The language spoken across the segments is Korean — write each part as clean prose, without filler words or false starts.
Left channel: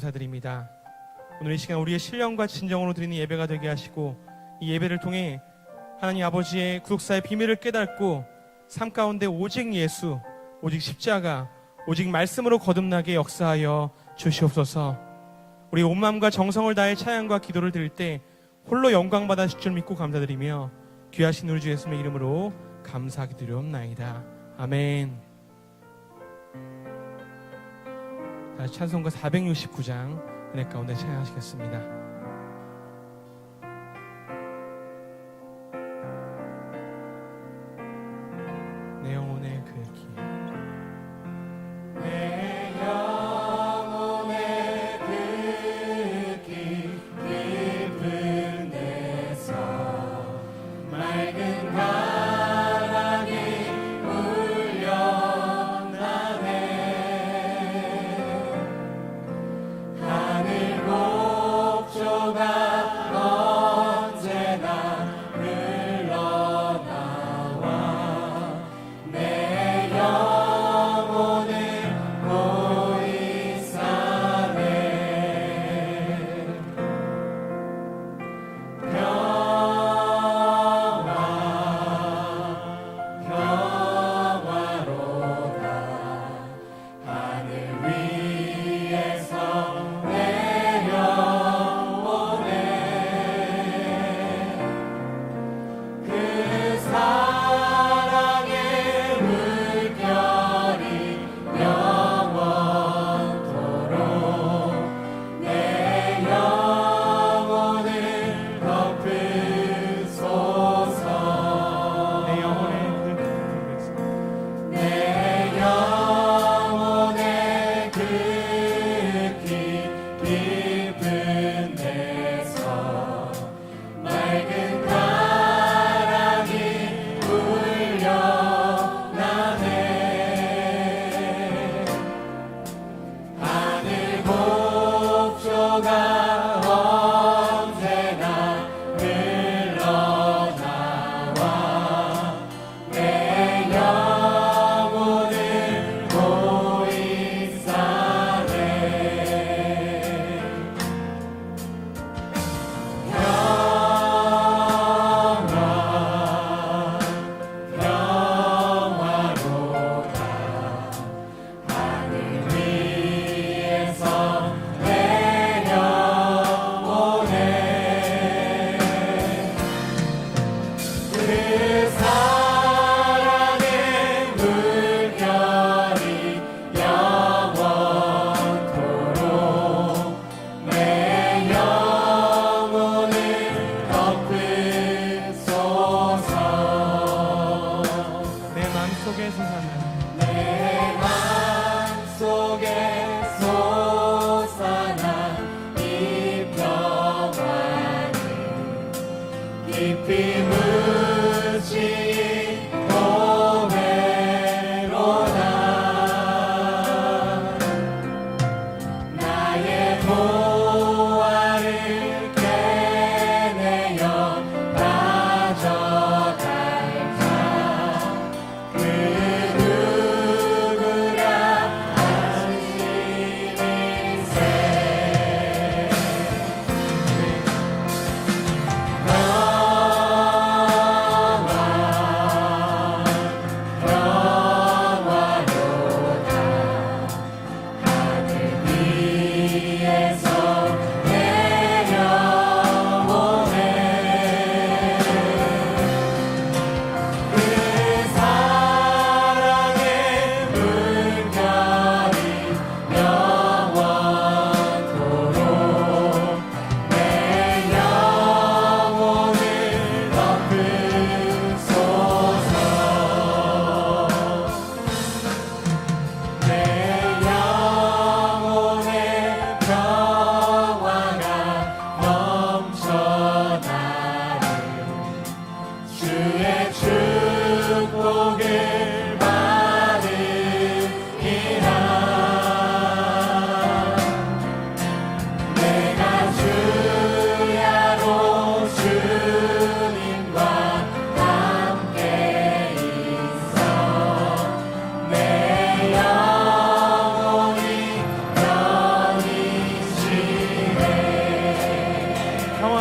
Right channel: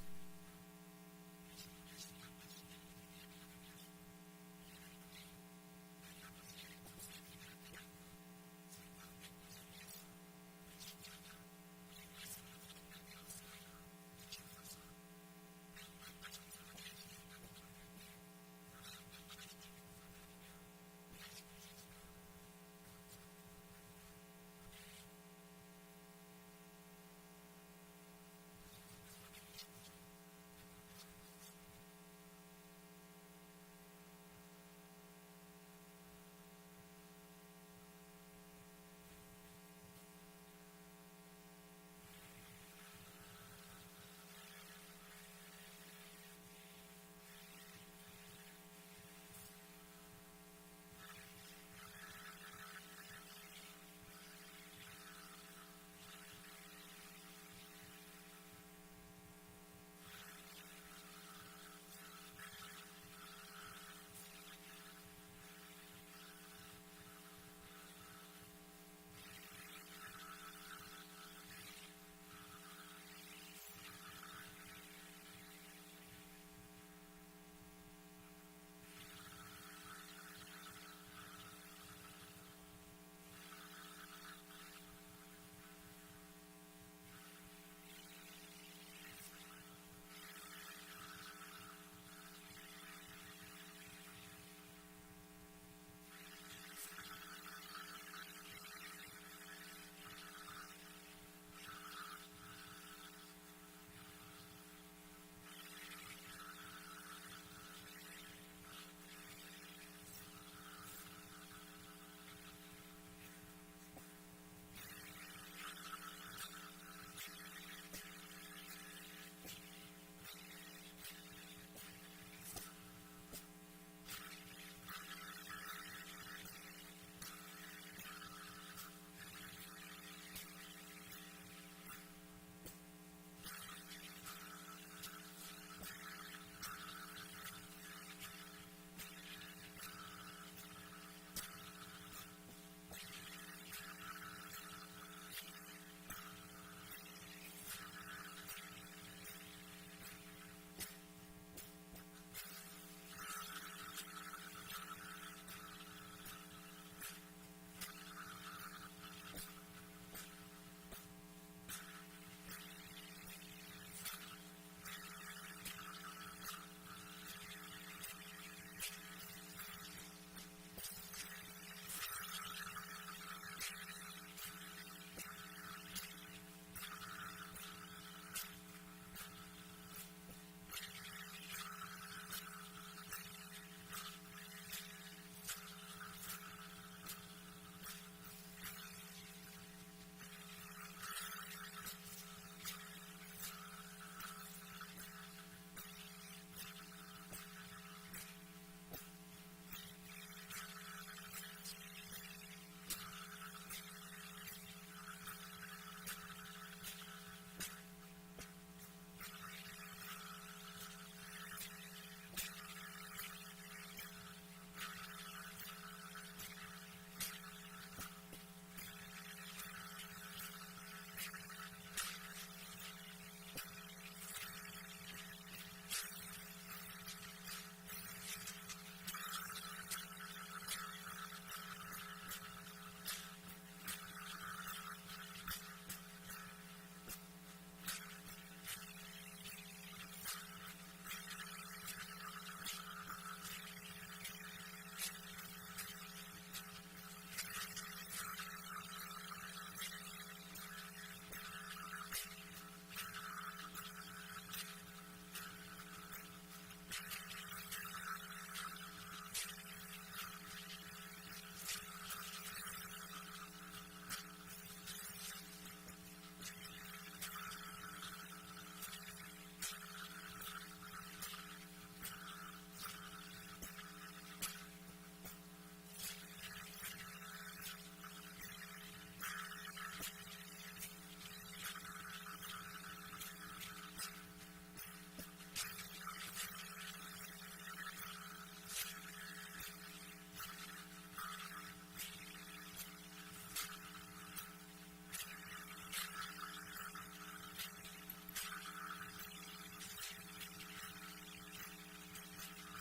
감사드립니다. 오늘 이 시간 우리의 신령과 진정으로 드리는 예배가 되게 하시고, 이 예배를 통해 하나님 아버지의 구속사의 비밀을 깨닫고 삶 가운데 오직 예수, 오직 십자가, 오직 말씀으로 거듭나게 역사하여 주시옵소서. 우리 온 마음과 정성을 다해 찬양과 기도를 드릴 때 홀로 영광 받으실 줄 믿고 감사드리며 귀하신 우리 주 예수님의 이름으로 감사하게 드리옵나이다. 아멘. 찬송가 469장 은혜 가운데 찬양하시겠습니다. 내 영혼의 그 길, 내 영혼의 그 길, 깊은 데서 맑은 바람이 울려나네. 하늘 곡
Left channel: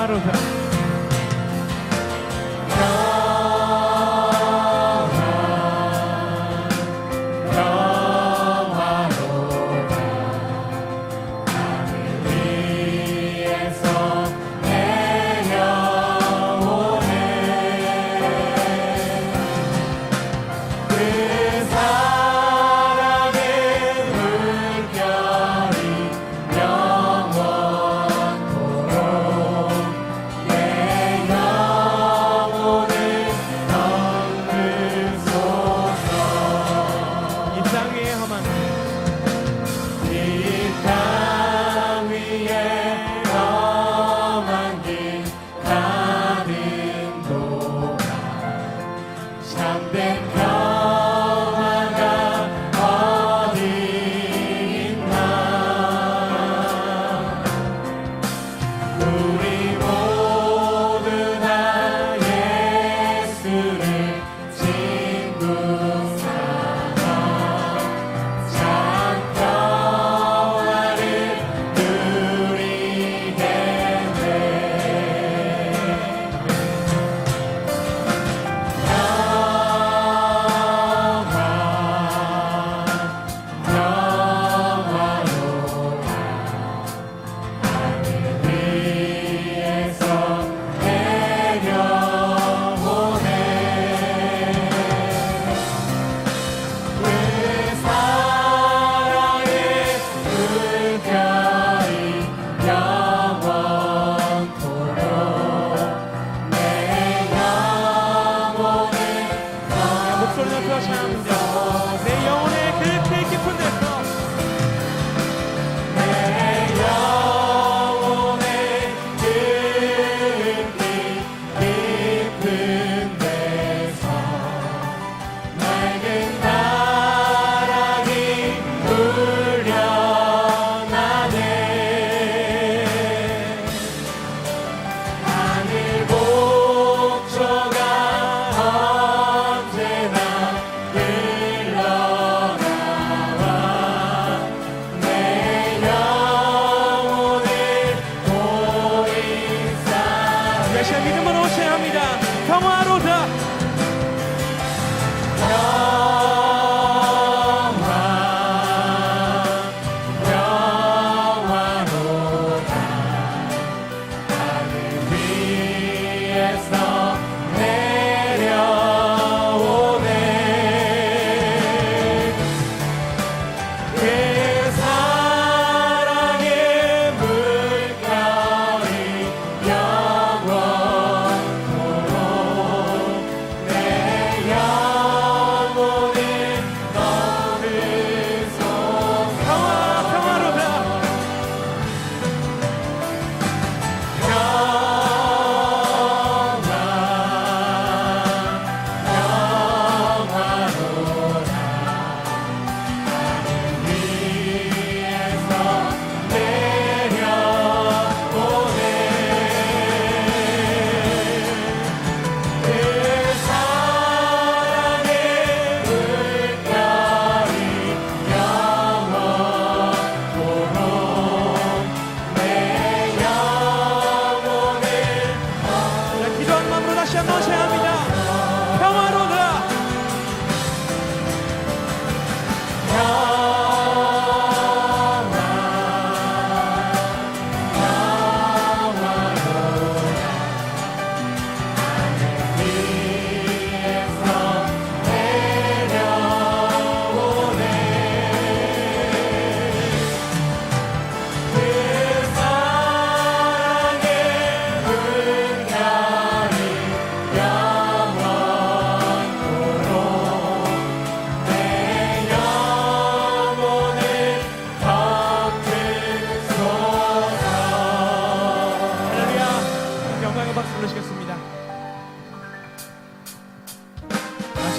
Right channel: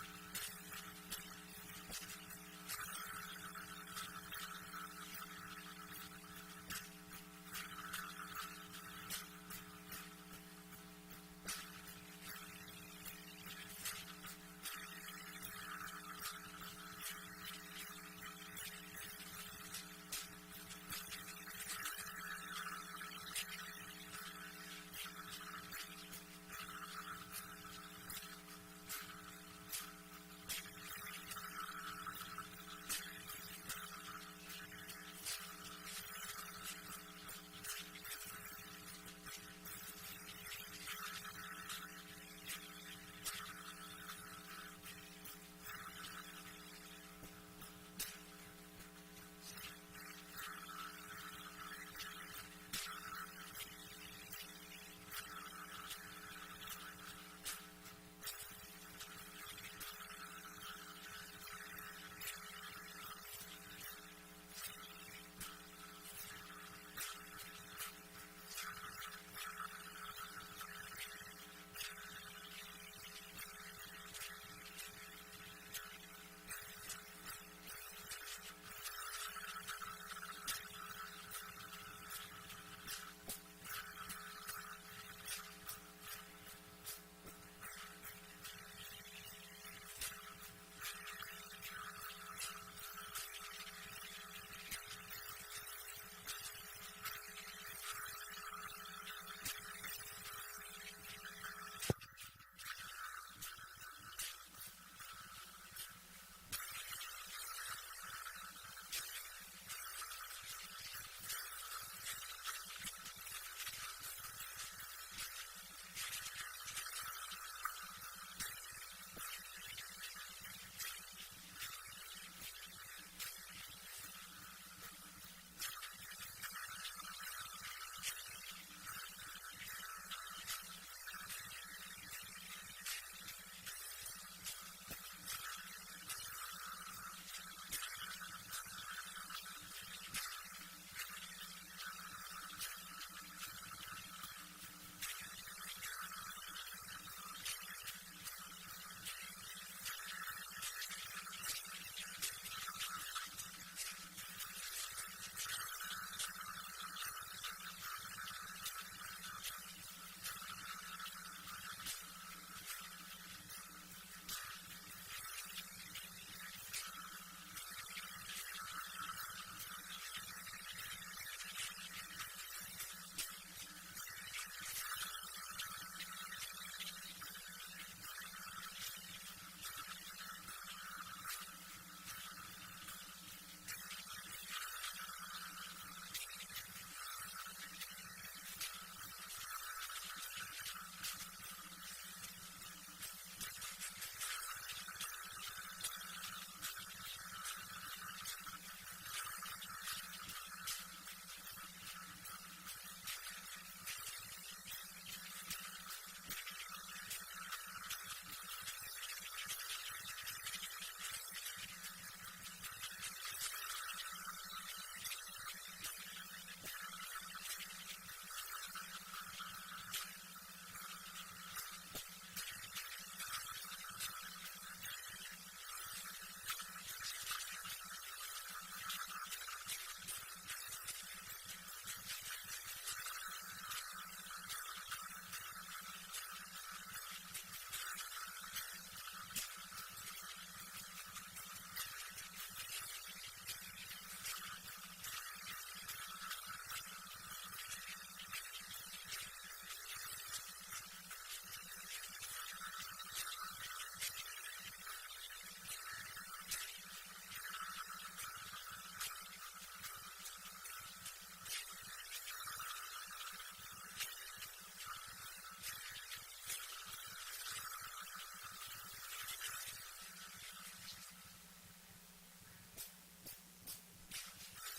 평화로다.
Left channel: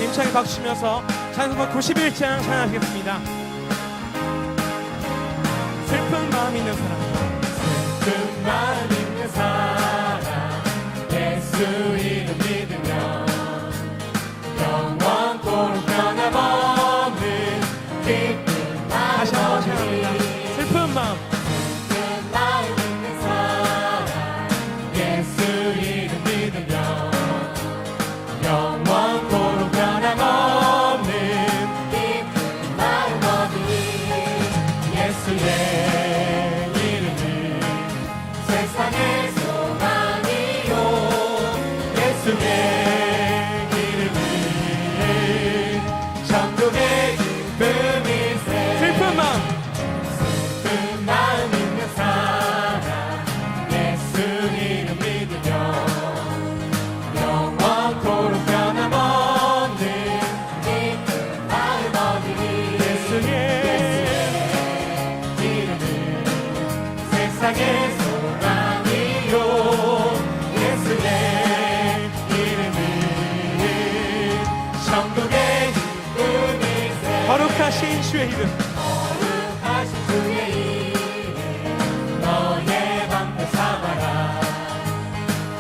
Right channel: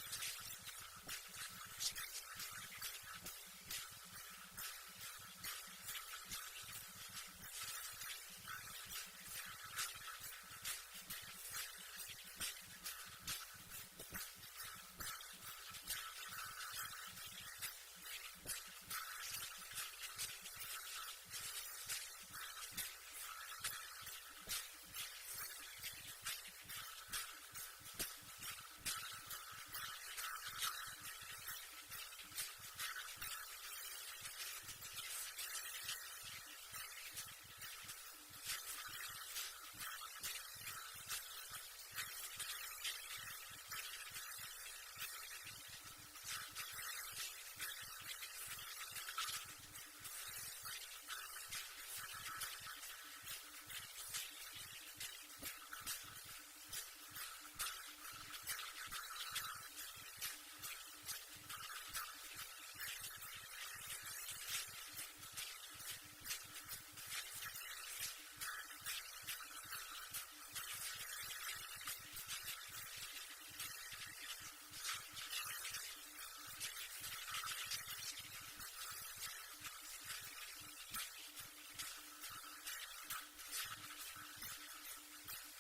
힘차게 박수 치면서 찬송가 91장 찬양하시겠습니다. 슬픈 마음 있는 사람, 슬픈 마음 있는 사람, 예수 이름 믿으면 영원토록 변함없는 기쁜 마음. 다시 한번 찬양합니다. 슬픈 마음, 슬픈 마음 있는 사람, 예수 거룩하신 주의 이름, 거룩하신 주의 이름 너의 방패 삼아라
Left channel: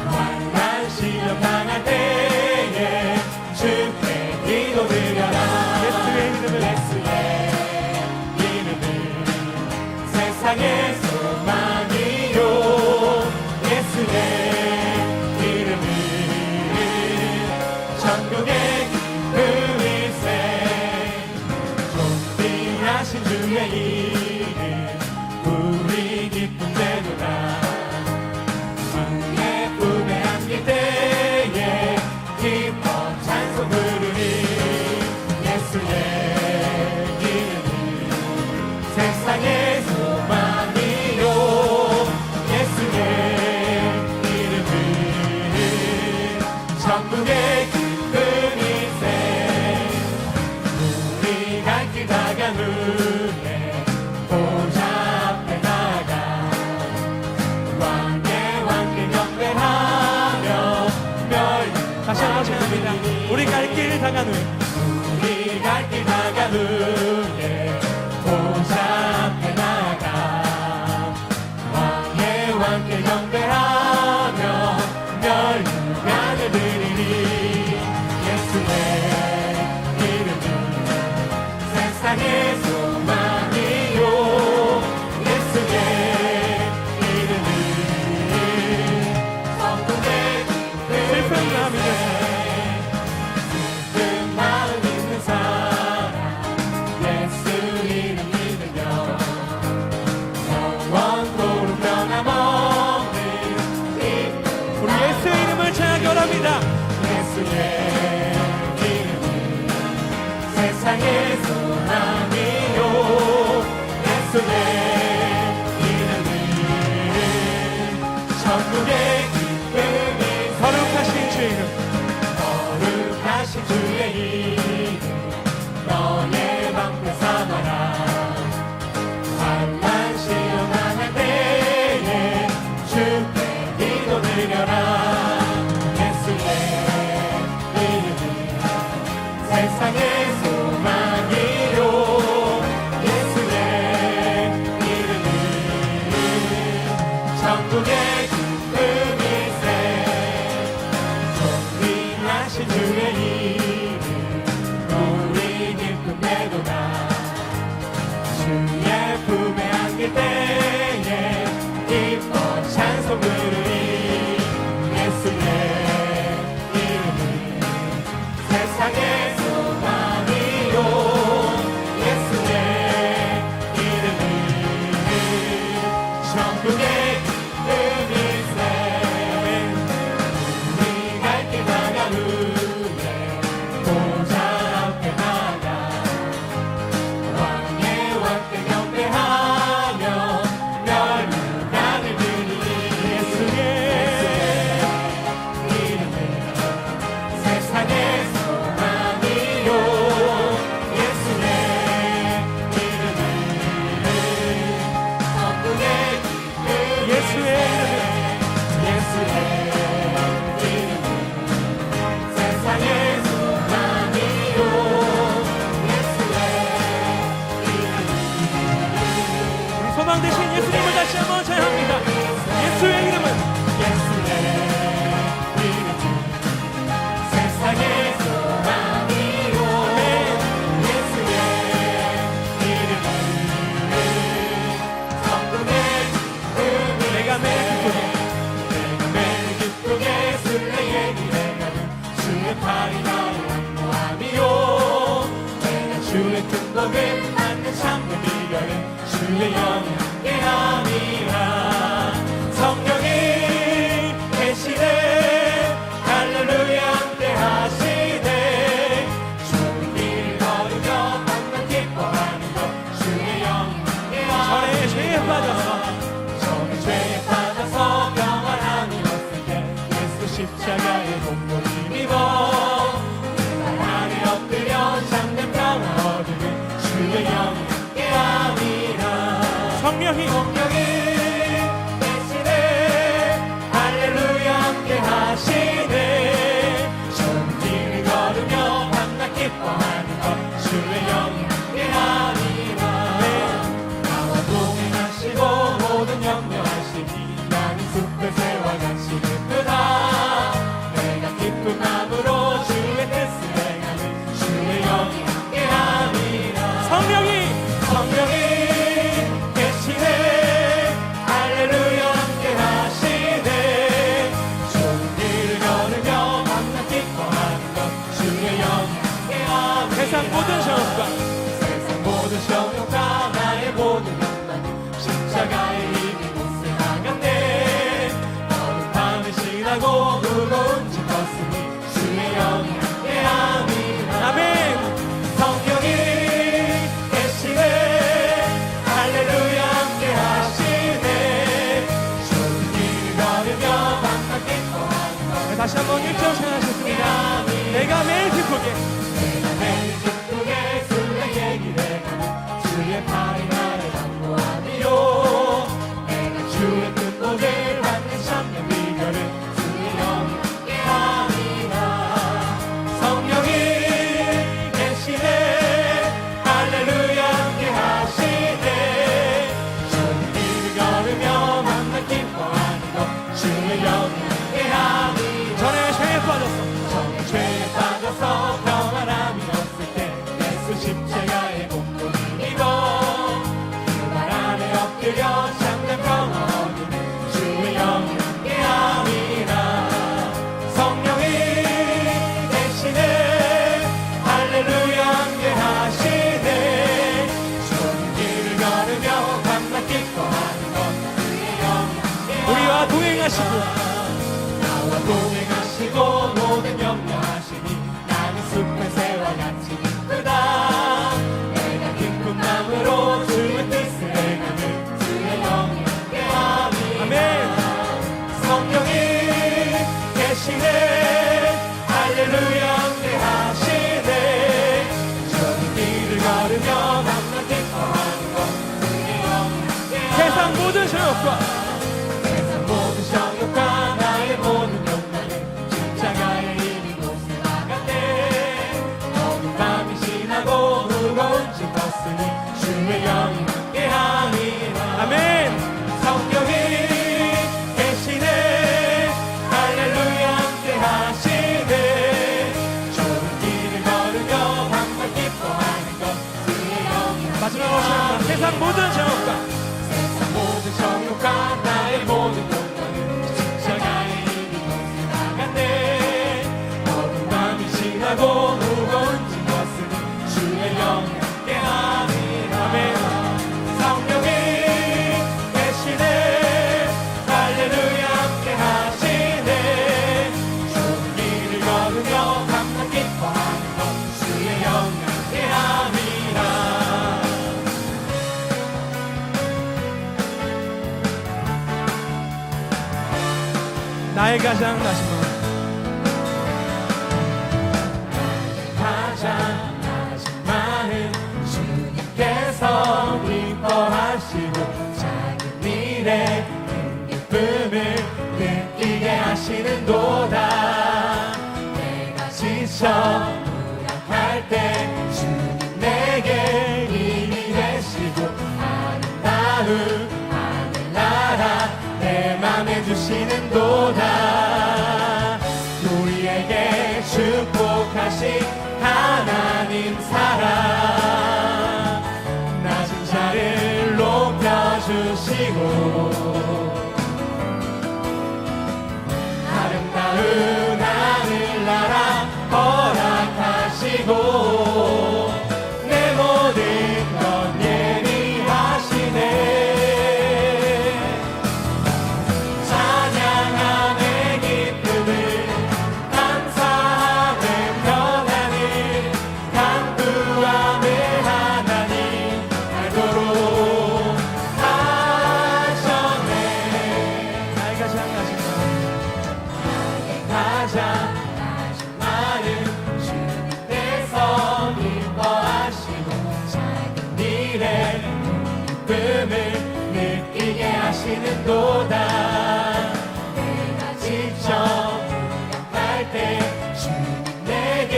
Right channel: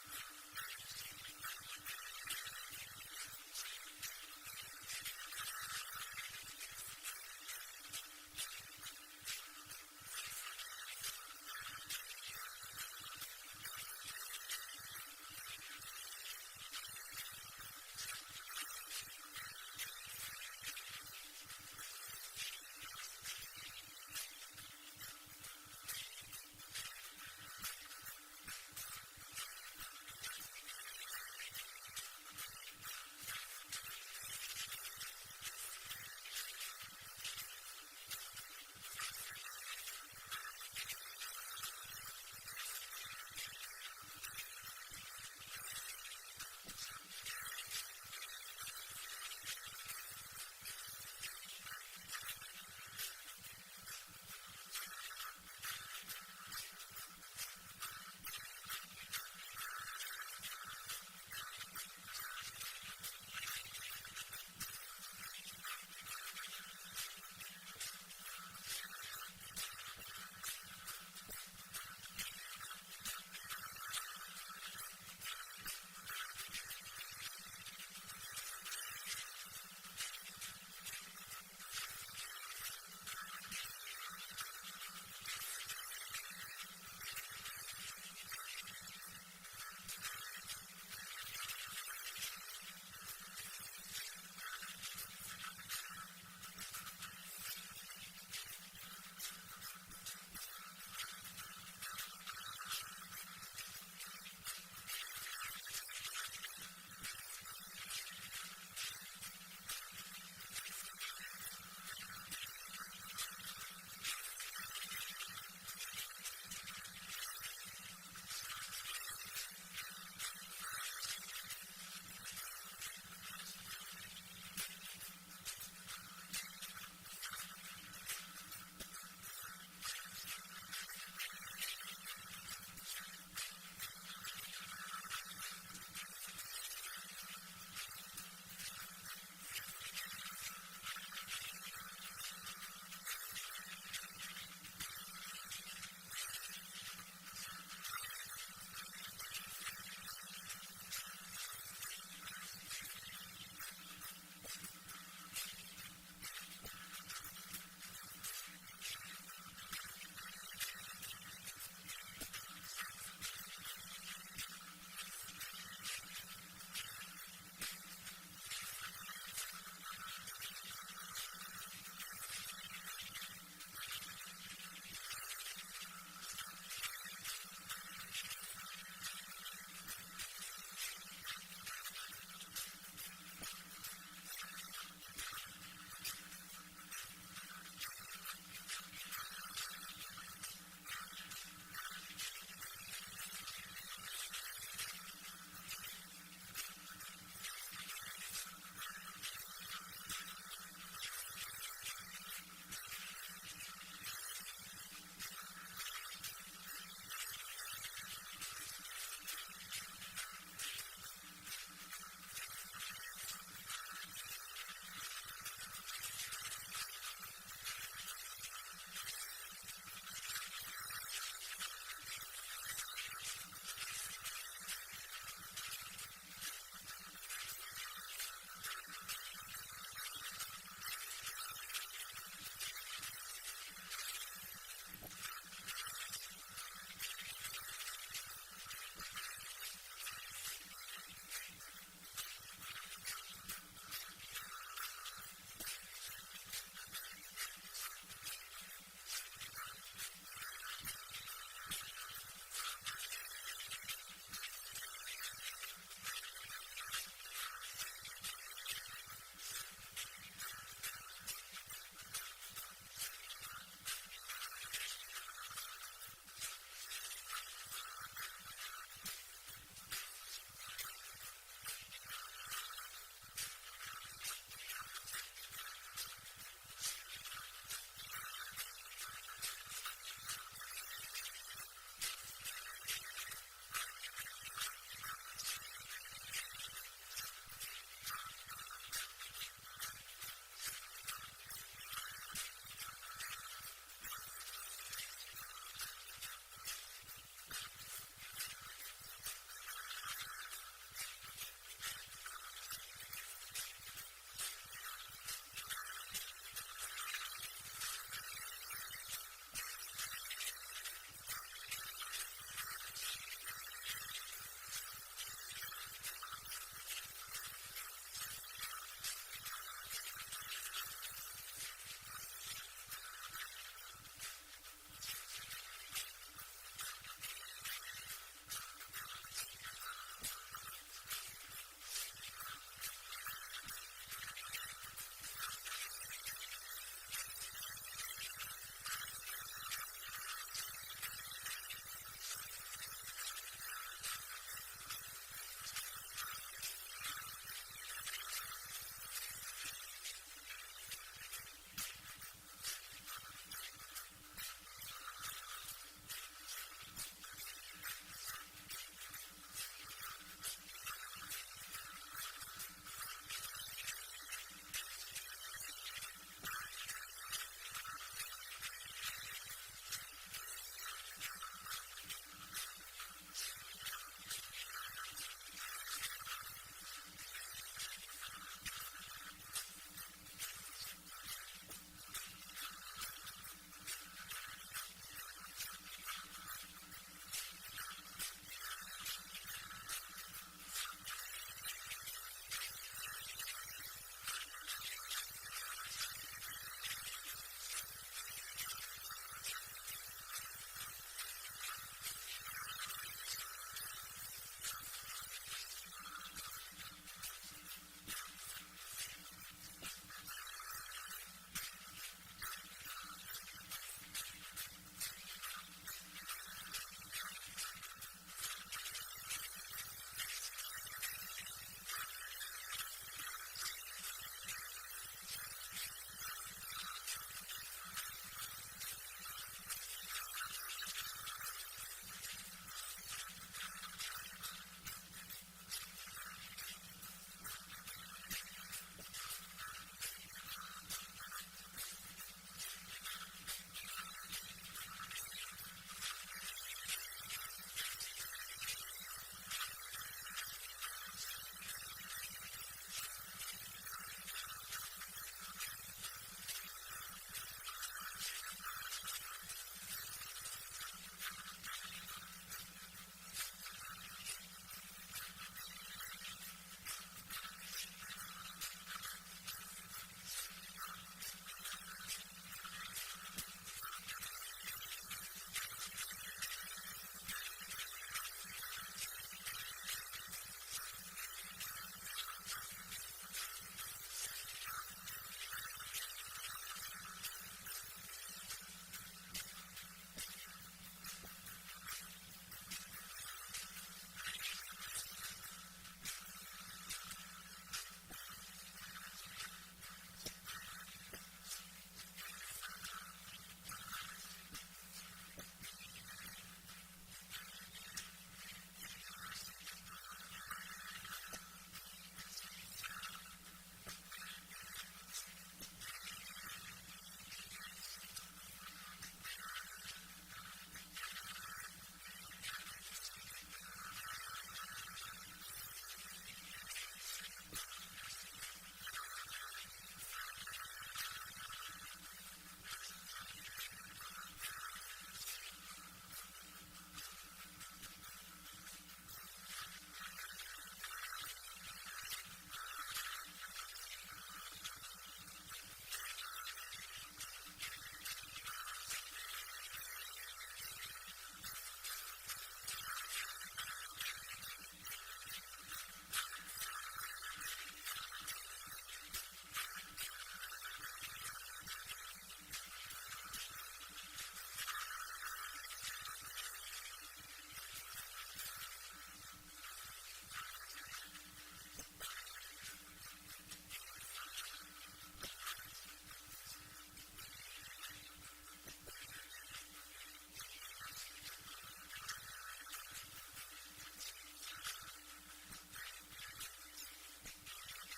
만난 시련 당할 때에 주께 기도드려라 예수의 이름을 예수의 이름은 세상의 소망이요 예수의 이름은 천국의 그 위세 존귀하신 주의 이름 우리 기쁨 되도다 주의 품에 안길 때에 기뻐 찬송 부르리 예수의 이름은 세상의 소망이요 예수의 이름은 천국의 기쁨이세 우리 갈 길 다간 후에 보좌 앞에 나가 왕의 왕께 경배하며 다시 한번 찬양합니다. 우리 갈 길 당한 후에 우리 갈 길 다간 후에 보좌 앞에 나가 왕의 왕께 경배하며 멸류관을 드리리 예수의 이름은 세상의 소망이요 예수의 이름은 천국의 슬픈 마음이 그 마음 있는 사람 예수 이름 믿으며 영원토록 변함없는 기쁨 우리 예수의 이름을 찬양합니다. 예수의 이름은 세상의 소망이요 예수의 이름은 천국의 기쁨이 거룩하신 주의 이름, 거룩하신 주의 이름 너의 방패 삼아라 환난 시험 당할 때에 주께 기도드려라 예수의 이름은 세상의 소망이요 예수의 이름은 천국의 기쁨이세 존귀하신 주의 이름 우리 기쁨 되도다 주의 품에 안길 때에 기뻐 찬송 부르리 예수의 이름은 세상의 소망이요 예수의 이름은 천국의 기쁨이세 우리 갈 길 다간 후에 보좌 앞에 나가 왕의 왕께 경배하며 멸류관을 드리리 예수의 이름은 세상의 소망이요 예수의 이름은 천국의 기쁨이세 예수의 이름을 다시 한번 1절 찬양하셨습니다. 내가 매일 기쁘게 매일 기쁘게 술래의 길에 가는 주의 팔이 나를 안보하리요. 내가 주의 뜻복을 받는 참된 비결은 주의 영에 함이라. 성령이 계시네 할렐루야 함께 하시네. 주의 길을 걸으며 만나 기뻐하는 것 주의 영에 함께 함이라. 전에 죄에 빠졌어. 죄에 빠져서 평안함이 없을 때 예수 십자가의 공로를 입어 그 발 안에 엎드려 참된 평화 얻는 주의 영이 함께함이라. 성령이 계시네 할렐루야 함께하시네. 좋은 길을 걸으며 밤낮 기뻐하는 것 주의 영이 함께함이라. 우리와 동행하시고 나와 동행하시고 모든 염려하시니 나는 숲의 새와 같이 기쁘다. 내가 기쁜 마음으로 주의 뜻을 행하는 주의 영이 함께함이라. 아멘. 성령이 계시네 할렐루야 함께하시네. 좋은 길을 걸으며 밤낮 기뻐하는 것 주의 영이 함께함이라. 세상 모든 저녁과 세상 모든 정욕과 나의 모든 욕망은 십자가의 이미 곳에 나갔네. 어두운 밤이 지나고 무거운 짐 벗으니 주의 영이 함께함이라. 아멘. 성령이 계시네 할렐루야 함께하시네. 좋은 길을 걸으며 밤낮 기뻐하는 것 주의 영이 마지막으로 찬양합니다. 세상 모든 저녁과 세상 모든 정욕과 나의 모든 욕망은 십자가의 이미 곳에 나갔네. 어두운 밤이 지나고 무거운 짐 벗으니 주의 영이 함께함이라. 아멘. 성령이 계시네 할렐루야 함께하시네. 좋은 길을 걸으며 밤낮 기뻐하는 것 주의 영이 함께함이라. 나의 가장 나신 마음 가장 나신 마음 주님께서 기뻐하시고 작은 일에 큰 기쁨을 느끼게 하시는도다. 내가 지쳐 무력할 때 주님 내게 힘이 되시고 아름다운 하늘나라 내 맘에 주시는도다. 우리에게 축복하신 하나님 사랑 낮은 자를 높여주시고 아름다운 하늘나라 허락하시고 내 모든 것 예비하시네. 찬양함의 기쁨을 감사함의 평안을 간구함의 하나님 알도록 하셨네. 나의 가장 나신 마음 가장 나신 마음 주님께서 기뻐하시고 작은 일에 기쁨을 느끼게 하시는도다. 내가 지쳐 무력할 때 주님 내게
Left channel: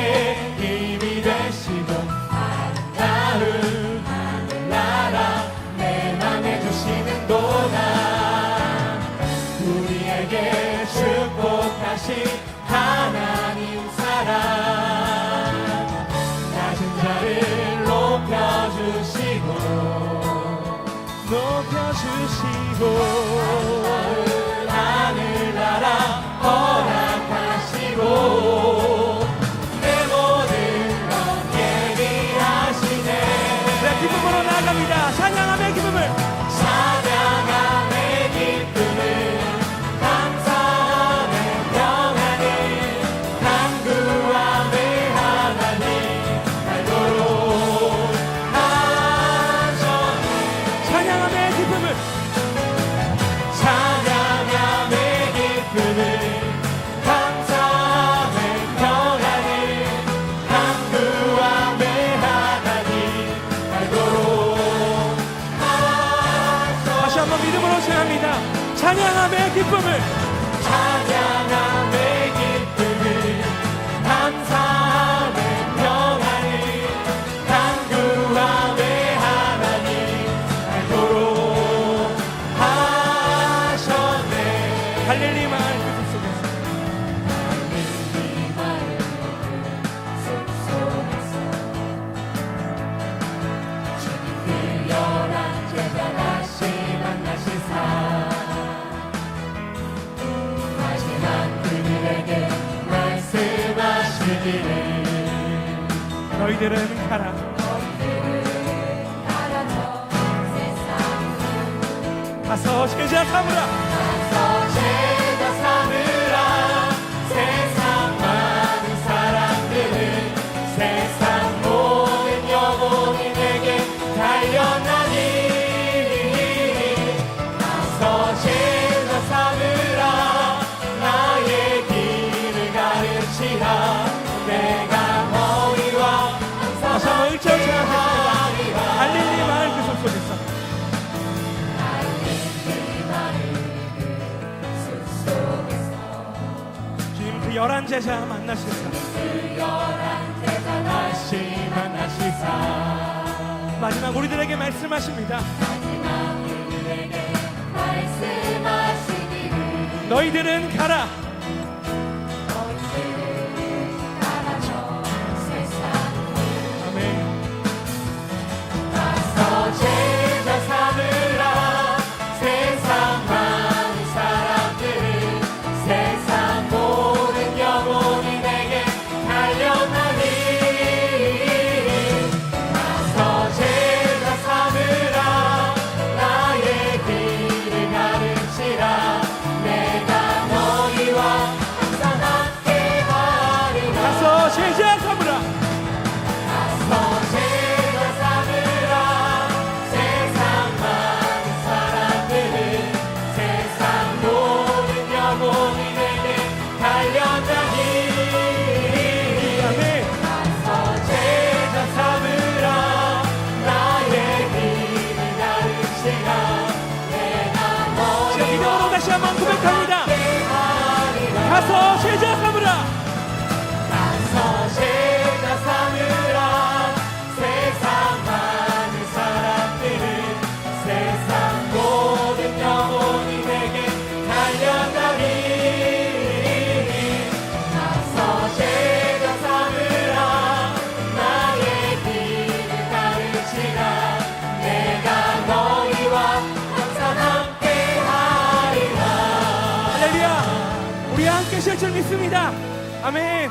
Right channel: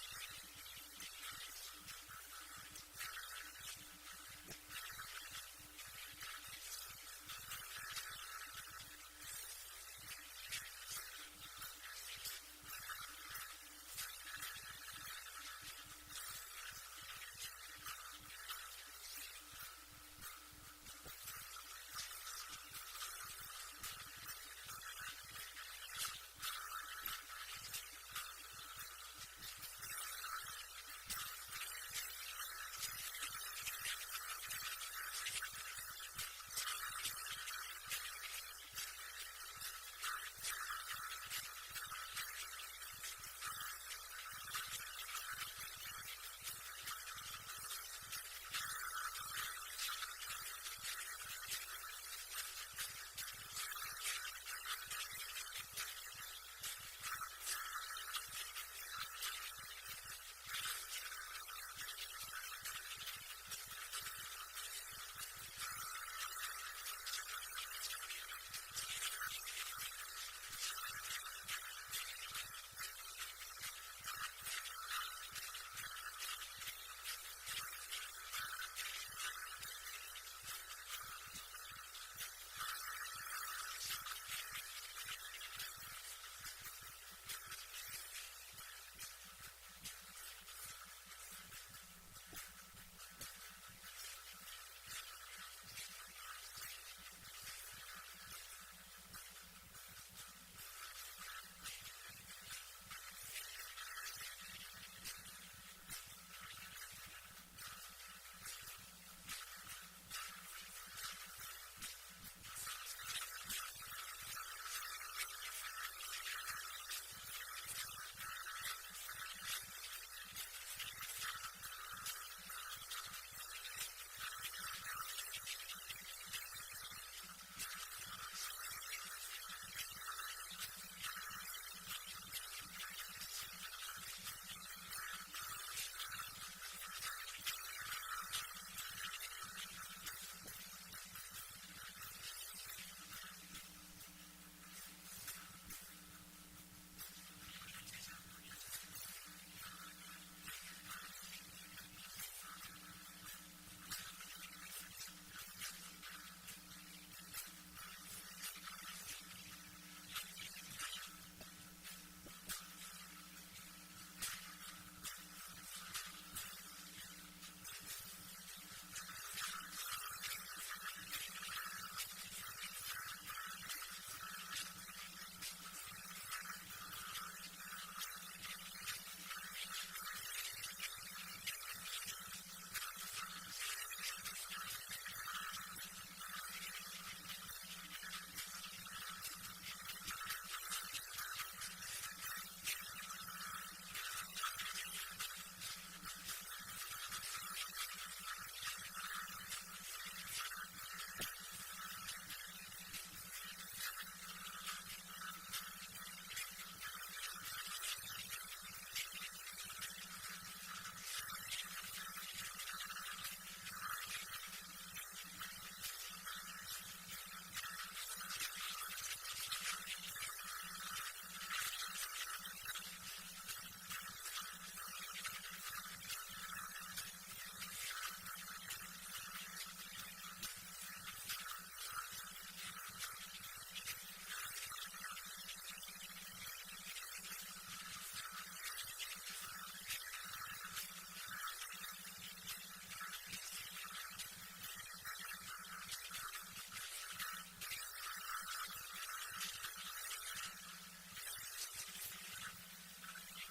힘이 되시고 아름다운 하늘나라 내 맘에 주시는도다. 우리에게 축복하신 하나님 사랑 낮은 자를 높여주시고 하늘나라 허락하시고 내 모든 것 예비하시네. 네, 기쁨으로 나아갑니다. 찬양함의 기쁨을 찬양함의 기쁨을 감사함의 평안을 간구함의 하나님 알도록 하셨네. 찬양함의 기쁨을 청합니다. 찬양함의 기쁨을 찬양함의 기쁨을 감사함의 평안을 간구함의 하나님 알도록 하셨네. 갈릴리 마을 그 속에서 갈릴리 마을 숲속에서 주님 열한 제자 다시 만나시사 마지막 그들에게 말씀하시기를 너희들은 가라. 가서 제자 삼으라. 제자 삼으라. 세상 많은 사람들은 세상 모든 영혼이 내게 달려나니 가서 제자 삼으라. 나의 길을 가르치라. 내가 너희와 다시 한번 일절 찬양하겠습니다. 갈릴리 마을 그 속에서 주님 그 11제자 만나시사 다시 만나시사 마지막 우리들에게 말씀하십니다. 너희들은 가라. 아멘. 제자 삼으라. 세상 많은 사람들은 세상 모든 영혼이 내게 달려나니 가서 제자 삼으라. 나의 길을 가르치라. 내가 너희와 항상 함께하리라. 가서 제자 삼으라. 가서 제자 삼으라. 세상 많은 사람들은 세상 모든 영혼이 내게 달려나니 아멘. 가서 제자 삼으라. 나의 길을 가르치라. 내가 자, 믿음으로 다시 한번 고백합니다. 너희와 가서 제자 삼으라. 가서 제자 삼으라. 세상 많은 사람들은 세상 모든 영혼이 내게 달려가니 가서 제자 삼으라. 나의 길을 가르치라. 내가 너희와 항상 함께하리라. 할렐루야. 우리 함께 쉴 줄 믿습니다. 아멘.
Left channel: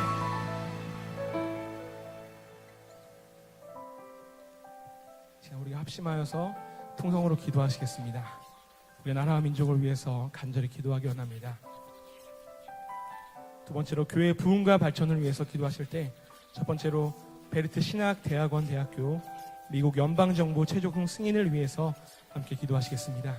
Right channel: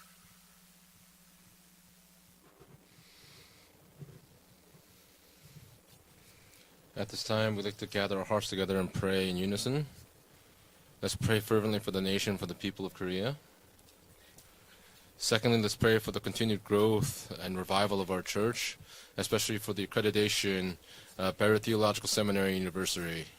자, 우리 합심하여서 At this 통성으로 time, we gather our 기도하시겠습니다. hearts together and pray 나라 in 민족을 unison. 위해서 간절히 기도하기 Let's pray 원합니다. fervently for the nation, for the people of Korea. 두 번째로 교회 부흥과 발전을 위해서 Secondly, let's pray for 기도하실 the continued 첫 번째로 growth and 베르티 revival of our 신학대학원 church, 대학교 especially for the 미국 연방정부 accreditation 최종훈 of 승인을 Barrett 위해서 Theological Seminary and University. 기도하시겠습니다.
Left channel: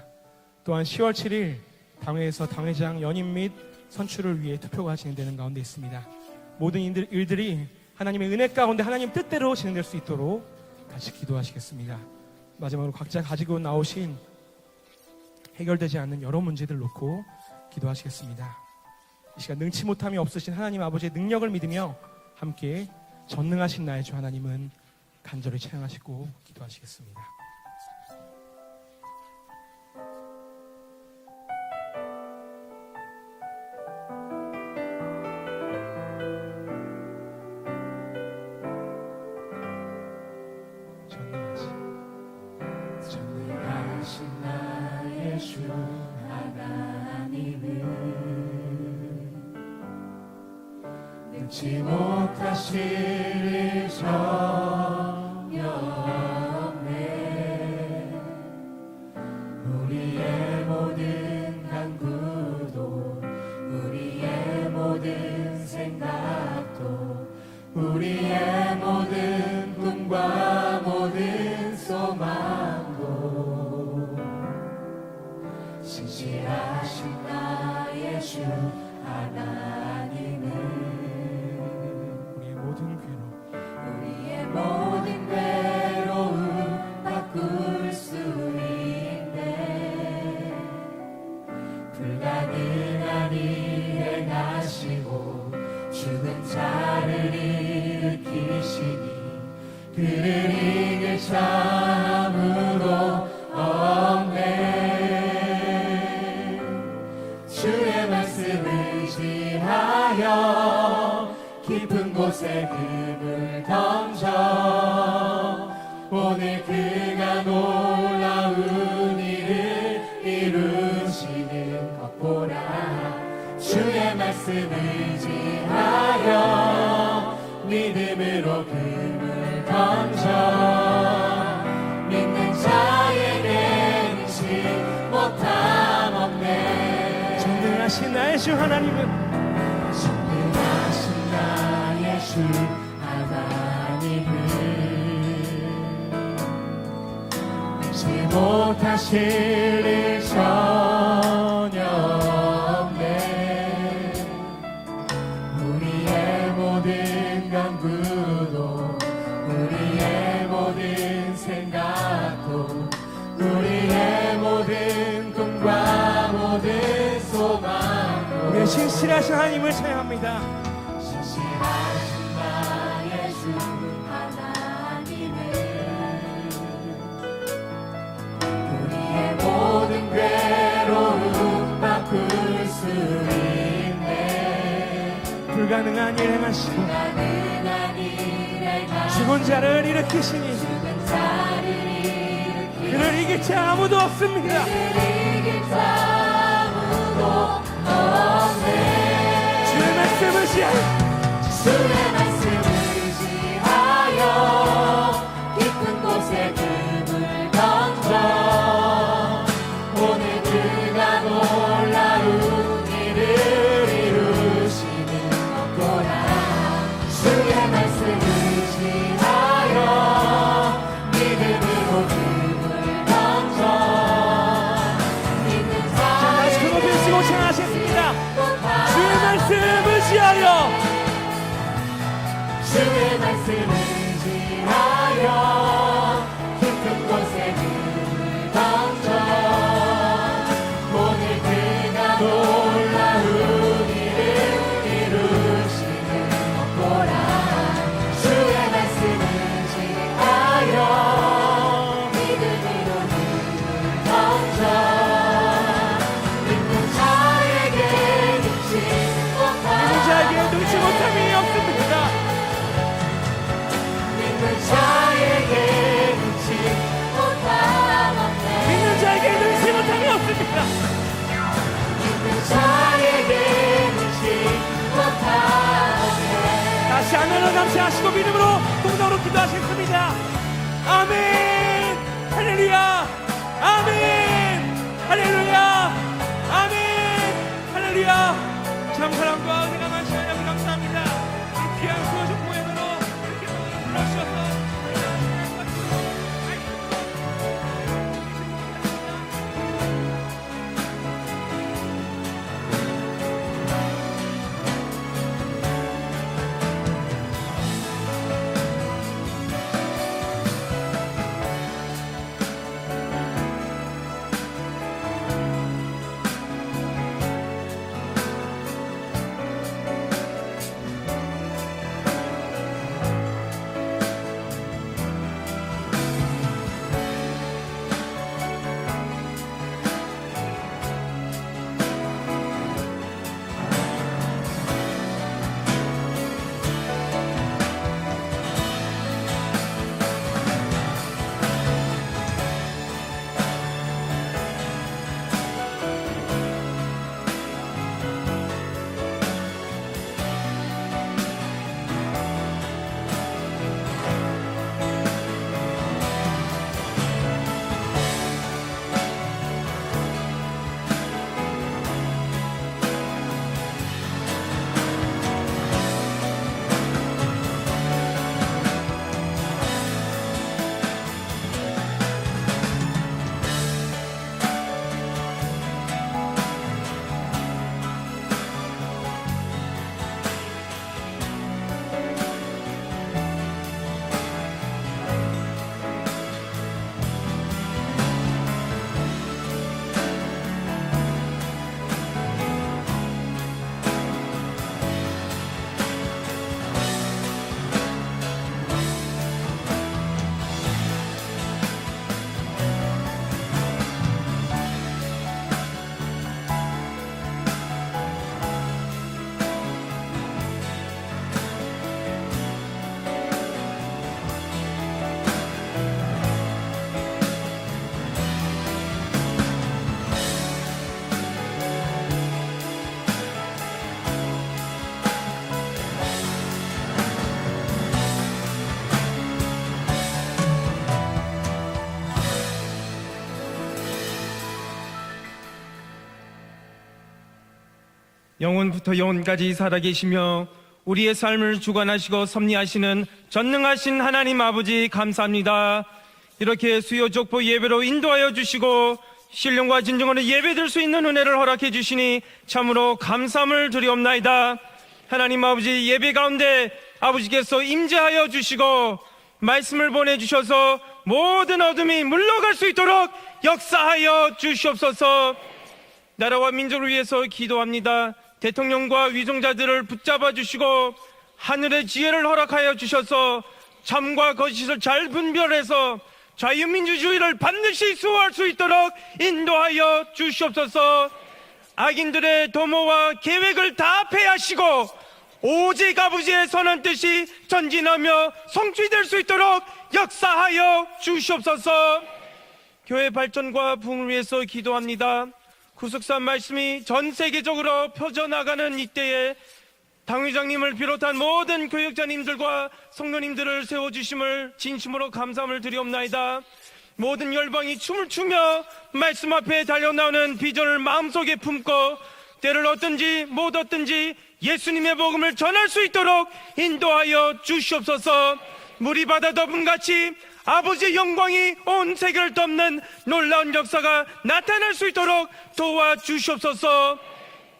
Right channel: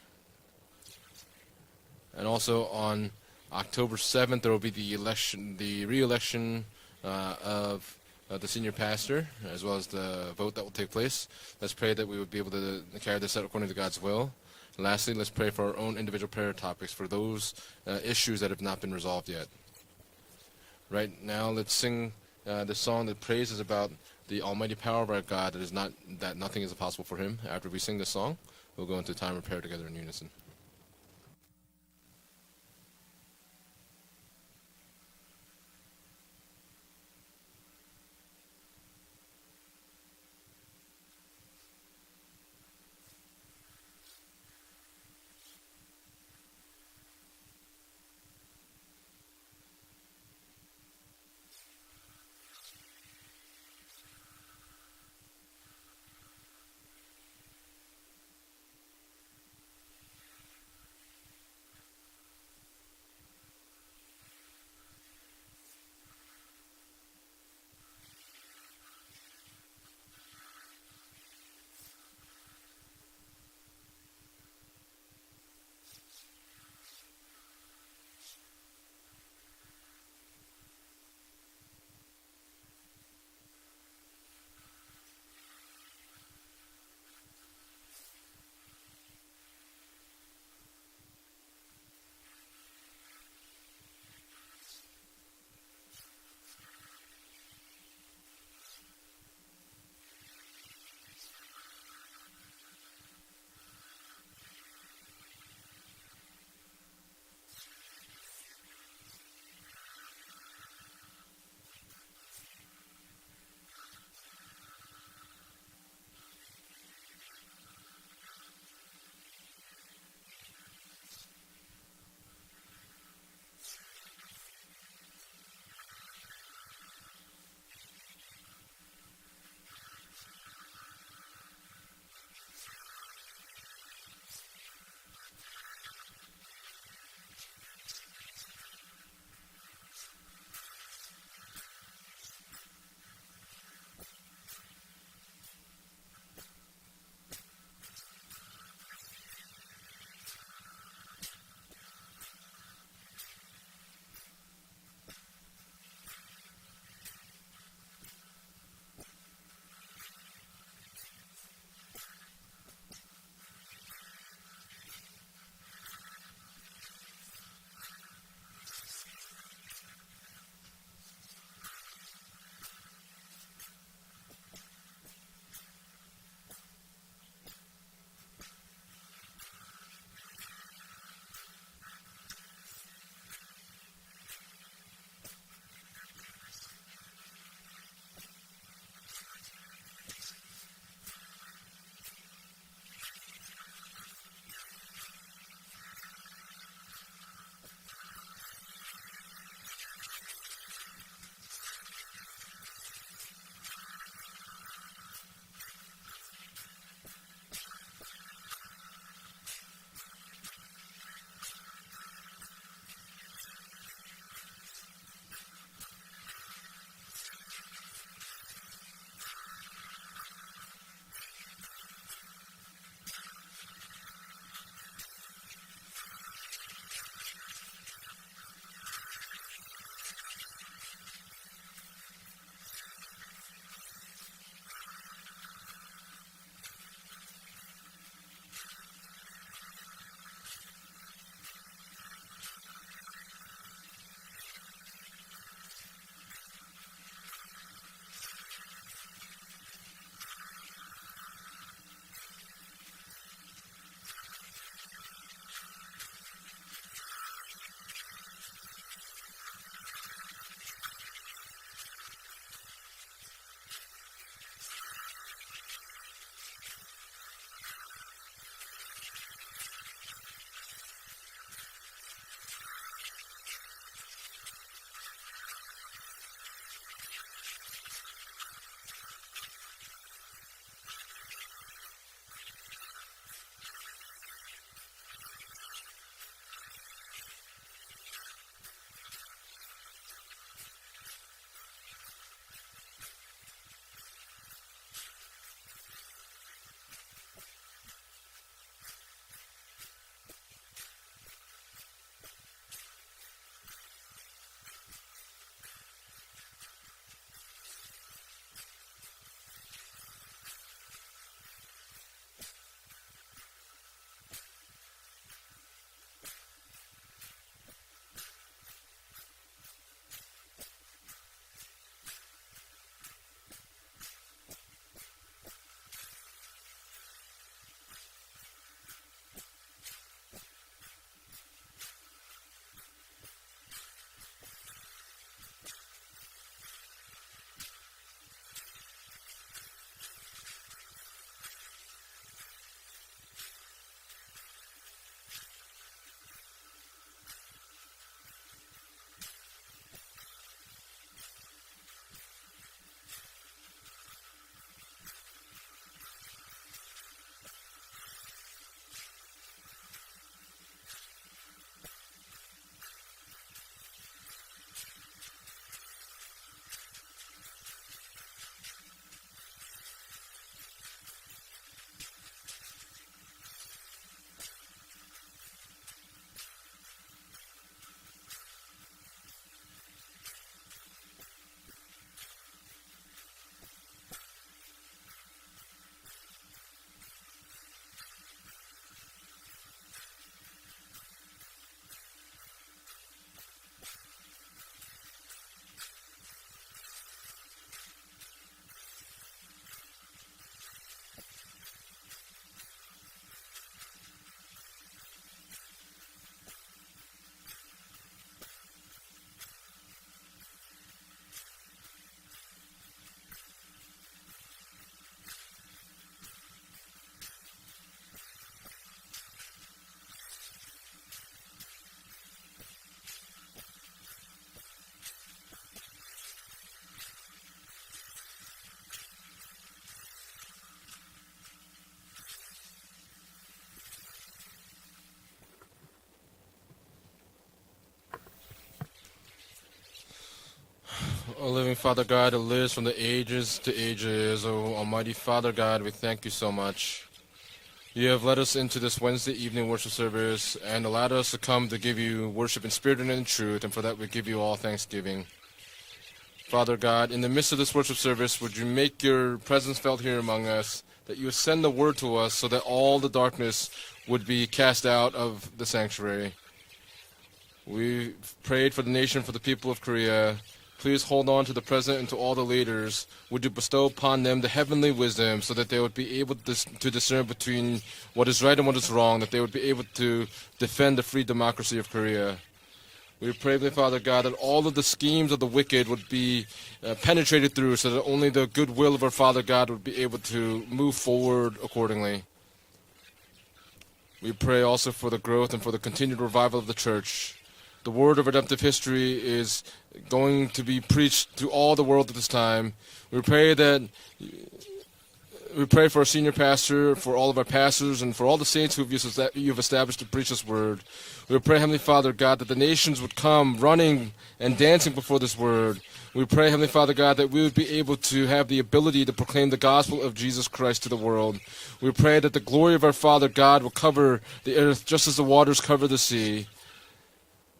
또한 10월 7일 And 당회에서 also 당회장 on 연임 및 October 선출을 7th, there 위해 will be the 투표가 진행되는 election, 가운데 the 있습니다. re-election 모든 일들이 of 하나님의 the 은혜 senior 가운데 하나님 pastor, 뜻대로 as well 진행될 as 수 the 있도록 vote that will take place. Let's 기도하시겠습니다. pray that we would be able to 마지막으로 각자 carry this out 가지고 according to God's 나오신 will. Lastly, let's pray for our own 해결되지 않는 individual 여러 prayer 문제들 topics for 놓고 those issues that have not been resolved yet. 시간 능치 못함이 없으신 하나님 아버지의 Right 능력을 now, let's 믿으며 sing 함께 the song that praises 전능하신 about 나의 주 the 하나님을 almighty power of our God, 간절히 찬양하시고 that nothing is impossible for Him. After we sing this song, we'll go into time of prayer together in unison. 전능하신 나의 주 하나님은 능치 못하실 일 전혀 없네. 우리의 모든 간구도 우리의 모든 생각도 우리의 모든 꿈과 모든 소망도 신실하신 나의 주 하나님은 우리의 모든 괴로 우리의 모든 괴로움 바꿀 수 있네. 불가능한 일 행하시고 죽은 자를 일으키시니 그를 이길 자 아무도 없네. 주의 말씀 의지하여 깊은 곳에 금을 던져 오늘 그가 놀라운 일을 이루시는 것 보라. 주의 말씀 의지하여 믿음으로 금을 던져 믿는 자에게 능치 못함 없네. 전능하신 나의 주 하나님은 전능하신 나의 주 하나님은 지 못하실 일 전혀 없네. 우리의 모든 간구도 우리의 모든 생각도 우리의 모든 꿈과 모든 소망도 우리의 신실하신 하나님을 찬양합니다. 신실하신 나의 주 하나님은 우리의 모든 괴로움 바꿀 수 있네. 불가능한 일 행하시고 가능한 일 행하시고 죽은 자를 일으키시니 죽은 자를 일으키시니 그를 이길 자 아무도 없습니다. 이길 자 아무도 없네. 주의 말씀을 지하여 주의 말씀을 지하여 깊은 곳에 금을 던져 오늘 그가 놀라운 일을 이루시는 것 보라. 주의 말씀을 지하여 믿음으로 금을 던져 믿는 다시 그 높이 쓰고 찬양하셨습니다. 주의 말씀을 지하여 주의 말씀을 지하여 깊은 곳에 금을 던져 오늘 그가 놀라운 일을 이루시는 것 보라. 주의 말씀을 지하여 믿음으로 금을 던져 믿는 자에게 능치 못함 자에게 능치 못함이 없습니다. 믿는 자에게 능치 못함 없네. 믿는 자에게 능치 못함이 없습니다. 믿는 자에게 능치 못함 없네. 다시 하늘로 감사하시고 믿음으로 동성으로 기도하셨습니다. 아멘. 할렐루야. 아멘. 할렐루야. 아멘. 할렐루야. 참 사랑과 은혜가 많으신 하나님 감사합니다. 이 귀한 수호식 공연으로 이렇게 불러주셔서 영원부터 영원까지 살아계시며 우리의 삶을 주관하시고 섭리하시는 전능하신 하나님 아버지 감사합니다. 이렇게 수요 족보 예배로 인도하여 주시고 신령과 진정으로 예배드릴 수 있는 은혜를 허락해 주시니 참으로 감사함을 드리옵나이다. 하나님 아버지 예배 가운데 아버지께서 임재하여 주시고 말씀을 보내주셔서 모든 어둠이 물러갈 수 있도록 역사하여 주시옵소서. 나라와 민족을 위해서 기도합니다. 대통령과 위종자들을 붙잡아 주시고 하늘의 지혜를 허락하여 주셔서 참과 거짓을 잘 분별해서 자유민주주의를 반드시 수호할 수 있도록 인도하여 주시옵소서. 악인들의 도모와 계획을 다 패하시고 오직 아버지의 선한 뜻이 전진하며 성취될 수 있도록 역사하여 주시옵소서. 교회 발전과 부흥을 위해서 기도합니다. 구속사 말씀이 전 세계적으로 퍼져나가는 이때에 당회장님을 비롯한 모든 교육자님들과 성도님들을 세워주심을 진심으로 감사함을 드리옵나이다. 모든 열방이 춤을 추며 말씀 앞에 달려나오는 비전을 마음속에 품고 때를 어떤지 못 어떤지 예수님의 복음을 전할 수 있도록 인도하여 주시옵소서. 물이 바다 덮음같이 아버지의 영광이 온 세계를 덮는 놀라운 역사가 나타날 수 있도록 도와주시옵소서.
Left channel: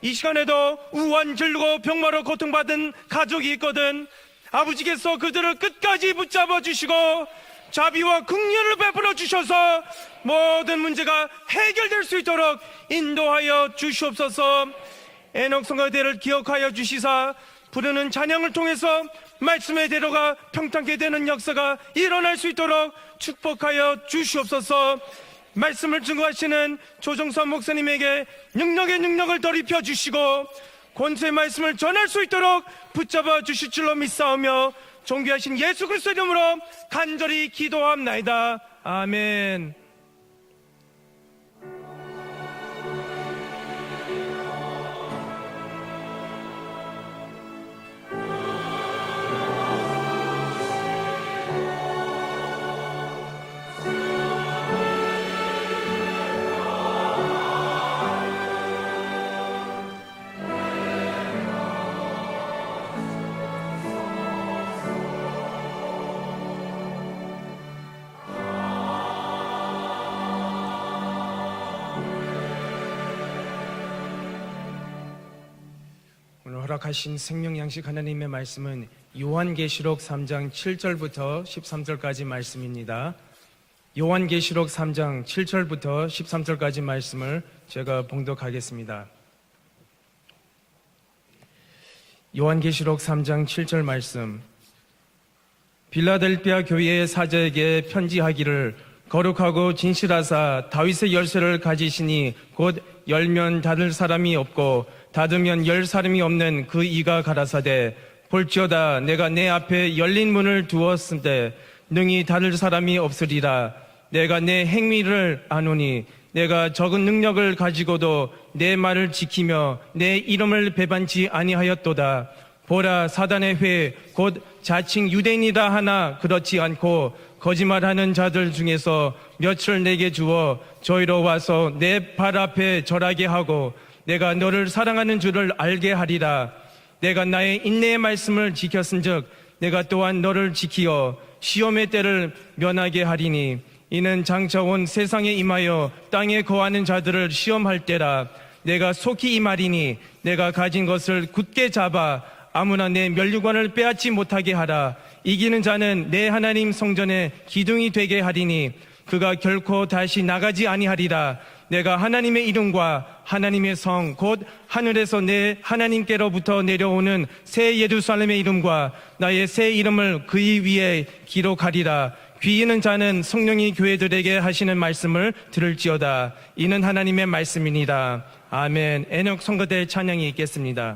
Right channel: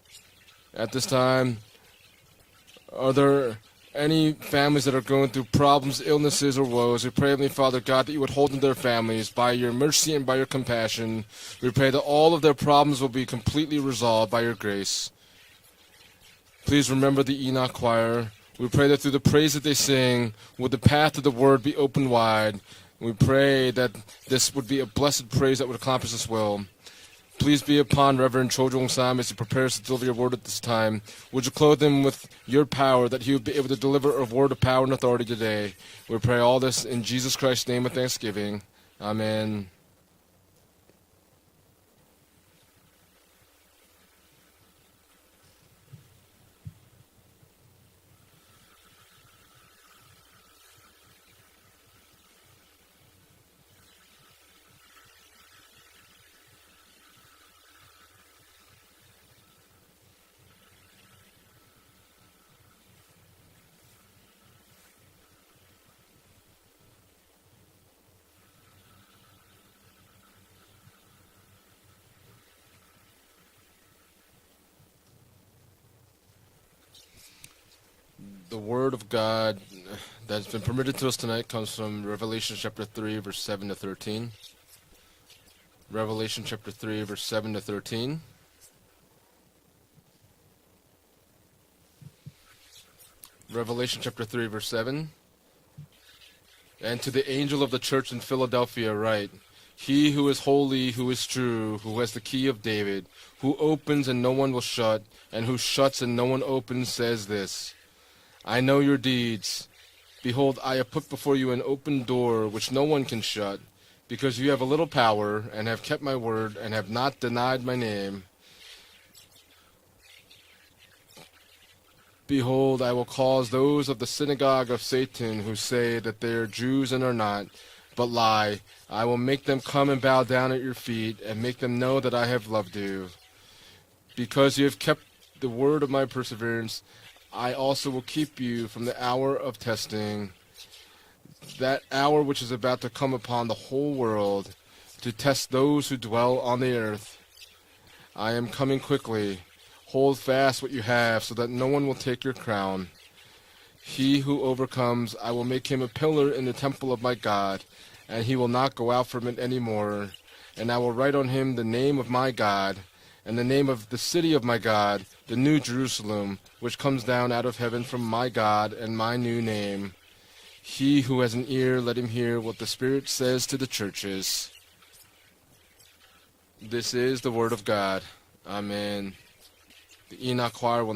이 시간에도 우한 질고 병마로 고통받은 가족이 있거든. 아버지께서 그들을 끝까지 붙잡아 주시고 자비와 긍휼을 베풀어 주셔서 모든 문제가 해결될 수 있도록 인도하여 주시옵소서. 에녹 성가대를 기억하여 주시사 부르는 찬양을 통해서 말씀의 대로가 평탄케 되는 역사가 일어날 수 있도록 축복하여 주시옵소서. 말씀을 증거하시는 조정선 목사님에게 능력의 능력을 더입혀 주시고 권세 말씀을 전할 수 있도록 붙잡아 주실 줄로 믿사오며 존귀하신 예수 그리스도의 이름으로 간절히 기도합나이다. 아멘. 허락하신 생명 양식 하나님의 말씀은 요한계시록 3장 7절부터 13절까지 말씀입니다. 요한계시록 3장 7절부터 13절까지 말씀을 제가 봉독하겠습니다. 요한계시록 3장 7절 말씀. 빌라델피아 교회의 사제에게 편지하기를 거룩하고 진실하사 다윗의 열쇠를 가지시니 곧 열면 닫을 사람이 없고 닫으면 열 사람이 없는 그 이가 가라사대 볼지어다 내가 내 앞에 열린 문을 두었으되 능히 닫을 사람이 없으리라. 내가 내 행위를 아노니 내가 적은 능력을 가지고도 내 말을 지키며 내 이름을 배반치 아니하였도다. 보라 사단의 회 곧 자칭 유대인이라 하나 그렇지 않고 거짓말하는 자들 중에서 몇을 내게 주어 저희로 와서 내 발 앞에 절하게 하고 내가 너를 사랑하는 줄을 알게 하리라. 내가 나의 인내의 말씀을 지켰은즉 내가 또한 너를 지키어 시험의 때를 면하게 하리니 이는 장차 온 세상에 임하여 땅에 거하는 자들을 시험할 때라. 내가 속히 이 말이니 내가 가진 것을 굳게 잡아 아무나 내 면류관을 빼앗지 못하게 하라. 이기는 자는 내 하나님 성전에 기둥이 되게 하리니 그가 결코 다시 나가지 아니하리라. 내가 하나님의 이름과 하나님의 성 곧 하늘에서 내 하나님께로부터 내려오는 새 예루살렘의 이름과 나의 새 이름을 그의 위에 기록하리라. 귀 있는 자는 성령이 교회들에게 하시는 말씀을 들을지어다. 이는 하나님의 말씀이니라. 아멘. 에녹 성가대 찬양이 있겠습니다.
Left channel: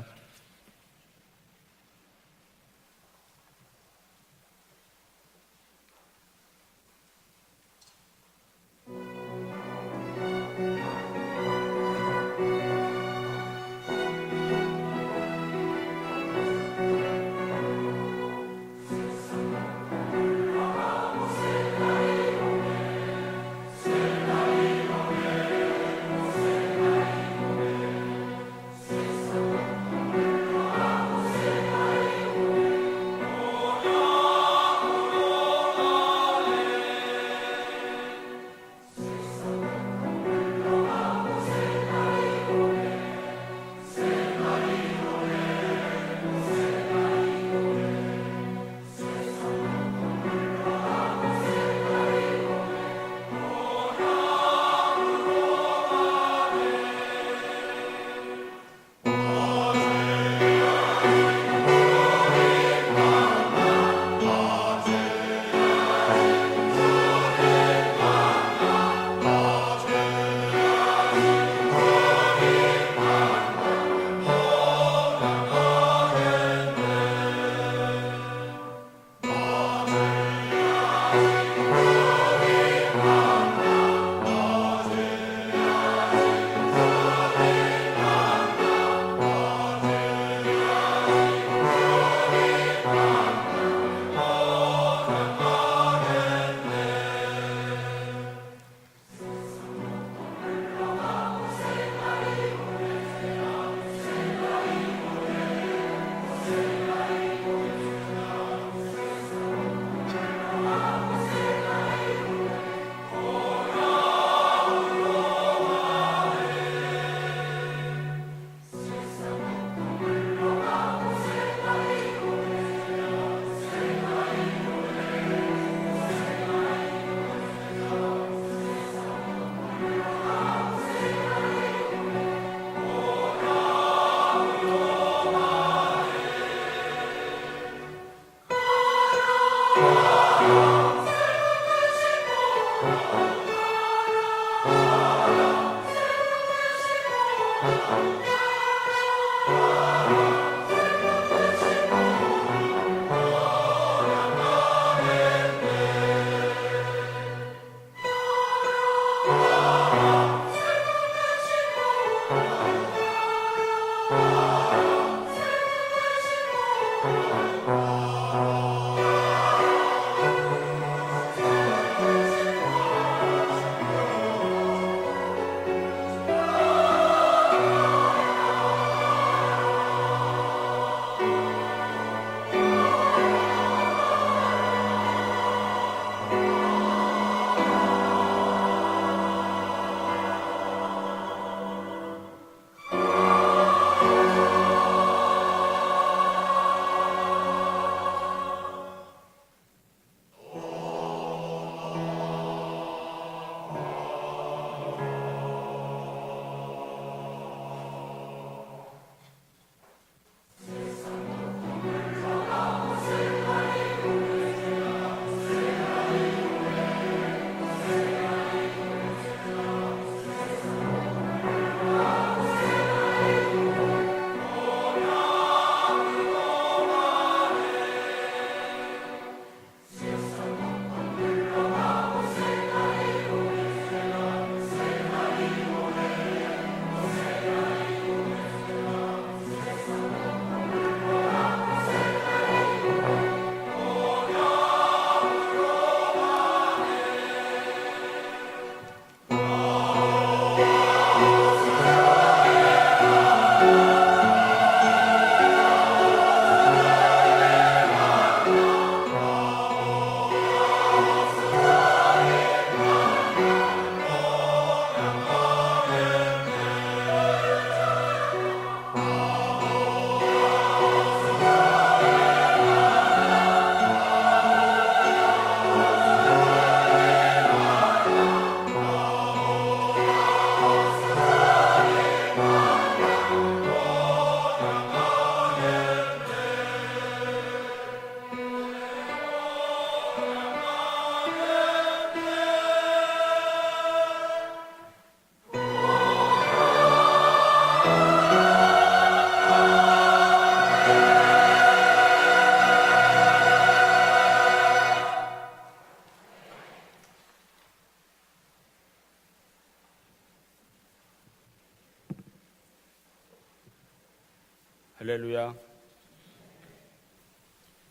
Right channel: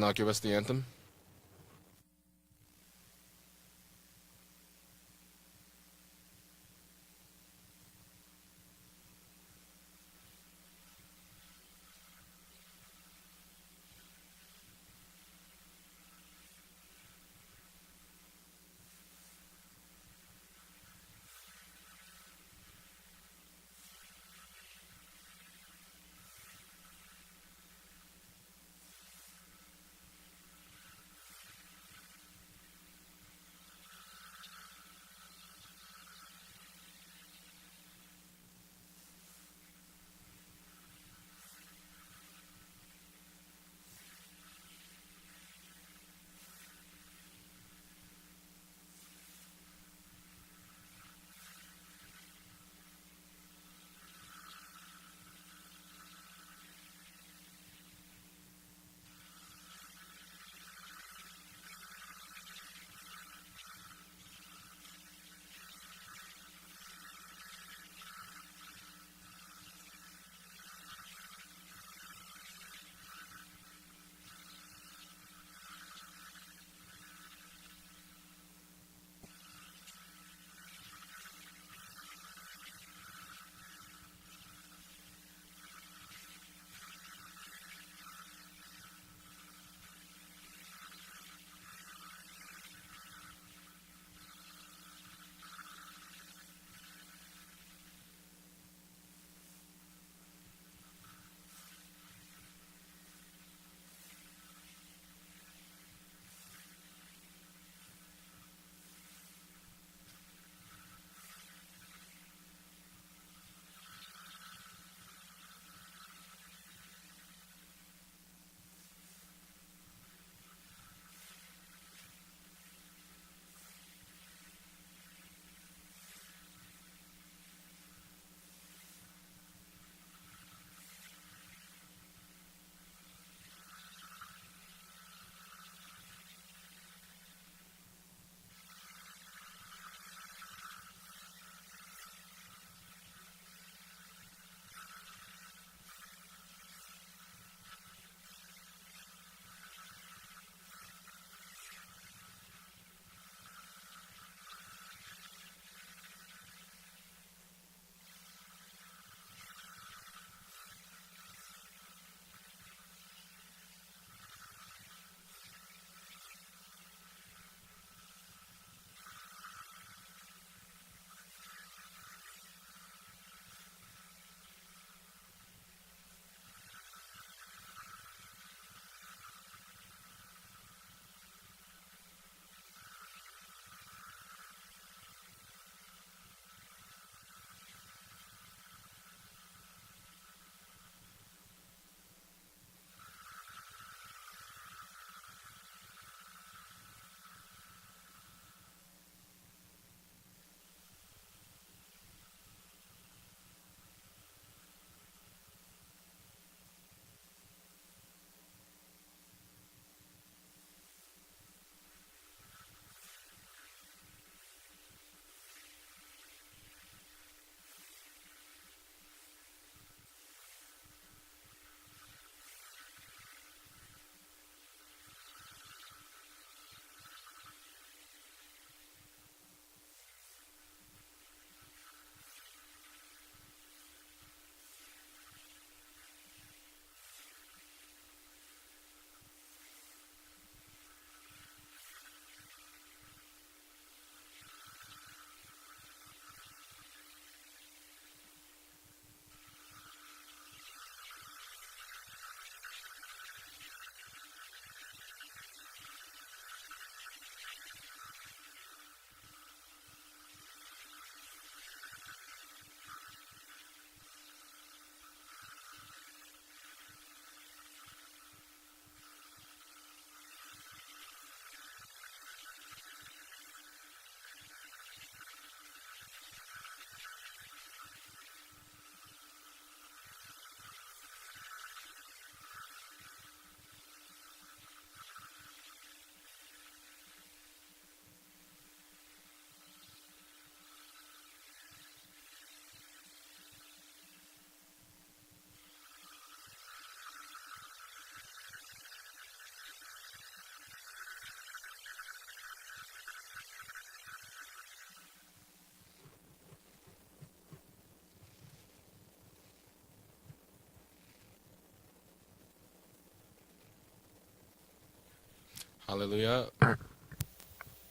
할렐루야. Hallelujah.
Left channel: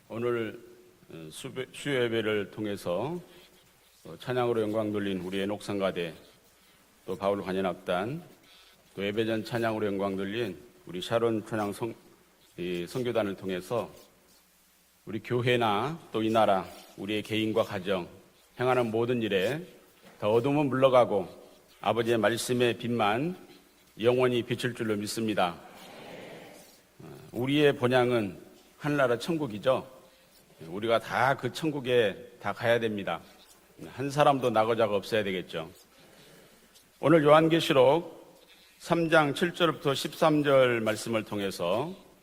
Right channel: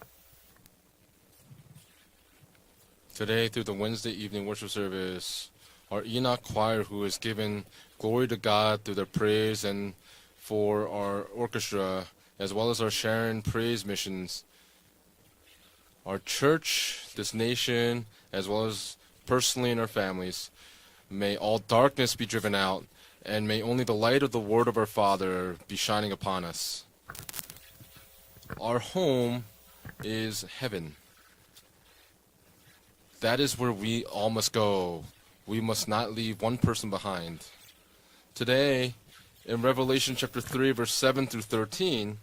오늘 수요 예배를 통해서 Today, through the Wednesday evening 찬양으로 worship 영광 돌린 service, 우리 our 녹상가대 Enoch choir, who is 또 바울 giving 관현악단, glory to God through their 예배는 praise 찬양으로 and 영광 돌린 for 우리 our 샤론 orchestra, as well as our 이 Sharon 성교단을 praise 통해서 missions, 우리 교회나 our 또 이 나라, church, 우리의 this 개인과 nation, 가정, as well 행하는 as 모든 일에 personally in our families. 어둠은 물러가고 May all darkness 아버지의 be driven 말씀의 out, 빛만 and may only the light of the 영원히 word of our 비칠 줄로 Father 믿습니다. be shining upon us. 우리의 본향은 Our 하늘나라 home 천국이죠. is heaven. 우리가 다 그 천국에 다 가야 됩니다. That is where we 한 all 사람도 must 나고자가 go. 없어야 We 되겠죠. must not leave one person 오늘 behind. 요한계시록 Today, 3장 in 7절부터 Revelation chapter 3, 13절 verse 7 말씀을 through 통해서 13,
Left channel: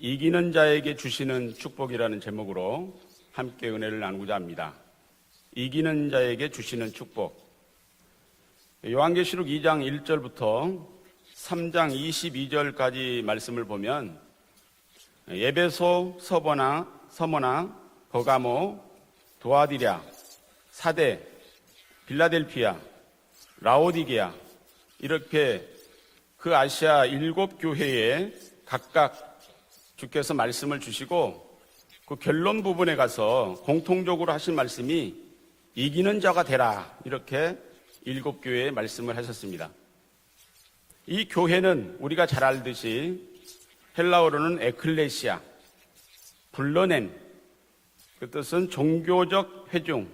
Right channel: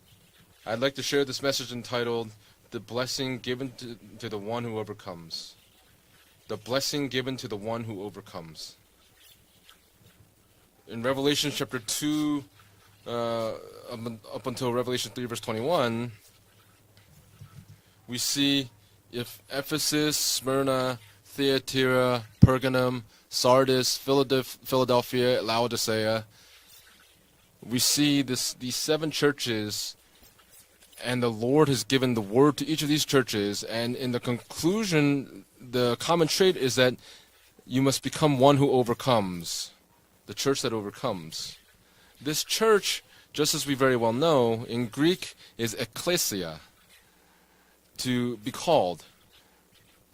이기는 I'd 자에게 like to share this 주시는 message 축복이라는 entitled "The 제목으로 Blessing 함께 Given 은혜를 to 나누고자 the One 합니다. Who Overcomes." 이기는 자에게 The 주시는 blessing given 축복. to the one who overcomes. 요한계시록 2장 1절부터 In Revelation chapter 3장 2, 22절까지 말씀을 보면 up until Revelation 3, verse 에베소, 21, 서머나, we see 버가모, if 도아디랴, Ephesus, Smyrna, 사대, Thyatira, 필라델피아, Pergamum, Sardis, 라오디게아, Philadelphia, 이렇게 Laodicea, 그 아시아 7 we see 교회에 these seven 각각 churches, 주께서 말씀을 and the 주시고 Lord has given the 그 word 결론 to each of 부분에 these 가서 churches, and in the 공통적으로 하신 conclusion, the 이기는 common 자가 trait 되라 is that 이렇게 you must become 일곱 one who 교회에 말씀을 overcomes, 하셨습니다. the church that overcomes. 이 교회는 우리가 This 잘 church, 알듯이 just as we very well 헬라어로는 know, in Greek ecclesia. is ecclesia, 불러낸 to be 뜻은 called. 종교적 회중.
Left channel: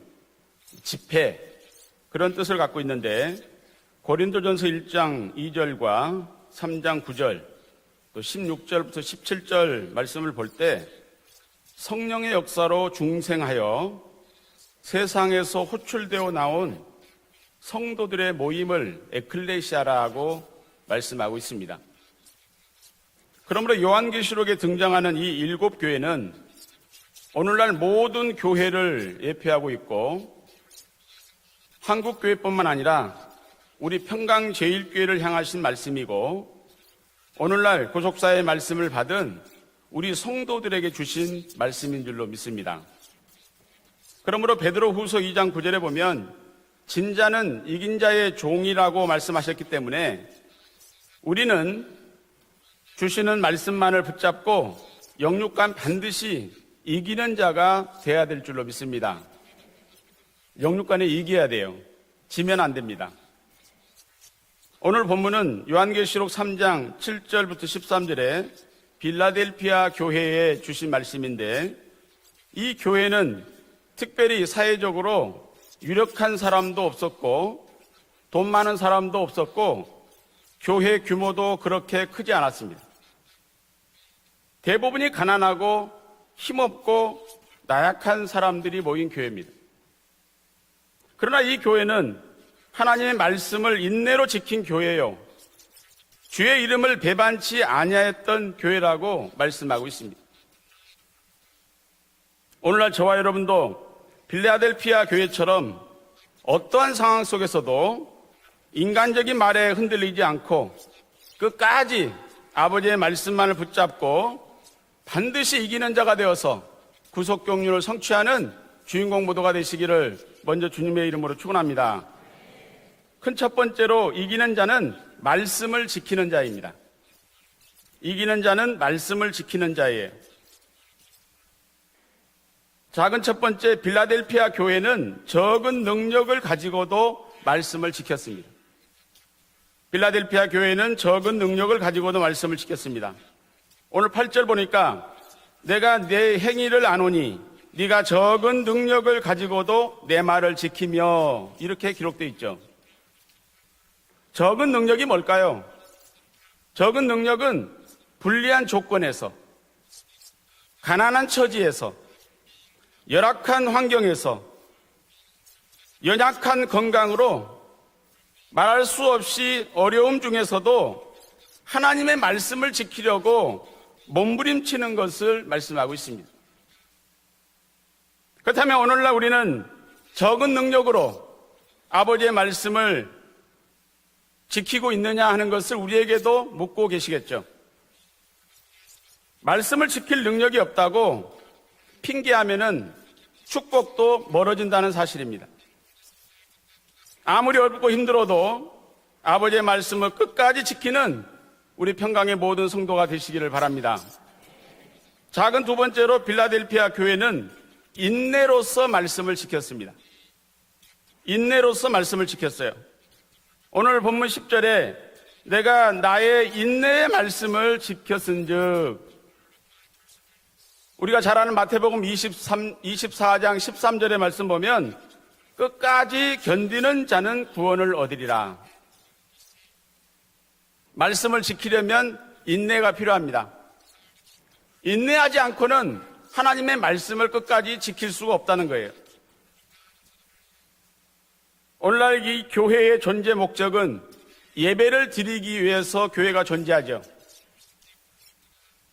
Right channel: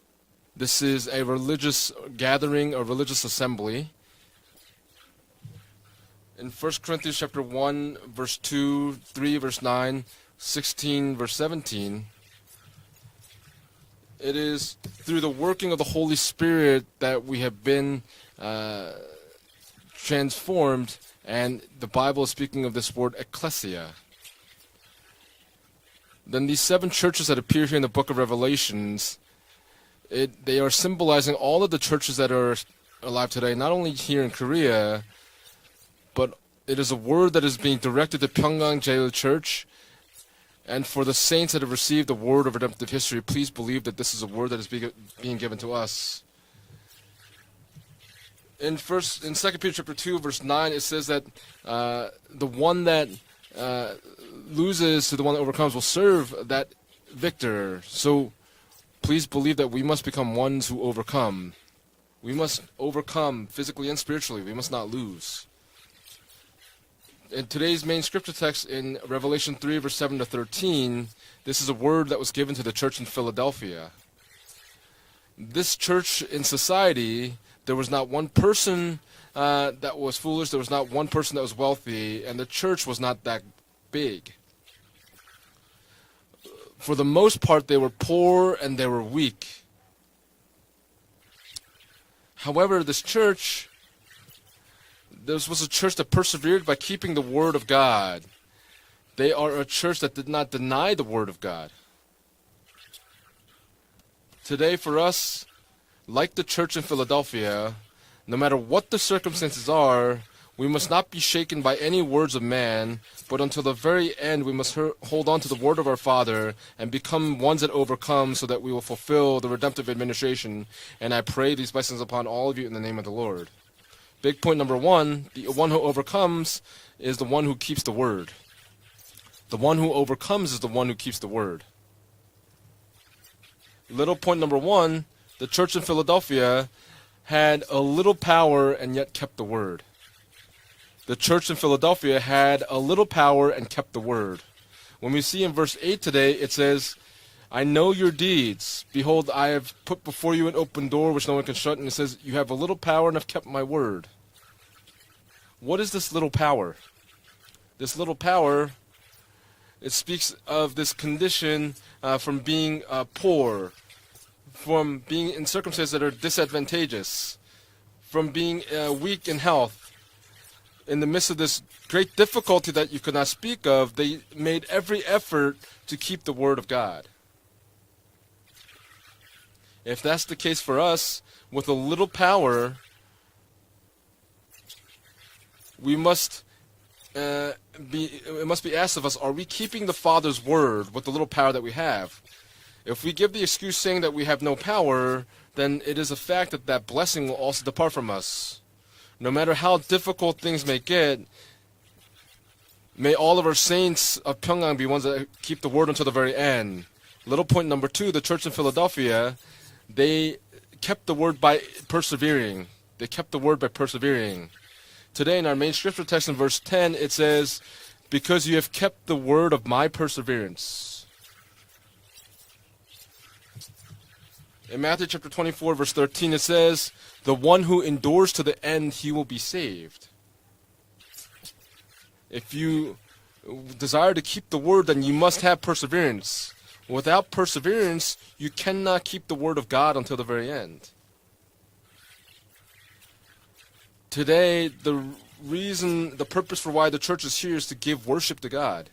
This is 집회, a religious 그런 뜻을 gathering, 갖고 a religious 있는데 assembly. 고린도전서 1장 2절과 In 1 3장 Corinthians chapter 9절 1, verse 2, 16절부터 3, verse 17절 9, 말씀을 볼 때 16, verse 17, 성령의 역사로 중생하여 it is through the 세상에서 working of the Holy 호출되어 Spirit that we have been 성도들의 모임을 에클레시아라고 transformed, 말씀하고 and 있습니다. the Bible is speaking of this word 그러므로 ecclesia. 요한계시록에 등장하는 이 7 교회는 Then these seven churches that appear 오늘날 here in the book of 모든 교회를 Revelations, 예표하고 있고 they are symbolizing all of the churches that are 한국교회뿐만 아니라 alive today, not only 우리 here in 평강 Korea, 제일교회를 향하신 말씀이고 but It is a word that is 오늘날 being directed to 구속사의 Pyongyang 말씀을 Jail 받은 Church. 우리 성도들에게 And for the 주신 saints that have 말씀인 received the 줄로 word of 믿습니다. redemptive history, please believe that this is a word 그러므로 that is 베드로후서 being 2장 given to 9절에 us. 보면 진자는 이긴 자의 In 종이라고 2 말씀하셨기 Peter chapter 2 때문에 verse 9 it says that 우리는 the one that 주시는 말씀만을 붙잡고 loses to the one that 영육간 overcomes will serve 반드시 that 이기는 victor. 자가 So 돼야 될 줄로 믿습니다. please believe that we must become ones who 영육간에 이겨야 overcome. 돼요. We 지면 must 안 됩니다. overcome physically and spiritually. We must not 오늘 lose. 본문은 요한계시록 3장 In 7절부터 today's main scripture 13절에 text in Revelation 3 빌라델피아 verse 7 to 교회에 주신 13, 말씀인데 this is a word that was given to 이 the church of 교회는 Philadelphia. 특별히 사회적으로 This church 유력한 in 사람도 society, 없었고 there was not one 돈 많은 person 사람도 없었고 that was foolish. There was not 교회 one person that was 규모도 그렇게 wealthy, 크지 and the 않았습니다. church was not that big. 대부분이 가난하고 For the 힘없고 most part, they were 나약한 poor and 사람들이 they were 모인 weak. 교회입니다. 그러나 이 교회는 However, this 하나님의 church, 말씀을 인내로 지킨 교회예요. this was a church that 주의 persevered by 이름을 keeping the word 배반치 of God. 아니했던 교회라고 They are a 말씀하고 church that 있습니다. did not deny the word of God. 오늘날 저와 여러분도 빌라델피아 Today for us, 교회처럼 Like the church of 어떠한 상황 Philadelphia, 속에서도 no matter what the 인간적인 말에 circumstances 흔들리지 are, 않고 we must not be shaken by any 끝까지 words of man, 아버지의 but 말씀만을 until the very 붙잡고 end we must hold on to 반드시 the word of 이기는 our 자가 Father 되어서 and become 구속 ones that 경륜을 overcome 성취하는 so that we will 주인공 fulfill the 모두가 redemptive 되시기를 administration. 먼저 주님의 And I 이름으로 pray these 축원합니다. blessings upon all of you in the name of the 큰 Lord. 첫 번째로 Big 이기는 point number 자는 one, the one who 말씀을 지키는 overcomes 자입니다. is the one who keeps the word. 이기는 자는 말씀을 The 지키는 one who 자예요. overcomes is the one who keeps the word. 작은 첫 번째 Little point 빌라델피아 number 교회는 one, the church 적은 of 능력을 Philadelphia 가지고도 Had a 말씀을 little 지켰습니다. power and yet kept the word. 빌라델피아 교회는 The 적은 church of 능력을 가지고도 Philadelphia 말씀을 had a little 지켰습니다. power and kept the 오늘 word. 8절 보니까 When we see in verse 내가 8 내 today, it 행위를 says, 아노니 I know 네가 your 적은 deeds. 능력을 Behold, I have 가지고도 put 내 before you 말을 an open door which no one can shut. 지키며 And 이렇게 it says, 기록되어 you have a 있죠. little power and have kept my word. 적은 능력이 뭘까요? What is this little power? 적은 능력은 This little power, 불리한 조건에서 it speaks of this 가난한 condition 처지에서, from being 열악한 poor, 환경에서 from being in circumstances that are 연약한 disadvantageous, 건강으로 from being 말할 수 weak 없이 in health. 어려움 중에서도 In the midst of this 하나님의 great difficulty 말씀을 that you cannot 지키려고 speak of, they made 몸부림치는 every 것을 effort 말씀하고 to keep 있습니다. the word of God. 그렇다면 오늘날 우리는 If that's the 적은 case for 능력으로 us, with a little 아버지의 power, 말씀을 지키고 있느냐 하는 것을 We must, 우리에게도 묻고 계시겠죠. it must be asked of us, are we keeping 말씀을 the 지킬 Father's 능력이 word with 없다고 the little power that we have? 핑계하면은 If we give the excuse saying that 축복도 we have no 멀어진다는 power, 사실입니다. then it is a fact that that blessing will 아무리 also 어렵고 depart from us. 힘들어도 No matter 아버지의 how 말씀을 difficult 끝까지 things may get, 지키는 우리 평강의 모든 성도가 may all of 되시기를 our 바랍니다. saints of Pyongyang be ones that keep 작은 the 두 word until the 번째로 very end. 빌라델피아 교회는 Little point number two, the church of 인내로서 말씀을 Philadelphia, 지켰습니다. they kept the word by 인내로서 말씀을 persevering. 지켰어요. They kept the word by 오늘 본문 persevering. 10절에 Today in our main 내가 scripture text in 나의 verse 10, 인내의 it says, 말씀을 because you have 지켰은즉 kept the word of my perseverance. 우리가 잘 아는 마태복음 24장 13절의 말씀 보면 Matthew chapter 24 verse 끝까지 13 it says, 견디는 자는 the one who 구원을 endures to 얻으리라. the end, he will be saved. 말씀을 지키려면 If you 인내가 필요합니다. desire to keep the word, then you must 인내하지 have 않고는 perseverance. 하나님의 말씀을 Without 끝까지 지킬 perseverance, 수가 you 없다는 거예요. cannot keep the word of God until the very end. 오늘날 이 교회의 존재 목적은 Today, 예배를 the 드리기 reason, 위해서 the 교회가 purpose for why the 존재하죠. church is here is to give worship to God.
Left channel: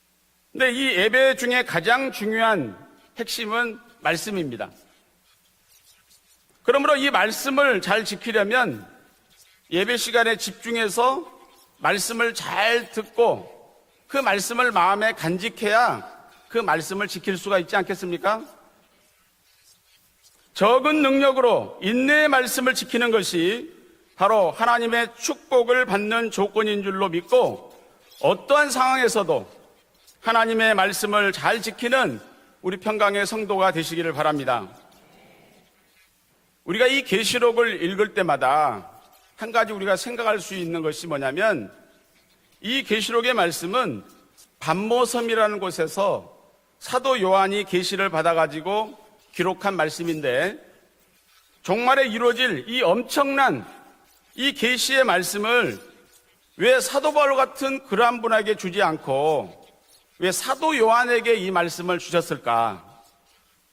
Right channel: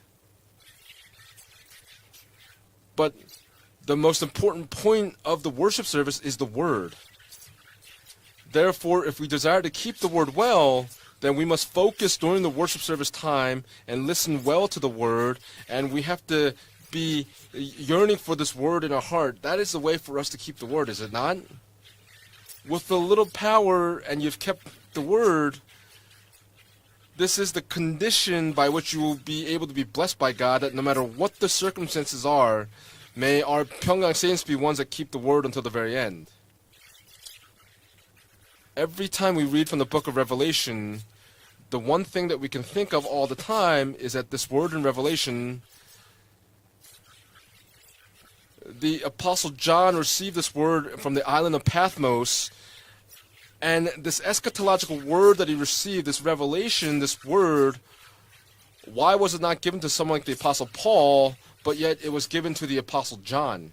근데 이 예배 중에 가장 중요한 But 핵심은 The most 말씀입니다. important point of the worship service is the word. 그러므로 이 말씀을 잘 지키려면 Therefore, if we desire to keep 예배 the 시간에 word well, 집중해서 then we must focus 말씀을 during the 잘 worship service 듣고 time and 그 listen 말씀을 well to the 마음에 word. 간직해야 And we have to 그 말씀을 be 지킬 수가 있지 yearning 않겠습니까? for this word in our heart. That is the way for us to keep the word. 적은 Is it not? 능력으로 인내의 말씀을 With the 지키는 little 것이 power and 바로 you've kept 하나님의 the word, 축복을 받는 조건인 줄로 This 믿고 is the condition by 어떠한 which you 상황에서도 will be able to be blessed by God. 하나님의 That no matter 말씀을 what the 잘 지키는 circumstances are, 우리 평강의 may 성도가 our 되시기를 Pyongyang saints be 바랍니다. ones that keep the word until the very end. 우리가 이 계시록을 읽을 때마다 Every time we 한 read 가지 from the 우리가 book of 생각할 수 있는 Revelation, 것이 뭐냐면 the one thing that we can 이 think of all 계시록의 the time 말씀은 is that this word in Revelation, 담모섬이라는 곳에서 사도 요한이 계시를 받아가지고 the apostle 기록한 John received this 말씀인데 word from the island of 정말에 Patmos, 이루어질 이 엄청난 and this 계시의 eschatological word that he 말씀을 received, this 왜 revelation, 사도 this 바울 word, 같은 그러한 분에게 주지 why was 않고 it not given to someone 왜 like the apostle 사도 Paul, 요한에게 이 but 말씀을 yet it was given to 주셨을까? the apostle John?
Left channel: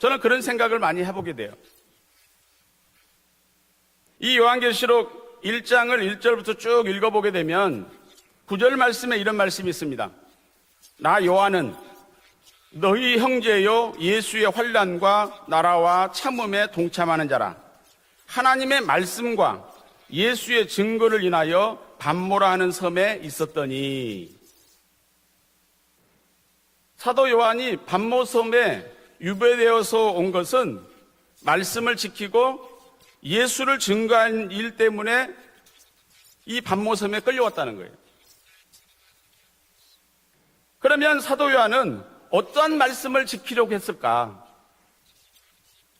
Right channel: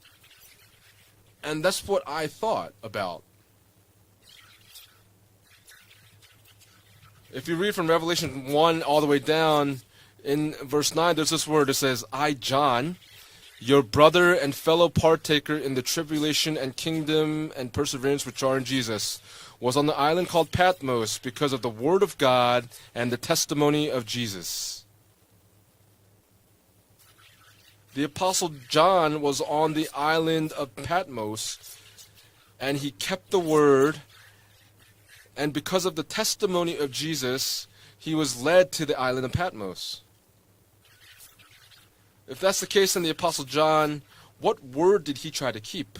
저는 그런 생각을 많이 해보게 돼요. And that's what I thought about. 이 요한계시록 1장을 1절부터 쭉 읽어보게 If you 되면 read from Revelation 9절 1 all the 말씀에 way 이런 down, 말씀이 있습니다. in verse 9 나 there's this 요한은 word that says, I John, 너희 your 형제요 brother 예수의 and fellow 환난과 partaker in the 나라와 tribulation 참음에 and 동참하는 kingdom 자라. and perseverance which are in 하나님의 Jesus, 말씀과 was on the island called 예수의 Patmos 증거를 because of 인하여 the word of 담모라는 God 섬에 and the testimony of 있었더니. Jesus. 사도 요한이 The 밤모섬에 apostle John was on the 유배되어서 온 island 것은 of Patmos, 말씀을 지키고 and he kept the 예수를 word, 증거한 일 때문에 and because of the testimony of 밤모섬에 Jesus, 끌려왔다는 거예요. he was led to the island of Patmos. 그러면 사도 요한은 If that's the 어떠한 case, then the 말씀을 apostle 지키려고 John, 했을까? what word did he try to keep?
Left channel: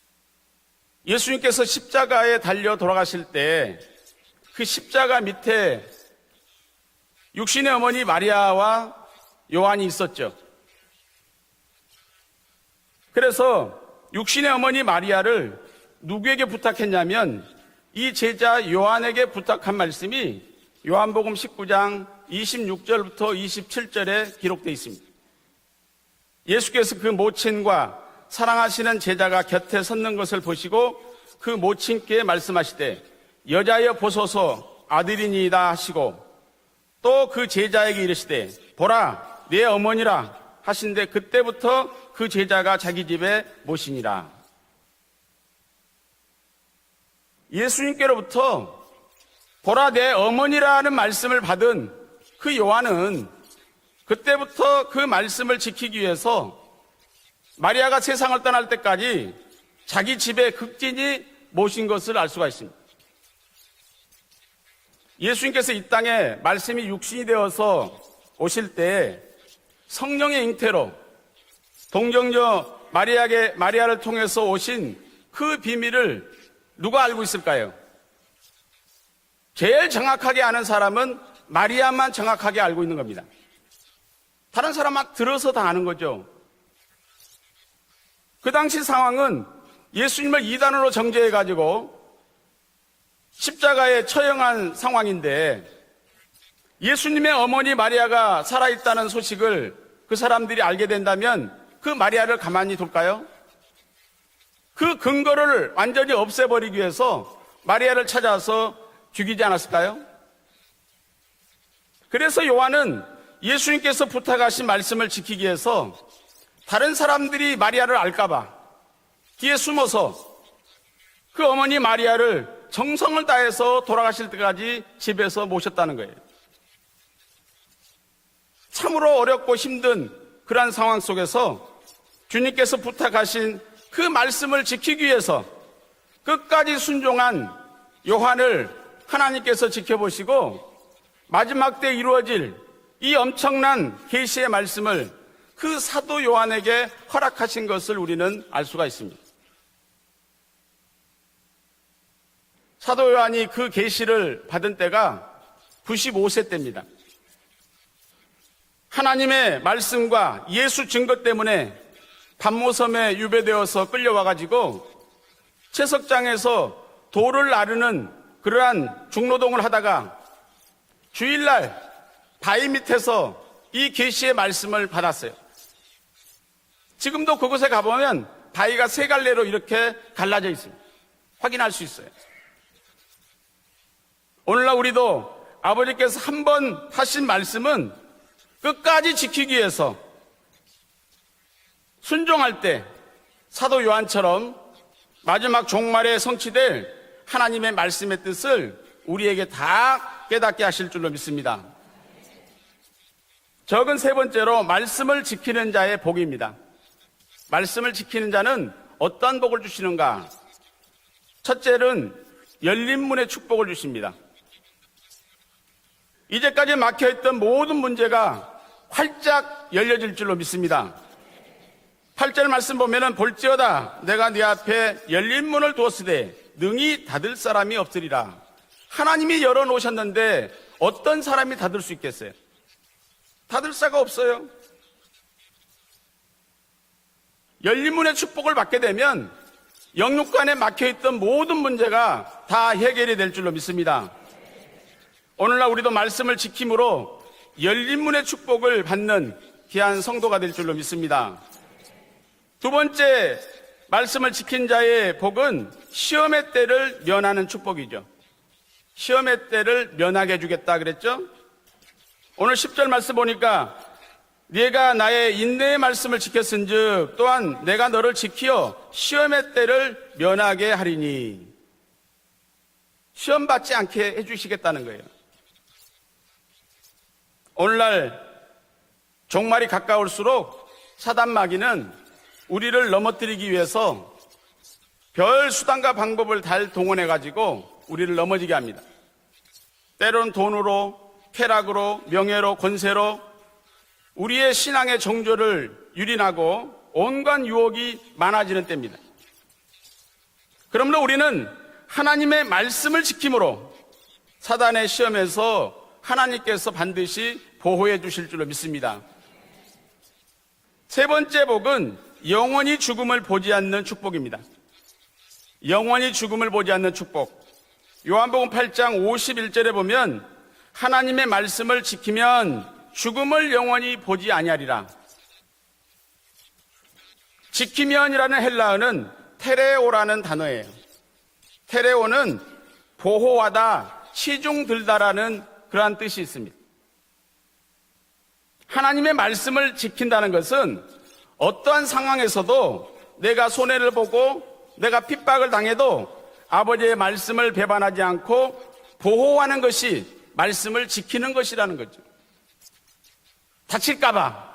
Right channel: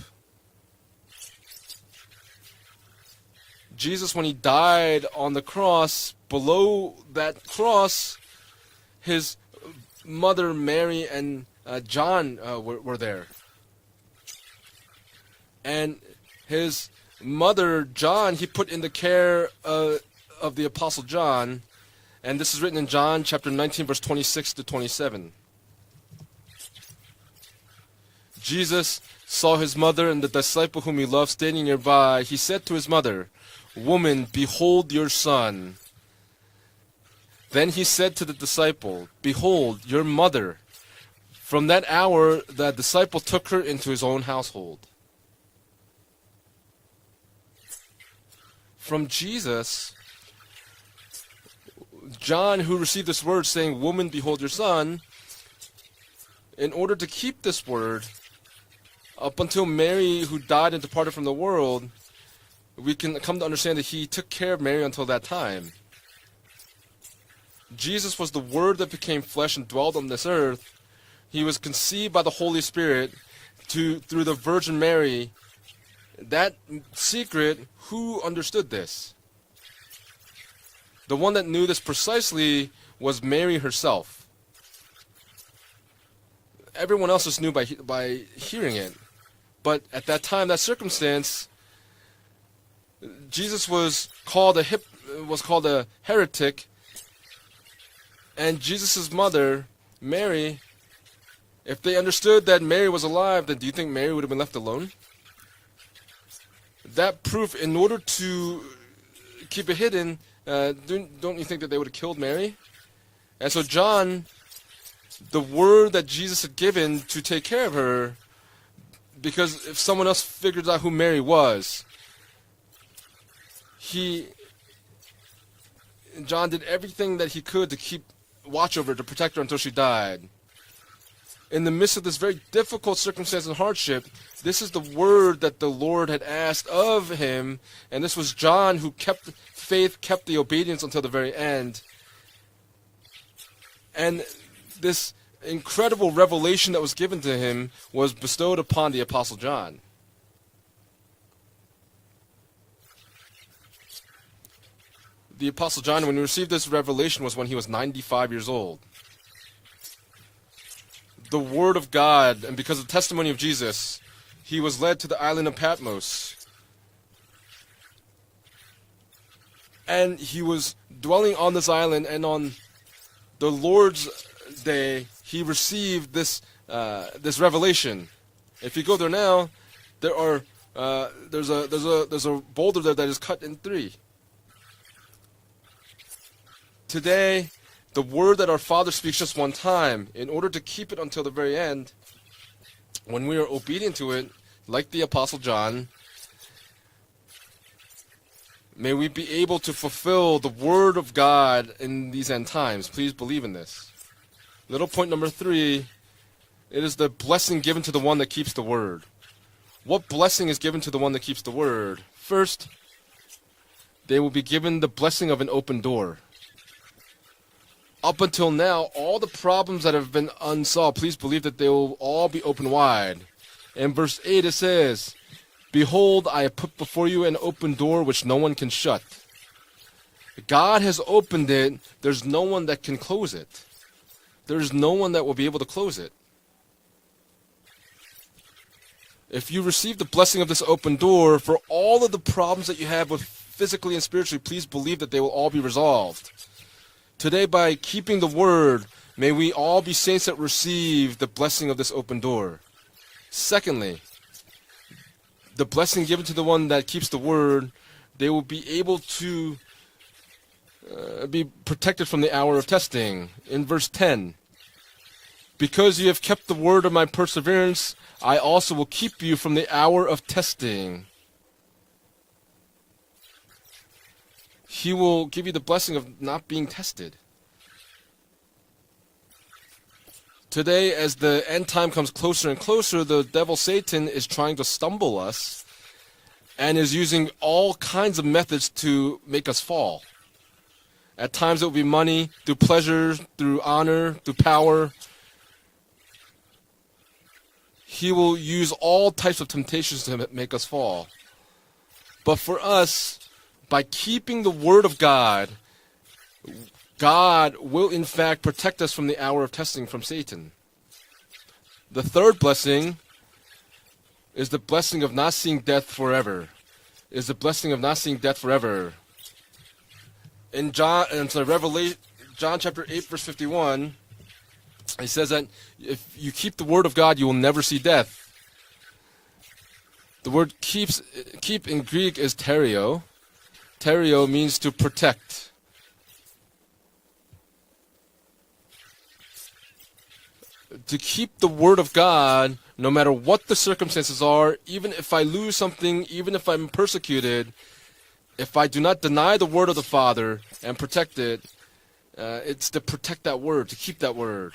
예수님께서 십자가에 달려 돌아가실 때 Jesus, when he died 십자가 on the 밑에 cross, below that 육신의 어머니 cross, 마리아와 his 요한이 있었죠. mother Mary and John were there. 그래서 육신의 어머니 마리아를 And 누구에게 his 부탁했냐면 mother 이 John, he 제자 put in the 요한에게 care 부탁한 말씀이 of the apostle 요한복음 John, 19장 and this is written in John 26절부터 chapter 19, verse 27절에 26 to 기록되어 있습니다. 27. 예수께서 그 모친과 사랑하시는 Jesus 제자가 saw his 곁에 mother 섰는 and the 것을 disciple 보시고 whom he loved 그 standing 모친께 nearby. He said to 말씀하시되 his mother, 여자여 Woman, 보소서 behold your 아들이니이다 son. 하시고 또 그 Then he 제자에게 said to the 이르시되 disciple, 보라 Behold, 내 your 어머니라 mother. 하신데 From 그때부터 that hour, 그 제자가 that 자기 disciple 집에 took her into his own 오십니다. household. 예수님께로부터 From Jesus, 보라 내 어머니라는 말씀을 받은 John, 그 who received 요한은 this word saying, Woman, behold your 그때부터 son, 그 말씀을 지키기 위해서 in order to keep this 마리아가 word, 세상을 떠날 때까지 up until Mary, 자기 who 집에 died and departed 극진히 from the 모신 world, 것을 알 수가 있습니다. we can come to understand that he took care of Mary until that time. 예수님께서 이 땅에 말씀이 육신이 되어서 Jesus was the 오실 word that 때 became flesh and dwelled on this 성령의 earth. 잉태로 He was conceived by the Holy 동정녀 Spirit. 마리아를 through the 통해서 Virgin 오신 Mary. 그 비밀을 That 누가 알고 secret, 있을까요? who understood this? 제일 정확하게 아는 사람은 The one that knew this 마리아만 precisely 정확하게 알고 있는 was 겁니다. Mary herself. 다른 사람 막 들어서 다 아는 거죠. Everyone else just knew by 그 hearing 당시 it. 상황은 But at that 예수님을 time, that 이단으로 circumstance, 정죄해가지고 Jesus 십자가에 was 처형한 called a 상황인데 was called a heretic. 예수님의 어머니 마리아가 And 살아있다는 Jesus' mother, 소식을 그 Mary, 사람들이 알게 된다면 If 그 they 마리아를 understood that 가만히 Mary was 볼까요? alive, then do you think Mary would have been left alone? 그 근거를 완전히 없애버리기 위해서 That proof in 마리아를 order to 찾아서 죽이지 Keep it 않았을까요? hidden. Don't you think that they would have killed 그래서 Mary? 요한은 And so 예수님께서 John, 부탁하신 말씀을 지키기 The 위해서 word that Jesus had given 다른 to take 사람들이 care of 마리아를 her, 알까봐 because 뒤에 숨어서 someone else figured out who Mary 그 was. 어머니 마리아를 정성을 다해서 돌아가실 때까지 집에서 모셨다는 거예요. John did everything that he could to keep watch over her, 참으로 protect her 어렵고 until she died. 힘든 그러한 상황 속에서 In the midst of this very 주님께서 difficult circumstance 부탁하신 and hardship, 그 말씀을 this is the 지키기 위해서 word that the Lord had 끝까지 asked of 순종한 him, and this was 요한을 John who kept 하나님께서 faith, kept the 지켜보시고 obedience until the very 마지막 end. 때 이루어질 이 엄청난 And 계시의 말씀을 This 그 incredible 사도 revelation 요한에게 that was given to 허락하신 him 것을 was 우리는 bestowed 알 수가 upon the 있습니다. apostle John. 사도 요한이 그 계시를 받은 때가 The apostle John, when he 95세 received this 때입니다. revelation, was when he was 95 years old. 하나님의 말씀과 예수 증거 The 때문에 word of God, and because of the 밤모섬에 testimony of 유배되어서 Jesus, he 끌려와가지고 was led to the island of Patmos. 채석장에서 돌을 나르는 그러한 중노동을 하다가 And he was dwelling on this island, and on 바위 밑에서 the 이 Lord's 계시의 말씀을 day, 받았어요. he received this 지금도 this 그곳에 revelation. 가보면 If 바위가 you go 세 there 갈래로 now, 이렇게 there 갈라져 are, 있습니다. there's 확인할 수 있어요. a boulder there that is cut in three. 오늘날 우리도 아버지께서 한 번 하신 Today, 말씀은 the word that our Father 끝까지 speaks us one 지키기 위해서 time, in order to keep it until the very end, 순종할 때 when we are 사도 obedient to 요한처럼 it, like the apostle 마지막 John, 종말에 성취될 하나님의 말씀의 뜻을 may we be 우리에게 able to 다 fulfill 깨닫게 the 하실 word 줄로 of 믿습니다. God in these end times. Please believe in this. 적은 세 번째로 말씀을 number 지키는 three, 자의 복입니다. It is the blessing given 말씀을 to the one 지키는 that keeps the 자는 word. 어떠한 복을 What 주시는가? blessing is given to the one that keeps the word? 첫째는 First, 열린 문의 축복을 주십니다. they will be given the blessing of an open door. 이제까지 막혀있던 모든 Up 문제가 until now, all the 활짝 problems that have 열려질 been 줄로 믿습니다. unsolved, please believe that they will all be 8절 open 말씀 보면은 wide. 볼지어다 In verse 내가 8 네 it 앞에 says, 열린 문을 두었으되 Behold, I have put 능히 before you 닫을 an open 사람이 door which 없으리라. no one can shut. 하나님이 열어놓으셨는데 God has 어떤 opened 사람이 it. 닫을 수 There's 있겠어요? no one that can close it. 닫을 사가 없어요. There's no one that will be able to close it. 열린 문의 축복을 받게 되면 If you receive the blessing of 영육간에 this open 막혀있던 door, 모든 for all 문제가 of the 다 problems that you have 해결이 될 with 줄로 physically 믿습니다. and spiritually, please believe that they will all be 오늘날 우리도 resolved. 말씀을 지킴으로 Today, by 열린 keeping 문의 the 축복을 word, 받는 may we all 귀한 be saints 성도가 that 될 줄로 receive the 믿습니다. blessing of this open door. 두 번째, Secondly, 말씀을 지킨 자의 복은 the blessing given to 시험의 the one 때를 that keeps the 면하는 word, 축복이죠. they will be able 시험의 to 때를 면하게 해주겠다 그랬죠. be protected from the hour 오늘 of 10절 말씀 testing. 보니까 In verse 10, 네가 나의 인내의 because you 말씀을 have kept the word of my 지켰은즉 또한 perseverance, 내가 너를 I 지켜 also will keep you 시험의 from the 때를 hour of 면하게 testing. 하리니 시험 받지 않게 해주시겠다는 He 거예요. will give you the blessing of not being tested. 오늘날 종말이 가까울수록 Today, as the end time 사단마귀는 comes closer and 우리를 closer, the 넘어뜨리기 devil 위해서 Satan is trying to stumble 별 us 수단과 방법을 다 and is using 동원해가지고 all 우리를 kinds of 넘어지게 methods 합니다. to make us fall. 때론 돈으로, At times it will be 쾌락으로, money, 명예로, through pleasure, 권세로 through honor, through 우리의 power. 신앙의 정조를 유린하고 온갖 유혹이 He will 많아지는 use 때입니다. all types of temptations to make us fall. 그러므로 우리는 하나님의 But for 말씀을 us, 지킴으로 by keeping the word 사단의 of God, 시험에서 하나님께서 반드시 God will 보호해 in 주실 fact 줄로 protect 믿습니다. us from the hour of testing from Satan. 세 번째 복은 The third 영원히 blessing 죽음을 보지 않는 축복입니다. Is the blessing of not seeing death 영원히 forever. 죽음을 보지 않는 축복. Is the blessing of not seeing death 요한복음 forever. 8장 51절에 보면 In John, 하나님의 in 말씀을 Revelation, 지키면 John chapter 8, verse 죽음을 51, 영원히 보지 아니하리라. It says that if you keep the word of God, you will never see death. 지키면이라는 헬라어는 테레오라는 The word 단어예요. keep in Greek is terio. 보호하다, Terio means to 시중들다라는 그러한 뜻이 있습니다. 하나님의 말씀을 지킨다는 것은 To keep the word 어떠한 of God, 상황에서도 no matter 내가 what the 손해를 circumstances 보고 are, even 내가 if I 핍박을 lose 당해도 something, even if I'm 아버지의 말씀을 persecuted, 배반하지 않고 if I do not deny the 보호하는 word of 것이 the Father and 말씀을 protect 지키는 it, 것이라는 거죠. it's to protect that word. To keep that 다칠까봐 word.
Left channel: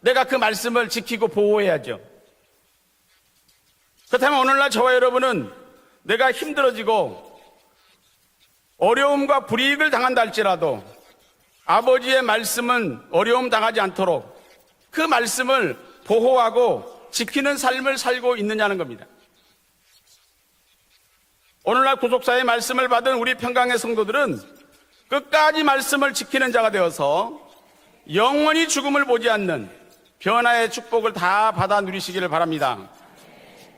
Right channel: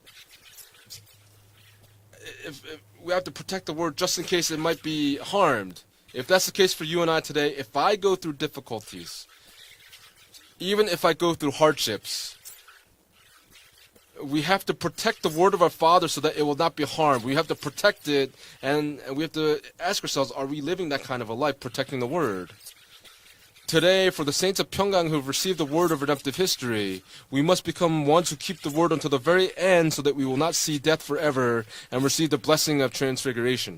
내가 그 말씀을 지키고 보호해야죠. If we have to protect the word just in 그렇다면 case it 오늘날 might 저와 be 여러분은 harmed. If 내가 that's the case for you and I 힘들어지고 today, if I go through difficulties, 어려움과 불이익을 당한다 할지라도 even if I go through 아버지의 hardships, 말씀은 어려움 당하지 않도록 we have to 그 protect the word of our 말씀을 Father so that it will 보호하고 not be harmed. We have 지키는 to 삶을 protect 살고 it, 있느냐는 겁니다. and we have to ask ourselves, are we living that kind of a life, 오늘날 protecting the 구속사의 word? 말씀을 받은 우리 평강의 Today, for 성도들은 the saints of Pyongyang who have 끝까지 received the word of 말씀을 redemptive 지키는 자가 history, 되어서 we must become one to 영원히 keep the word 죽음을 until the 보지 very 않는 end so that we will not 변화의 see death 축복을 다 forever 받아 and 누리시기를 receive the blessing 바랍니다. of transfiguration.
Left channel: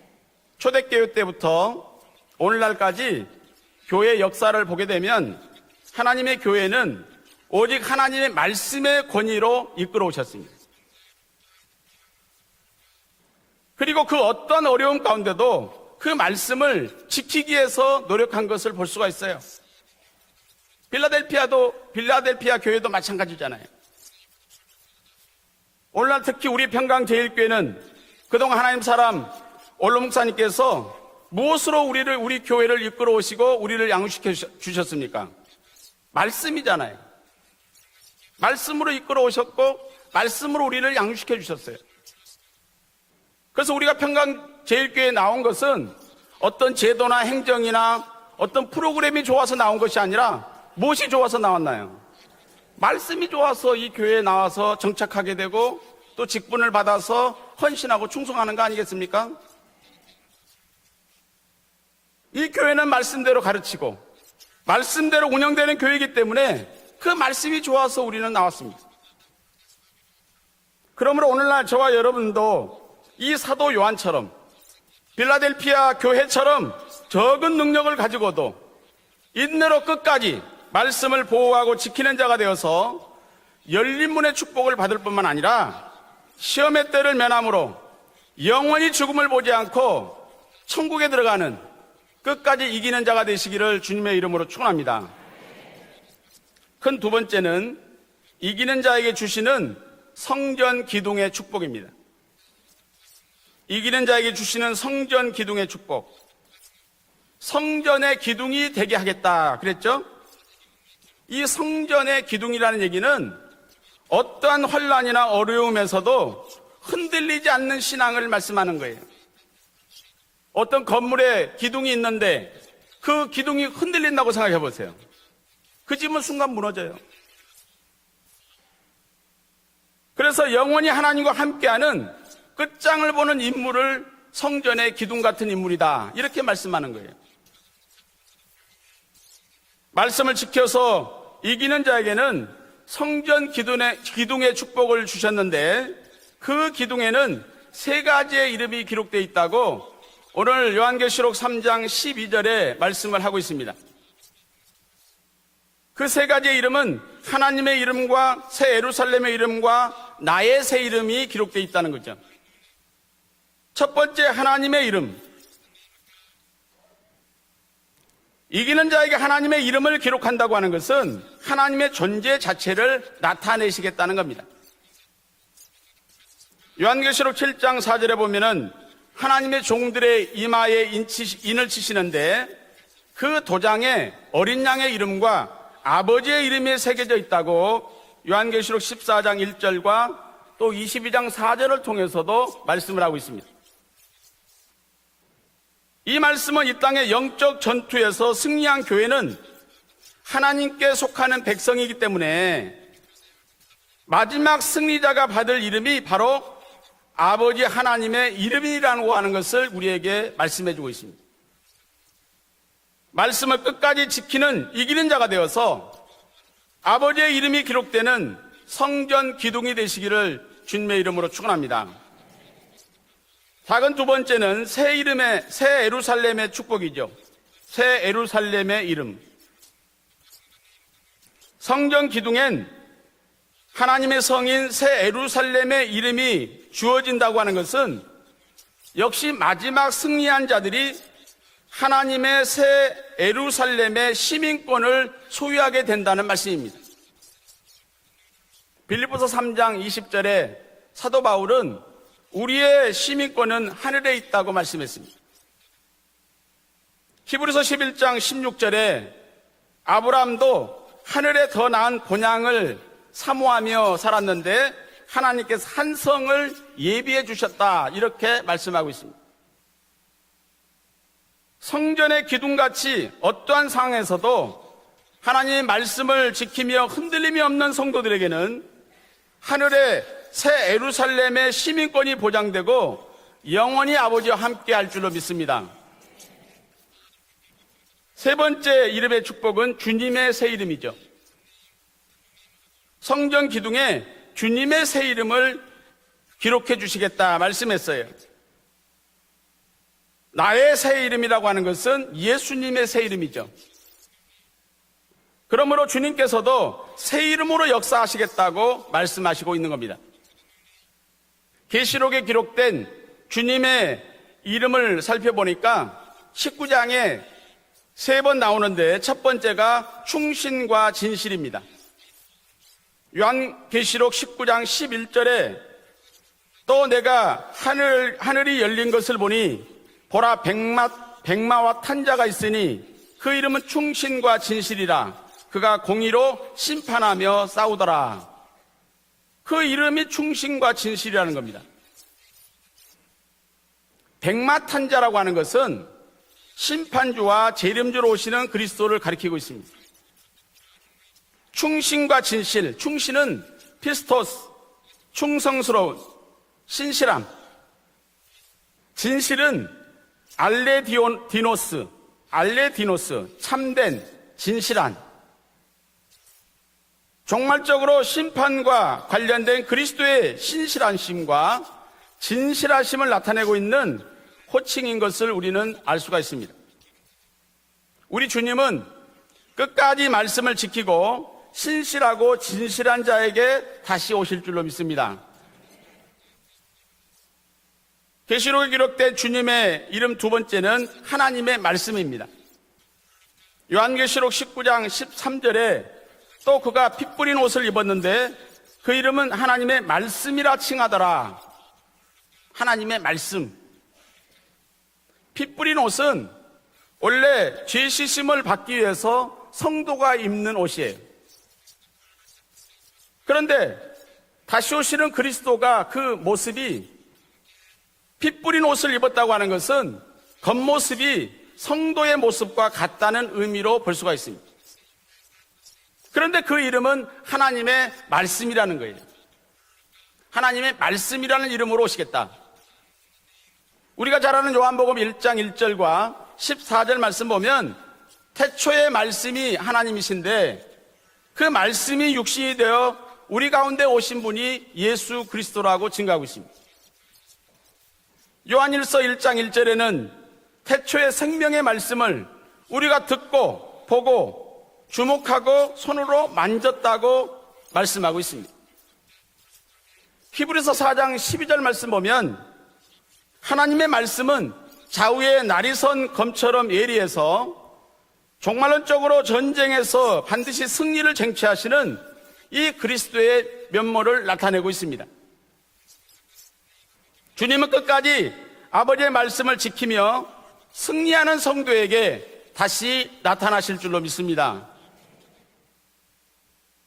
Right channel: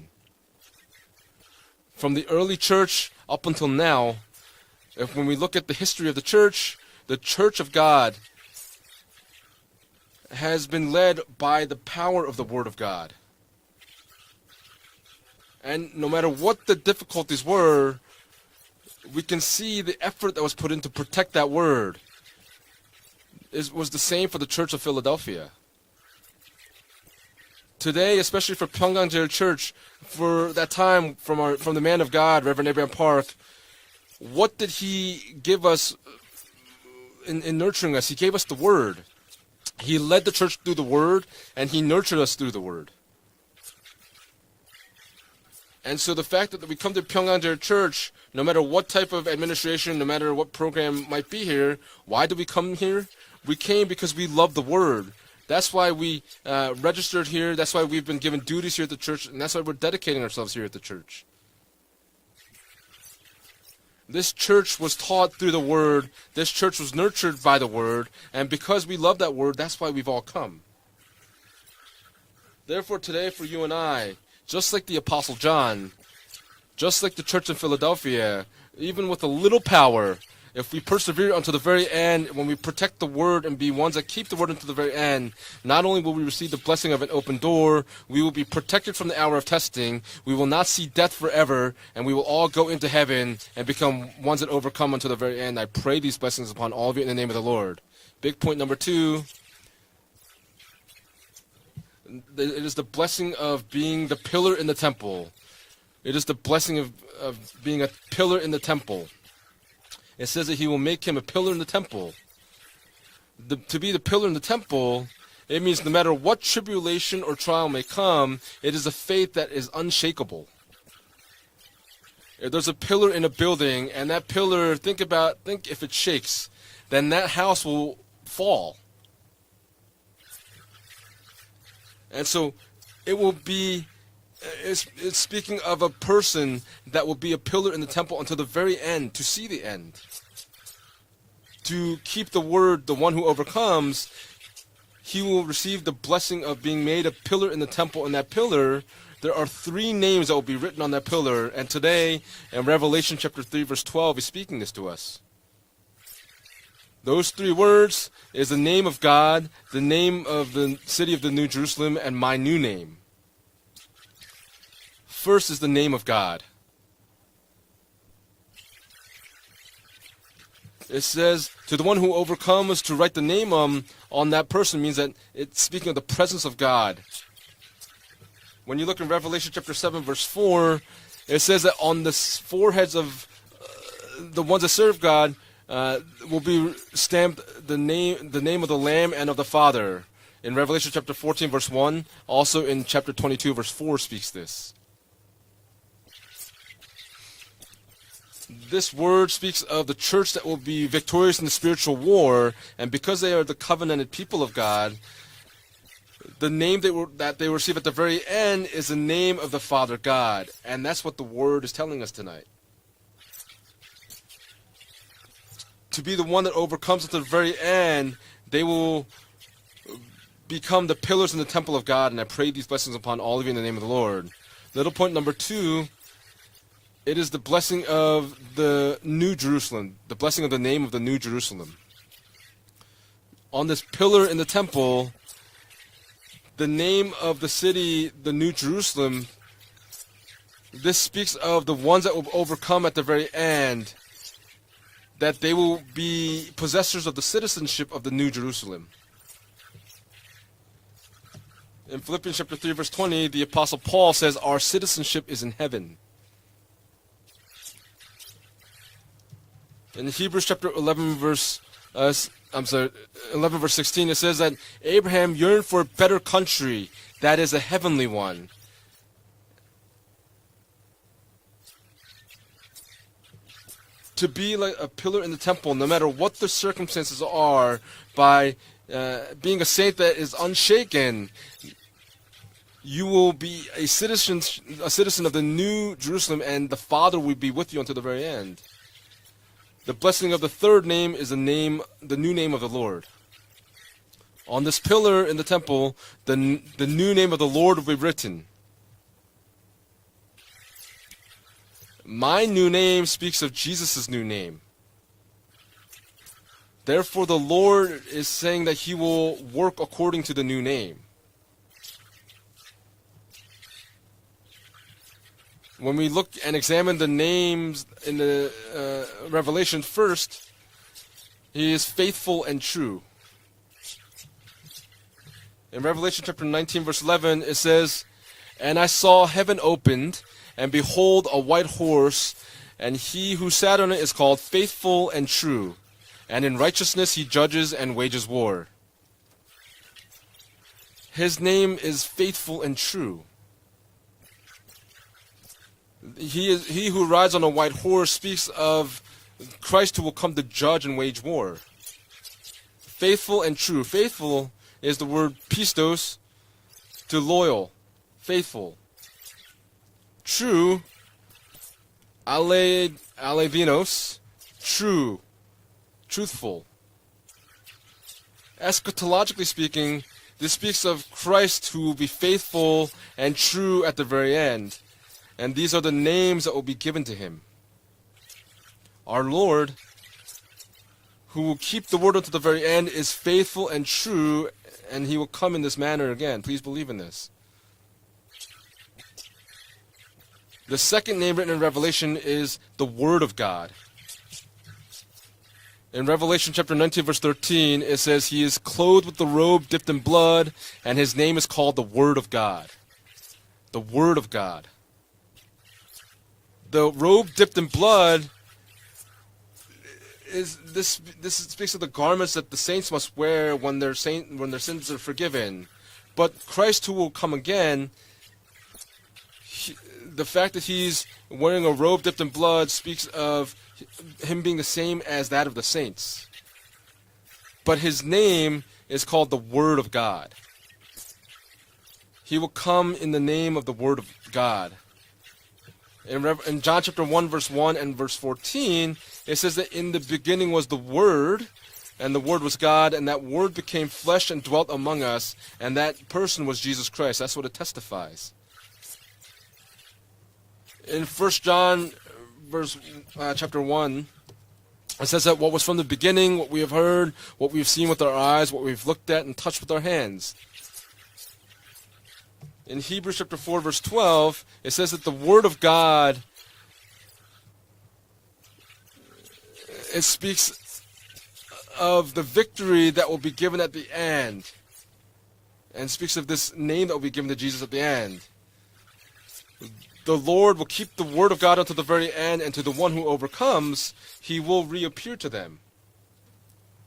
초대교회 때부터 From the early church 오늘날까지 up until now, 교회 역사를 보게 when 되면 we look at the history of the 하나님의 church, 교회는 the church of 오직 God 하나님의 말씀의 권위로 이끌어 오셨습니다. has been led by the power of the word of God. 그리고 그 어떤 어려움 가운데도 And 그 no matter what the 말씀을 difficulties 지키기 위해서 노력한 것을 볼 수가 We 있어요. can see the effort that was put in to protect that word. 빌라델피아 교회도 마찬가지잖아요. It was the same for the Church of Philadelphia. 오늘날 특히 우리 평강제일교회는 Today, especially 그동안 for 하나님 Pyongyang 사람 Church, 올로 for 목사님께서 that time, from the 무엇으로 man of 우리를 God, 우리 교회를 Reverend 이끌어 Park, 오시고 우리를 양육시켜 what did 주셨습니까? he give us 말씀이잖아요. in nurturing us? He gave us the 말씀으로 word. 이끌어 오셨고 He led the church 말씀으로 through the 우리를 word, 양육시켜 and 주셨어요. he nurtured us through the word. 그래서 우리가 평강제일교회에 나온 것은 And so the fact that 어떤 we come to 제도나 Pyongyang 행정이나 Church, no matter 어떤 what type 프로그램이 of 좋아서 나온 것이 administration, no matter 아니라 what program 무엇이 might 좋아서 be here, 나왔나요? why do we come here? 말씀이 We 좋아서 이 came because 교회에 we love the 나와서 word. 정착하게 되고 That's why we 또 직분을 registered 받아서 here. That's why 헌신하고 we've been given 충성하는 거 duties here at the church. 아니겠습니까? And that's why we're dedicating ourselves here at the church. 이 교회는 말씀대로 가르치고 This church was 말씀대로 taught through the 운영되는 word. 교회이기 때문에 This church was 그 nurtured 말씀이 by the 좋아서 word. 우리는 And 나왔습니다. because we love that word, that's why we've all come. 그러므로 오늘날 저와 여러분도 Therefore today, 이 for 사도 you and I, 요한처럼 just like the Apostle John, 필라델피아 교회처럼 just like the church 적은 of 능력을 Philadelphia, 가지고도 even with a little 인내로 power, 끝까지 if we 말씀을 persevere until the 보호하고 very 지키는 end, 자가 when we 되어서 protect the word and be ones that 열린 keep 문의 the word until 축복을 the very 받을 뿐만 end, 아니라 not only will we receive the 시험의 blessing of the 때를 open 면함으로 door, we will be 영원히 protected from the 죽음을 hour of 보지 testing, 않고 we will not see 천국에 death 들어가는 forever, and we will all go 끝까지 into 이기는 자가 heaven 되시기를 and become 주님의 이름으로 ones that overcome 축원합니다. until the very end. I pray these blessings upon all 큰 of you 두 in the name of the 번째는 Lord. Big point number 이기는 자에게 2, 주시는 성전 기둥의 축복입니다. it is the blessing of being 이기는 the 자에게 pillar in 주시는 the temple. 성전 기둥의 축복. It is the blessing of being a 성전의 pillar in the 기둥이 되게 temple. 하겠다 그랬죠? It says that he will make him a 이 pillar in the temple. 성전의 기둥이라는 얘기는 To be the pillar in the 어떤 temple, 혼란이나 it means no matter 어려움에서도 what tribulation or 흔들리지 trial 않는 may 신앙을 come, 말씀하는 it is the 거예요. faith that is unshakable. 어떤 건물에 기둥이 있는데 If there's a pillar in 그 a 기둥이 building, and 흔들린다고 that pillar, 생각해보세요. think if it 그 집은 shakes, 순간 무너져요. then that house will fall. 그래서 영원히 하나님과 함께하는 And so 끝장을 it 보는 will be- 인물을 성전의 it's 기둥 같은 speaking of 인물이다. a 이렇게 person 말씀하는 that 거예요. will be a pillar in the temple until the very end, to see the end. 말씀을 지켜서 이기는 keep 자에게는 the word, the one who 성전 overcomes, 기둥의 축복을 he will 주셨는데 receive the blessing of 그 being made a pillar in 기둥에는 the temple. 세 In that 가지의 pillar, 이름이 기록되어 there are 있다고 3 names that will be 오늘 written on that 요한계시록 pillar. And 3장 today, 12절에 in Revelation 말씀을 하고 chapter 3, 있습니다. verse 12 is speaking this to us. 그 세 가지의 이름은 Those 3 하나님의 words 이름과 is the 새 name of 예루살렘의 God, 이름과 the name of 나의 the 새 city of 이름이 the New 기록되어 있다는 Jerusalem, 거죠. and my new name. 첫 번째 하나님의 이름. First is the name of God. 이기는 자에게 하나님의 이름을 기록한다고 하는 It 것은 says to the 하나님의 one who 존재 overcomes to 자체를 write the name 나타내시겠다는 on 겁니다. that person means that it's speaking of the presence of God. 요한계시록 7장 4절에 보면은 When you look in Revelation 하나님의 chapter 7 종들의 verse 4, 이마에 it says 인을 that on the 치시는데 foreheads of 그 도장에 the 어린 ones that 양의 serve 이름과 God 아버지의 will be 이름이 새겨져 stamped 있다고 the name of 요한계시록 the Lamb and 14장 of the Father. 1절과 In 또 Revelation chapter 22장 14 verse 4절을 1, 통해서도 also in 말씀을 하고 chapter 있습니다. 22 verse 4 speaks this. 이 말씀은 이 땅의 영적 전투에서 승리한 This 교회는 word speaks of the church that will be 하나님께 victorious 속하는 in spiritual 백성이기 때문에 war, and because they are the covenanted people of 마지막 God, 승리자가 받을 이름이 바로 the name that they 아버지 receive at the very 하나님의 end is the 이름이라고 하는 name of the 것을 Father 우리에게 God, 말씀해 and 주고 that's what the word is telling us tonight. 말씀을 끝까지 지키는 이기는 자가 되어서 To be the one that overcomes at the 아버지의 very 이름이 end, 기록되는 they will 성전 기둥이 되시기를 become 주님의 the 이름으로 pillars in the temple of 축원합니다. God, and I pray these blessings upon all of you in the name of 작은 the 두 Lord. 번째는 새 Little point number 이름의 two, 새 예루살렘의 축복이죠. It is the blessing 새 of 예루살렘의 the 이름. New Jerusalem, the blessing of the name of the New Jerusalem. 성전 기둥엔 On this 하나님의 pillar in the 성인 새 temple, 예루살렘의 이름이 the name of 주어진다고 the 하는 것은 city, the New Jerusalem, 역시 마지막 승리한 자들이 this speaks of the ones that will 하나님의 overcome 새 at the very end, 예루살렘의 시민권을 that they will 소유하게 된다는 be 말씀입니다. possessors of the citizenship of the New Jerusalem. 빌립보서 3장 20절에 사도 바울은 In Philippians chapter 3 우리의 verse 20, the 시민권은 apostle 하늘에 Paul says 있다고 our 말씀했습니다. citizenship is in heaven. 히브리서 11장 16절에 Hebrews chapter 아브라함도 11 하늘에 verse, 더 나은 본향을 11 verse 사모하며 16, it says that 살았는데 Abraham 하나님께 yearned for a better 산성을 country 예비해 that is a 주셨다 heavenly 이렇게 one. 말씀하고 있습니다. 성전의 기둥같이 어떠한 To 상황에서도 be like a pillar in the 하나님의 temple, no matter 말씀을 what the 지키며 circumstances 흔들림이 없는 are, by 성도들에게는 being a saint that 하늘의 is 새 unshaken, 예루살렘의 시민권이 보장되고 you will be a 영원히 아버지와 citizen, 함께 할 a 줄로 citizen of the 믿습니다. New Jerusalem, and the Father will be with you until the very 세 end. 번째 이름의 축복은 The blessing 주님의 of 새 the third 이름이죠. name is the new name of the Lord. 성전 기둥에 On 주님의 this 새 pillar in the 이름을 temple, the 기록해 new name 주시겠다 of the Lord will be 말씀했어요. written. 나의 새 이름이라고 하는 것은 My new 예수님의 새 name speaks 이름이죠. of Jesus' new name. 그러므로 주님께서도 Therefore, 새 the 이름으로 Lord is saying 역사하시겠다고 that He will 말씀하시고 있는 work 겁니다. according to the new name. 계시록에 기록된 주님의 이름을 살펴보니까 When we look and examine the 19장에 names 세 in 번 the, 나오는데 첫 번째가 Revelation first, 충신과 진실입니다. He is faithful and true. 요한계시록 19장 11절에 In Revelation chapter 19, 또 verse 내가 11, it says, 하늘이 And 열린 I 것을 saw 보니 heaven opened, 보라 and behold, a 백마와 white 탄자가 horse, 있으니 and he 그 who 이름은 sat on it is 충신과 called 진실이라 faithful and true. 그가 공의로 And in righteousness he 심판하며 judges and 싸우더라. wages war. 그 이름이 충신과 진실이라는 His 겁니다. name is faithful and true. 백마탄자라고 하는 것은 He who rides on 심판과 a white 재림주로 horse 오시는 speaks 그리스도를 of 가리키고 있습니다. Christ who will come to judge and wage war. 충신과 진실, 충신은 Faithful and true. Faithful 피스토스, is the word 충성스러운, pistos, to 신실함. loyal, faithful. 진실은 True, 알레디노스, 참된, alevinos, 진실한. true, truthful. 종말적으로 심판과 Eschatologically 관련된 speaking, 그리스도의 this speaks of 신실하심과 Christ who will be faithful 진실하심을 and 나타내고 true 있는 at the very end. 호칭인 것을 우리는 And these are the 알 수가 names 있습니다. that will be given to him. 우리 주님은 Our Lord, 끝까지 말씀을 지키고 who will keep the word 신실하고 unto the very end, 진실한 is 자에게 faithful and 다시 true, 오실 줄로 믿습니다. and he will come in this manner again. Please believe in this. 계시록에 기록된 주님의 이름 두 번째는 The second name 하나님의 in Revelation 말씀입니다. is the Word of God. 요한계시록 19장 13절에 In Revelation 또 chapter 그가 19 verse 피 뿌린 옷을 13, it 입었는데 says he is 그 clothed with the 이름은 robe 하나님의 dipped in blood, 말씀이라 and 칭하더라. his name is called the Word of God. 하나님의 말씀. The Word of God. 피 뿌린 옷은 The robe 원래 dipped in 죄 blood. 씻음을 받기 위해서 성도가 입는 옷이에요. This speaks of the garments that the saints must wear 그런데 when they're saint when 다시 they're 오시는 forgiven. 그리스도가 그 But 모습이 Christ who will come again, 피 뿌린 옷을 입었다고 하는 것은 The fact that 겉모습이 he's wearing a robe 성도의 dipped in 모습과 blood speaks 같다는 of 의미로 볼 수가 있습니다. him being the same as that of the saints. 그런데 그 이름은 But 하나님의 his name 말씀이라는 거예요. is called the Word of God. 하나님의 말씀이라는 이름으로 오시겠다. He will come in the name of the Word of 우리가 잘 아는 God. 요한복음 1장 1절과 In John 14절 chapter 1 말씀 verse 1 보면 and verse 14, 태초의 it 말씀이 says that in the 하나님이신데 beginning was the Word, 그 말씀이 and the Word 육신이 was God, 되어 and that 우리 Word 가운데 became 오신 flesh and 분이 dwelt among 예수 us, and 그리스도라고 that 증가하고 person was Jesus Christ. That's what it testifies. 요한일서 1장 1절에는 태초의 In First 생명의 John 말씀을 verse, 우리가 chapter 듣고 1, 보고 It says that what 주목하고 was from the 손으로 beginning, what we've heard, 만졌다고 what we've seen with our 말씀하고 eyes, 있습니다. what we've looked at and touched with our hands. 히브리서 4장 12절 말씀 보면 In Hebrews chapter 4 verse 하나님의 12, 말씀은 it says that the 좌우의 Word of 날이 선 God 검처럼 예리해서 종말론적으로 전쟁에서 It speaks 반드시 승리를 쟁취하시는 of the 이 victory that will be 그리스도의 given at the 면모를 end. 나타내고 있습니다. and speaks of this name that will be given to Jesus 주님은 at the end. 끝까지 아버지의 말씀을 지키며 The Lord will keep the word 승리하는 of God up to the very 성도에게 end, and to the one 다시 who 나타나실 overcomes, 줄로 He 믿습니다. will reappear to them.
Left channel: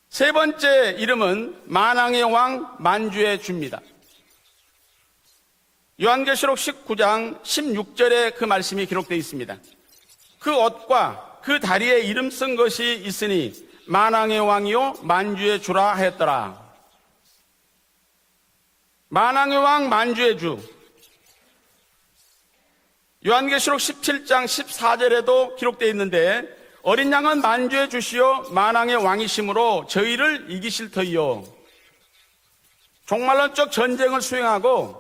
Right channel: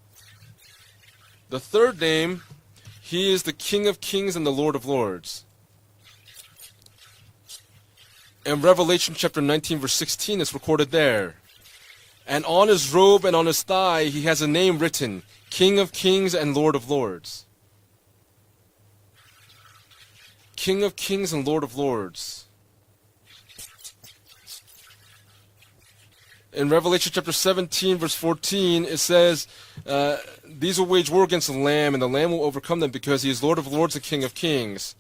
세 번째 이름은 The third 만왕의 name, 왕 He 만주의 is the 주입니다. King of Kings and the Lord of Lords. 요한계시록 19장 16절에 그 And 말씀이 Revelation 기록되어 chapter 있습니다. 19 verse 16 is 그 reported there. 옷과 그 다리에 이름 And 쓴 on his 것이 robe and 있으니 on his thigh he 만왕의 has a name 왕이요 written, 만주의 King 주라 of Kings 하였더라. and Lord of Lords. 만왕의 왕 만주의 주. King of Kings and Lord of Lords. 요한계시록 17장 14절에도 기록되어 있는데 In 어린 Revelation 양은 chapter 만주의 17 verse 주시오 14 만왕의 it says, 왕이심으로 저희를 These 이기실 will wage war 터이요. against the Lamb, and the Lamb will overcome them because He is Lord 종말론적 of Lords and 전쟁을 King of 수행하고 Kings.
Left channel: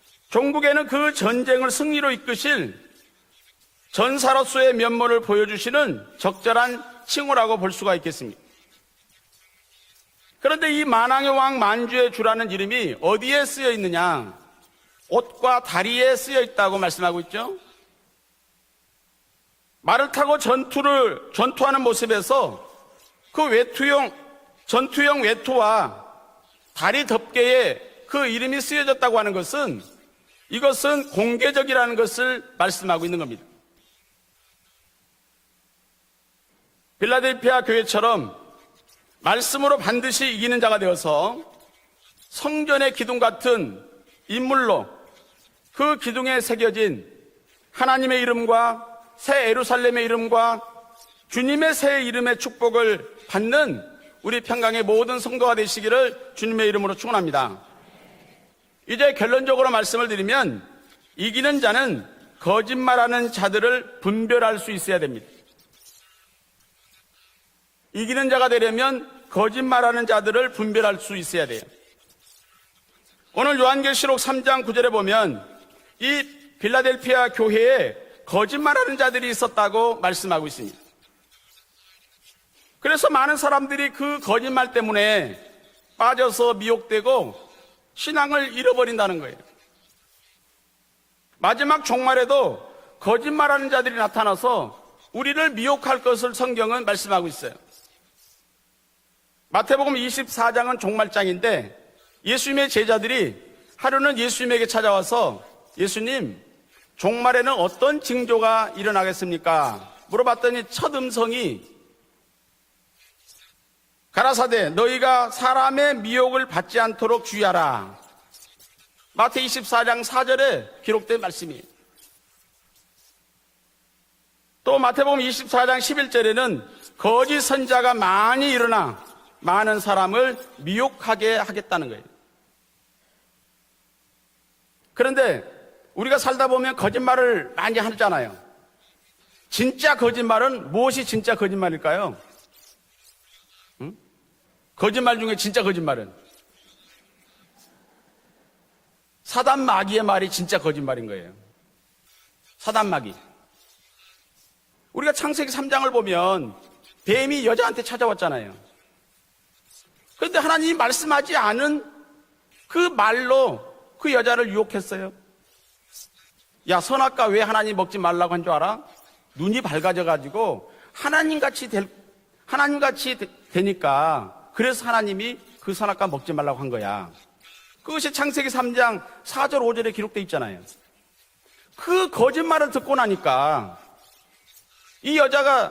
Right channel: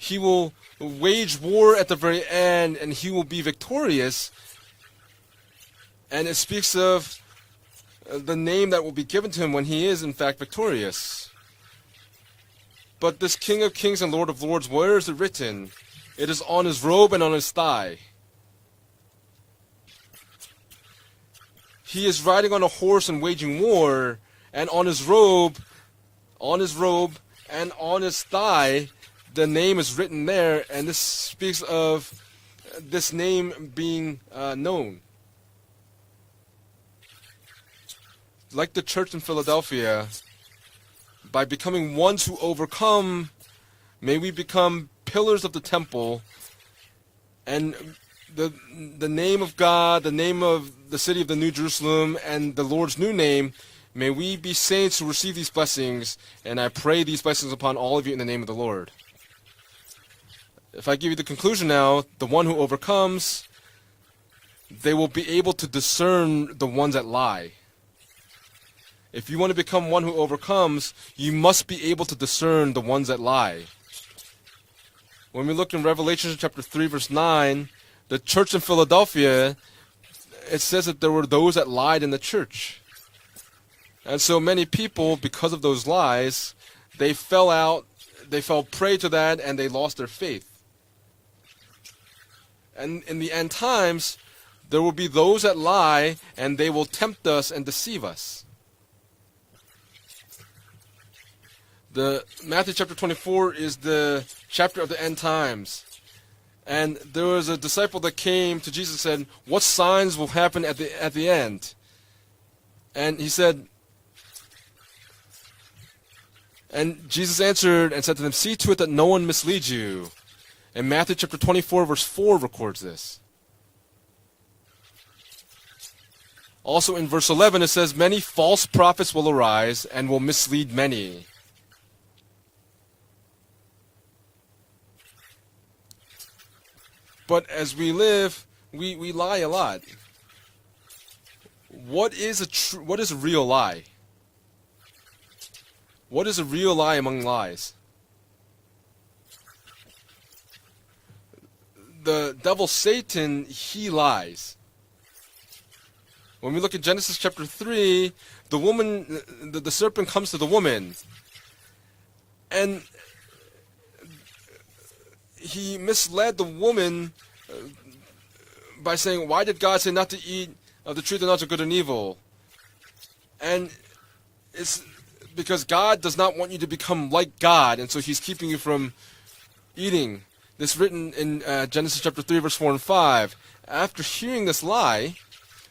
He will 종국에는 그 wage 전쟁을 war at the 승리로 very 이끄신 end, and He will be victorious. 전사로서의 면모를 보여주시는 And it 적절한 speaks of 칭호라고 볼 수가 The 있겠습니다. name that will be given to Him when He is in fact 그런데 이 victorious. 만왕의 왕 만주의 주라는 이름이 But this 어디에 King 쓰여 of Kings and 있느냐? Lord of Lords, where is it written? 옷과 다리에 It 쓰여 is on 있다고 His robe and on 말씀하고 His 있죠. thigh. 말을 타고 전투하는 He is 모습에서 riding on a horse and 그 waging 외투용 war, and on His 전투용 robe, 외투와 on His 다리 robe, 덮개에 and on His 그 이름이 thigh, 쓰여졌다고 하는 the name 것은 is written there, and 이것은 this speaks 공개적이라는 of 것을 말씀하고 this 있는 겁니다. name being known. 빌라델피아 교회처럼 Like the church in 말씀으로 Philadelphia, 반드시 이기는 자가 되어서 by becoming ones who 성전의 기둥 overcome, 같은 may we 인물로 become pillars of the 그 temple, 기둥에 새겨진 and 하나님의 이름과 the 새 name of God, 예루살렘의 the name 이름과 of the city of the New 주님의 새 Jerusalem, 이름의 and the Lord's new 축복을 name, 받는 may we 우리 be 평강의 saved to 모든 receive these 성도가 되시기를 blessings. And 주님의 I 이름으로 pray these blessings 축원합니다. upon all of you in the name of the Lord. 이제 결론적으로 말씀을 드리면 If I give you the 이기는 conclusion now, 자는 the one who 거짓말하는 overcomes, 자들을 분별할 수 they 있어야 will 됩니다. be able to discern the ones that lie. 이기는 자가 되려면 If you want to become 거짓말하는 one who 자들을 overcomes, 분별할 수 you 있어야 must 돼요. be able to discern the ones that lie. 오늘 요한계시록 3장 9절에 보면 When we look in 이 Revelation chapter 3 verse 9, 빌라델피아 교회에 the church in 거짓말하는 자들이 Philadelphia, 있었다고 말씀하고 it 있습니다. says that there were those that lied in the church. 그래서 많은 사람들이 그 And so many 거짓말 people, 때문에 because of those lies, 빠져서 they 미혹되고 fell out, 신앙을 they fell prey to 잃어버린다는 that, 거예요. and they lost their faith. 마지막 종말에도 And in the end 거짓말하는 자들이 times, 나타나서 there will be those 우리를 that 미혹할 lie, 것을 and they 성경은 will tempt 말씀하고 us 있어요. and deceive us. 마태복음 24장은 종말장인데 The 예수님의 Matthew chapter 제자들이 24 is 하루는 the 예수님에게 chapter of the end 찾아와서 times. 예수님 And there was 종말에는 a 어떤 disciple that came 징조가 to Jesus and said, 일어나겠습니까? what signs will happen 물어봤더니 at 첫 the 음성이 end? And he said, 가라사대 너희가 사람의 미혹을 받지 and 않도록 Jesus 주의하라. answered and said to them, see to it that no one 마태 misleads 24장 you. 4절에 And Matthew 기록된 chapter 말씀. 24 verse 4 records this. 또 마태복음 24장 11절에는 Also in verse 거짓 11 it says, 선자가 many 많이 false 일어나 prophets will 많은 arise and will 사람을 mislead many. 미혹하게 하겠다는 거예요. 그런데 우리가 살다 보면 거짓말을 But as 많이 we 하잖아요. live, we lie a lot. 진짜 거짓말은 무엇이 진짜 거짓말일까요? What is a real lie? 거짓말 중에 진짜 거짓말은 What is a real lie among lies? 사단 마귀의 말이 진짜 거짓말인 거예요. The devil 사단 마귀. Satan, he lies. 우리가 창세기 3장을 보면 When we look at Genesis 뱀이 chapter 여자한테 3, 찾아왔잖아요. the woman, the serpent comes 그런데 to the 하나님이 woman, 말씀하지 않은 and 그 말로 그 여자를 유혹했어요. he misled the 야 woman 선악과 왜 하나님 먹지 말라고 한 줄 알아? by saying, "Why 눈이 did God say not to eat 밝아져가지고 of the tree of knowledge of good 하나님같이 and evil?" 하나님같이 되니까 그래서 하나님이 그 Because God 선악과 does 먹지 not 말라고 want you to 한 become 거야. like God, and so 그것이 He's 창세기 keeping you 3장 from 4절 5절에 기록되어 eating. 있잖아요. This written in Genesis 그 chapter 3, verse 4 거짓말을 and 듣고 5. 나니까 After hearing this lie, 이 여자가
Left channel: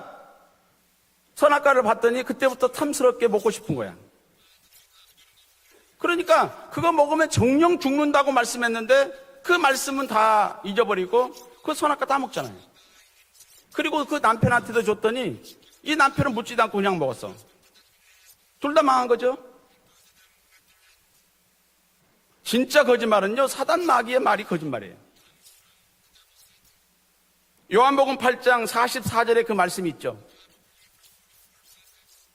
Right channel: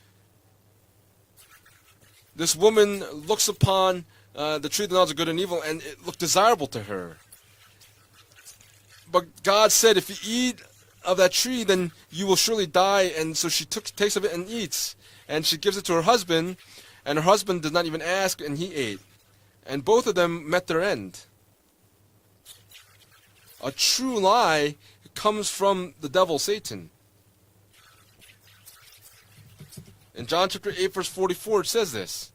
선악과를 봤더니 this 그때부터 woman 탐스럽게 looks 먹고 싶은 거예요. upon the tree of the knowledge of good and evil, and it looked 그러니까 desirable to 그거 her. 먹으면 정령 죽는다고 말씀했는데 But 그 God said, 말씀은 if you 다 eat 잊어버리고 of that tree, 그 then 선악과 다 you will 먹잖아. surely die. And so she 그리고 takes 그 of it and 남편한테도 eats. 줬더니 And she gives it 이 to her 남편은 husband, 묻지도 않고 그냥 and her 먹었어. husband does not even ask, and he 둘 다 망한 ate. 거죠. And both of them met their end. 진짜 거짓말은요 A 사단 true 마귀의 말이 lie 거짓말이에요. comes from the devil, Satan. 요한복음 8장 44절에 그 말씀이 있죠. In John chapter 8, verse 44, it says this.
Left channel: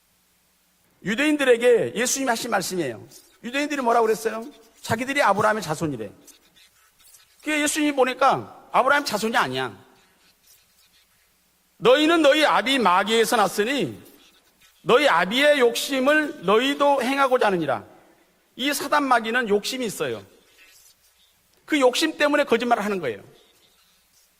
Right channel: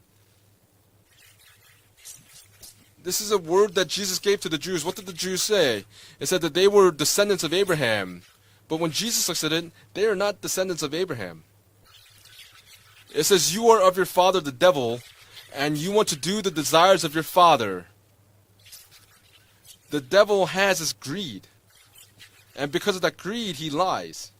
유대인들에게 예수님이 하신 말씀이에요. This is a word 유대인들이 that 뭐라고 Jesus 그랬어요? gave to the Jews. What did the 자기들이 Jews 아브라함의 say? 자손이래. It said that they were descendants of 그게 예수님이 Abraham. 보니까 But when 아브라함 Jesus 자손이 looks at it, 아니야. they are not descendants of Abraham. 너희는 너희 아비 It 마귀에서 says you are 났으니 of your father, the devil, 너희 아비의 and you want to 욕심을 do the 너희도 desires of your 행하고자 하느니라. father. 이 사단 마귀는 욕심이 The 있어요. devil has his greed. 그 욕심 때문에 And 거짓말을 because 하는 of that 거예요. greed, he lies.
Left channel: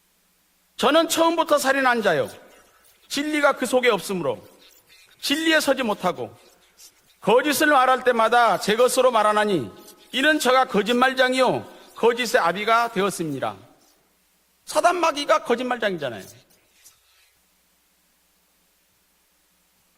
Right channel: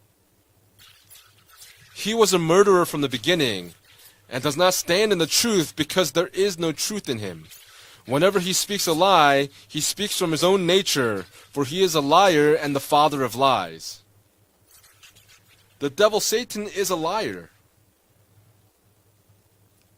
저는 처음부터 살인한 He 자요. was a murderer from the 진리가 beginning 그 속에 없으므로 and does not stand in the 진리에 truth 서지 because 못하고 there is no truth in him. 거짓을 말할 Whenever 때마다 he 제 speaks a 것으로 lie, 말하나니 he speaks from 이런 his 자가 own nature, 거짓말장이요 for he is a 거짓의 liar and the 아비가 father of 되었습니다. lies. 사단 마귀가 The 거짓말장이다. devil, Satan, is a liar.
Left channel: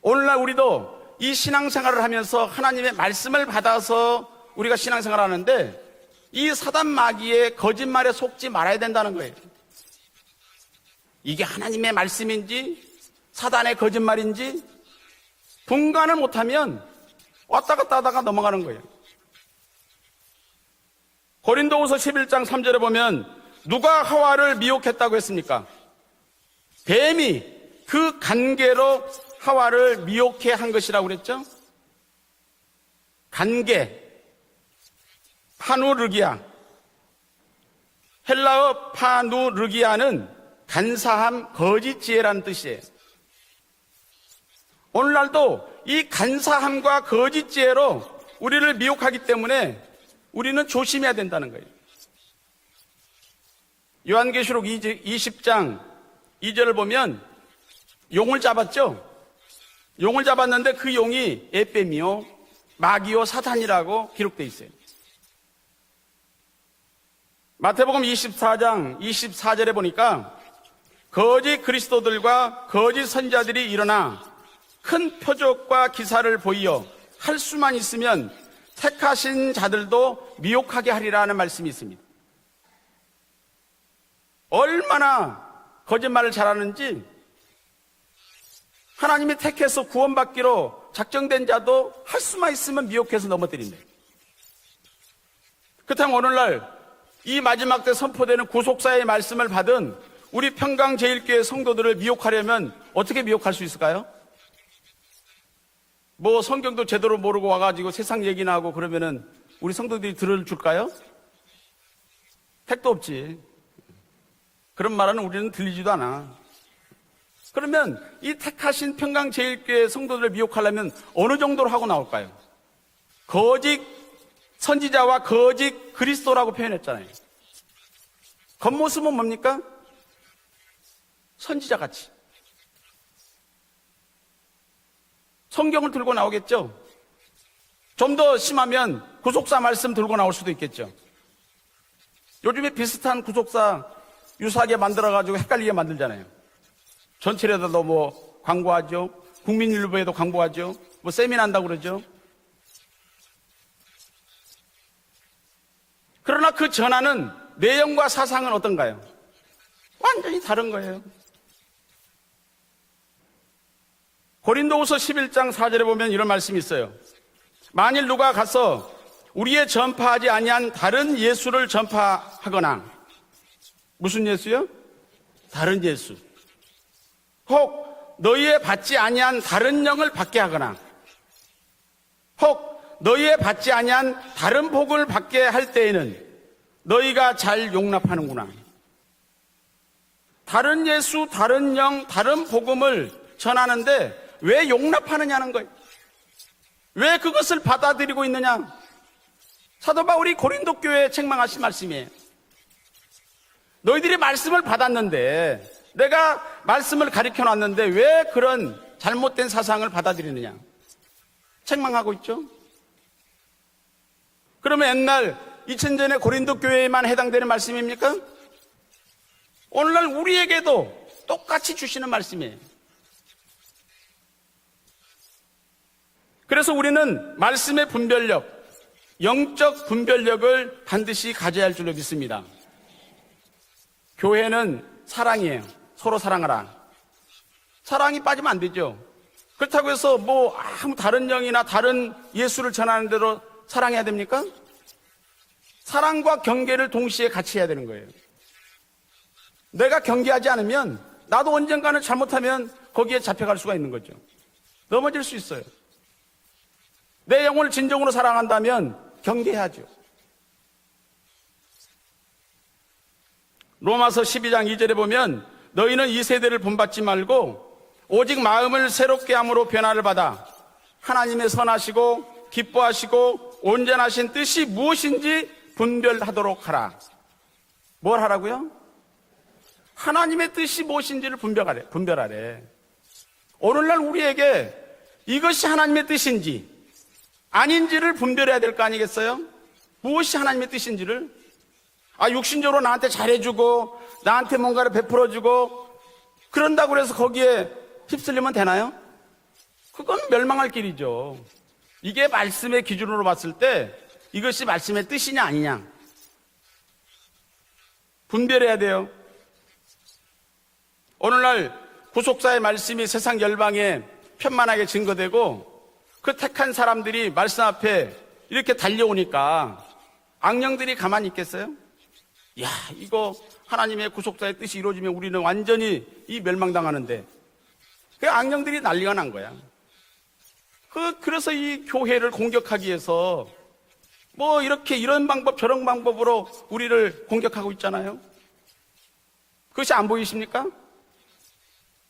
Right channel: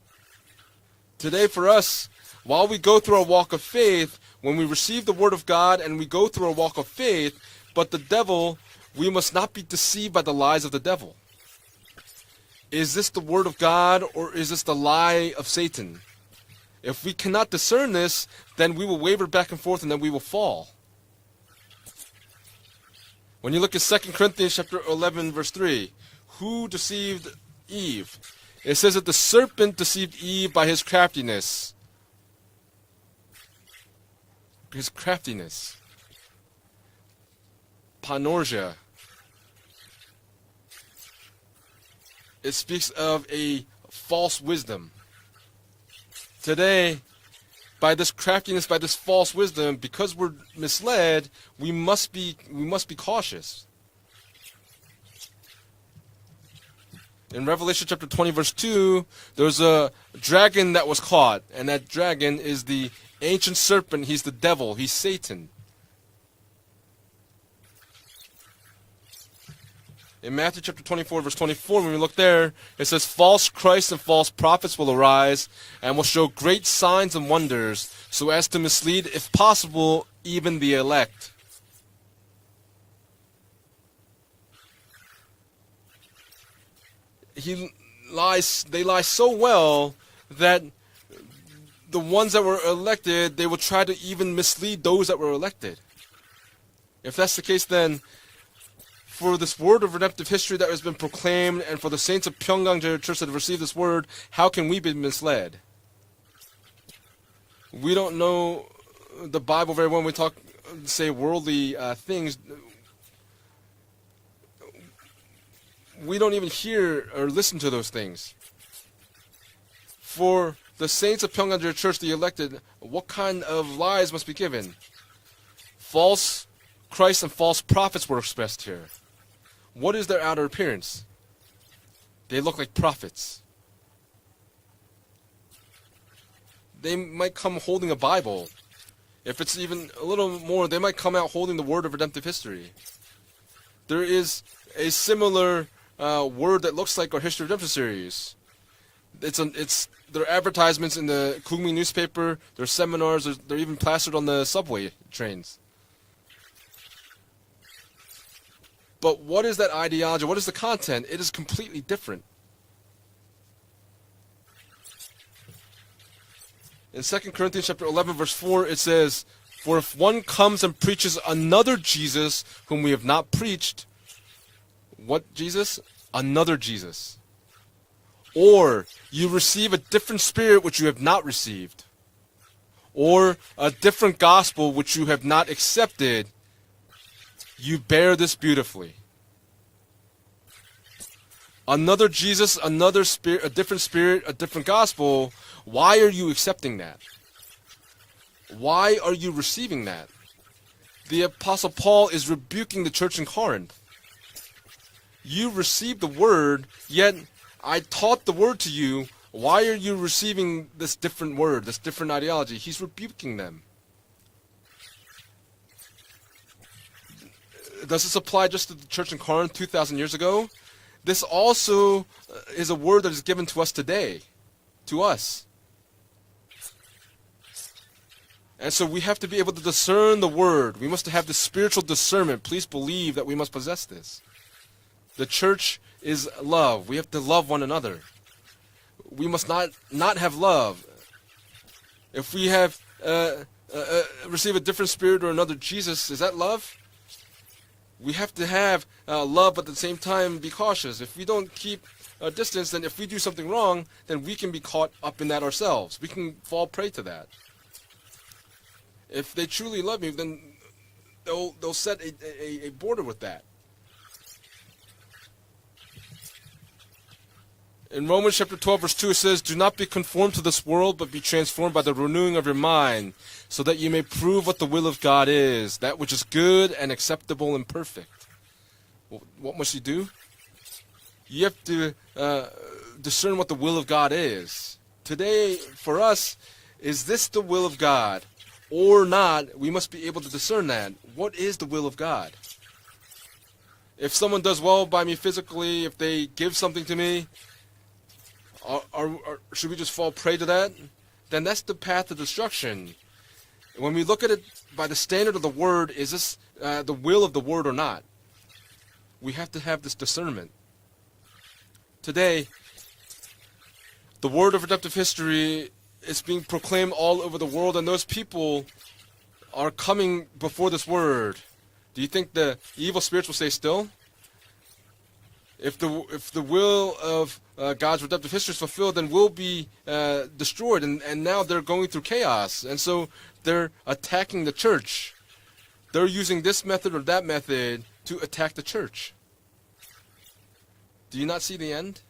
오늘날 우리도 이 Today for 신앙생활을 us, 하면서 while we 하나님의 go through our 말씀을 walk of faith, 받아서 when we 우리가 receive the 신앙생활을 word of God 하는데 and we go through 이 our walk 사단 of 마귀의 faith, but the 거짓말에 devil, 속지 말아야 we 된다는 must 거예요. not be deceived by the lies of the devil. 이게 하나님의 말씀인지 Is this the word of 사단의 God or 거짓말인지 is this the lie of Satan? 분간을 못하면 If we cannot 왔다 discern 갔다 this, 하다가 넘어가는 then 거예요. we will waver back and forth and then we will fall. 고린도후서 11장 3절에 보면 When you look at 누가 2 하와를 Corinthians chapter 미혹했다고 11 verse 했습니까? 3, who deceived 뱀이 Eve? 그 It 관계로 says that the serpent 하와를 deceived 미혹해 Eve by 한 his 것이라고 그랬죠. craftiness. 관계, His craftiness. 파누르기아. Panosia. 헬라어 파누르기아는 간사함, 거짓 지혜라는 It 뜻이에요. speaks of a false wisdom. 오늘날도 이 간사함과 거짓 지혜로 By this craftiness, 우리를 by this 미혹하기 false 때문에 wisdom, because we're 우리는 조심해야 misled, 된다는 거예요. we must be cautious. 요한계시록 20장 2절을 보면 In Revelation chapter 20 용을 verse 2, 잡았죠? there's a 용을 dragon 잡았는데 that 그 was 용이 caught, and that 에뱀이요, dragon is the 마귀요, ancient 사탄이라고 serpent. He's the 기록돼 devil. He's Satan. 마태복음 24장 24절에 보니까 In Matthew chapter 24 verse 거짓 24, when we look there, 그리스도들과 it 거짓 says false 선자들이 Christs 일어나 and false prophets will 큰 arise 표적과 and will show 기사를 great 보여 signs and 할 수만 wonders 있으면 so as to mislead, 택하신 if possible, 자들도 even be 미혹하게 elect. 하리라는 말씀이 있습니다. 얼마나 거짓말을 잘하는지 They lie so 하나님의 택해서 well that 구원받기로 작정된 자도 the 할 ones that 수만 were 있으면 미혹해서 elected, they would 넘어뜨립니다. try to even mislead those that were elected. 그렇다면 오늘날 If that's 이 the case, 마지막 때 then 선포되는 구속사의 for 말씀을 this 받은 word of redemptive 우리 history that has 평강 been 제일교회 proclaimed and for 성도들을 the saints of 미혹하려면 Pyongyang 어떻게 Church that 미혹할 receive 수 this 있을까요? word, how can we be misled? 뭐 성경도 제대로 모르고 와가지고 We don't 세상 know 얘기나 하고 그러면은 The Bible 우리 very well 성도들이 when we talk, 들어줄까요? say worldly things. 택도 없지. 그런 말은 우리는 들리지도 않아. We don't even hear or listen to those 그러면 things. 이 택하신 평강 제일교회 성도들을 For 미혹하려면 the saints of 어느 정도로 Pyongyang 하고 Church, the 나올까요? elected, what kind 거짓 of lies must be given? 선지자와 거짓 False 그리스도라고 표현했잖아요. Christ and false prophets were expressed here. 겉모습은 뭡니까? What is their outer appearance? 선지자 같이. They look like prophets. 성경을 들고 나오겠죠. They might come holding a 좀 더 Bible. 심하면 If it's 구속사 even 말씀 a 들고 little 나올 수도 more, they 있겠죠. might come out holding the word of redemptive history. 요즘에 비슷한 구속사 There is 유사하게 a 만들어가지고 similar 헷갈리게 만들잖아요. word that looks like our history 전철에도 redemptive 넣고 series. 광고하죠. 국민일보에도 There 광고하죠. are advertisements in 뭐 the 세미나한다고 Korean 그러죠. newspaper. There are seminars. They're even plastered on the subway trains. 그러나 그 전하는 내용과 사상은 어떤가요? But what is that ideology? What is the 다른 거예요. content? It is completely different. 고린도후서 11장 4절에 보면 이런 말씀이 있어요. In 2 Corinthians chapter 만일 11 누가 verse 4 가서 it says, 우리의 For if one 전파하지 comes 아니한 and 다른 preaches 예수를 another Jesus 전파하거나 whom we have not preached, 무슨 예수요? what Jesus? 다른 예수. Another Jesus. 혹 너희의 Or 받지 you 아니한 receive a 다른 영을 different 받게 spirit 하거나 which you have not received. 혹 Or 너희의 받지 a 아니한 different 다른 gospel which 복을 you have 받게 not 할 때에는 accepted. 너희가 잘 You bear this 용납하는구나. beautifully. 다른 예수, 다른 영, Another 다른 Jesus, 복음을 another spirit, a different 전하는데 spirit, a 왜 different gospel. 용납하느냐는 거예요. Why are you accepting that? 왜 그것을 받아들이고 있느냐? Why are you receiving 사도 that? 바울이 고린도 교회에 The 책망하신 Apostle 말씀이에요. Paul is rebuking the church in Corinth. 너희들이 말씀을 받았는데 You received the 내가 word, 말씀을 yet 가르쳐 I 놨는데 왜 taught the 그런 word to you. 잘못된 Why are 사상을 you 받아들이느냐? receiving this different word, this 책망하고 different 있죠. ideology? He's rebuking them. 그러면 옛날 2000년에 고린도 교회에만 해당되는 말씀입니까? Does this apply just to the church in Corinth 2,000 오늘날 years ago? 우리에게도 This 똑같이 also 주시는 말씀이에요. is a word that is given to us today, to us. 그래서 우리는 말씀의 분별력, And so we have to be able to 영적 discern the 분별력을 word. We must have 반드시 the 가져야 할 spiritual 줄로 discernment. 믿습니다. Please believe that we must possess this. 교회는 The 사랑이에요. church 서로 is 사랑하라. love. We have to love one another. 사랑이 빠지면 안 되죠. We must not 그렇다고 해서 not have 뭐 love. 아무 다른 영이나 다른 If we 예수를 have 전하는 대로 사랑해야 됩니까? receive a different spirit or another Jesus, is 사랑과 that love? 경계를 동시에 같이 해야 되는 거예요. We have to have love, but at the same 내가 time 경계하지 be 않으면 cautious. If we don't 나도 keep 언젠가는 a 잘못하면 distance, then if we 거기에 do something 잡혀갈 수가 wrong, 있는 거죠. then we can be caught up 넘어질 in 수 that 있어요. ourselves. We can fall prey to that. 내 영혼을 진정으로 사랑한다면 If they 경계해야 truly 돼. love me, then they'll set a border with that. 로마서 12장 2절에 보면 너희는 이 세대를 본받지 말고 In Romans 오직 chapter 12, 마음을 verse 2 새롭게 says, "Do 함으로 not be 변화를 받아 conformed to this world, but be 하나님의 transformed by the 선하시고 renewing of your mind, 기뻐하시고 so that you may 온전하신 prove what 뜻이 the will of God is, 무엇인지 that which is 분별하도록 good 하라. and acceptable and perfect." 뭘 하라고요? What must you do? 하나님의 뜻이 무엇인지를 You have 분별하래. to 분별하래. discern what the will of 오늘날 God 우리에게 is. Today, 이것이 for 하나님의 us, 뜻인지 is this the will of 아닌지를 God 분별해야 될 거 or 아니겠어요? not? We must be able to 무엇이 discern 하나님의 that. 뜻인지를. What is the will of God? 아 육신적으로 나한테 잘해주고 If someone 나한테 does well 뭔가를 by me 베풀어주고 physically, if they give something 그런다고 to 해서 me, 거기에 휩쓸리면 되나요? or should we just fall 그건 prey to 멸망할 that? 길이죠. Then that's the path of 이게 destruction. 말씀의 기준으로 봤을 때 When we look at it 이것이 by the 말씀의 standard 뜻이냐 of the 아니냐 word, is this the will of the word or not? 분별해야 돼요. We have to have this discernment. 오늘날 Today, 구속사의 말씀이 세상 열방에 The word of 편만하게 redemptive 증거되고 history is 그 being 택한 proclaimed all 사람들이 over the 말씀 world, and 앞에 those people 이렇게 are 달려오니까 coming before this 악령들이 가만히 word. 있겠어요? Do you think the 야, evil 이거 spirits will stay still? 하나님의 구속사의 뜻이 이루어지면 우리는 If 완전히 the 이 will 멸망당하는데 of God's redemptive 그 history is 악령들이 fulfilled, then 난리가 we'll 난 be destroyed, and now 그래서 they're 이 going through 교회를 chaos. And 공격하기 so 위해서 they're attacking 뭐 the church. 이렇게 이런 방법 저런 They're 방법으로 using this method or 우리를 that 공격하고 method 있잖아요. to attack the church. 그것이 안 보이십니까? Do you not see the end?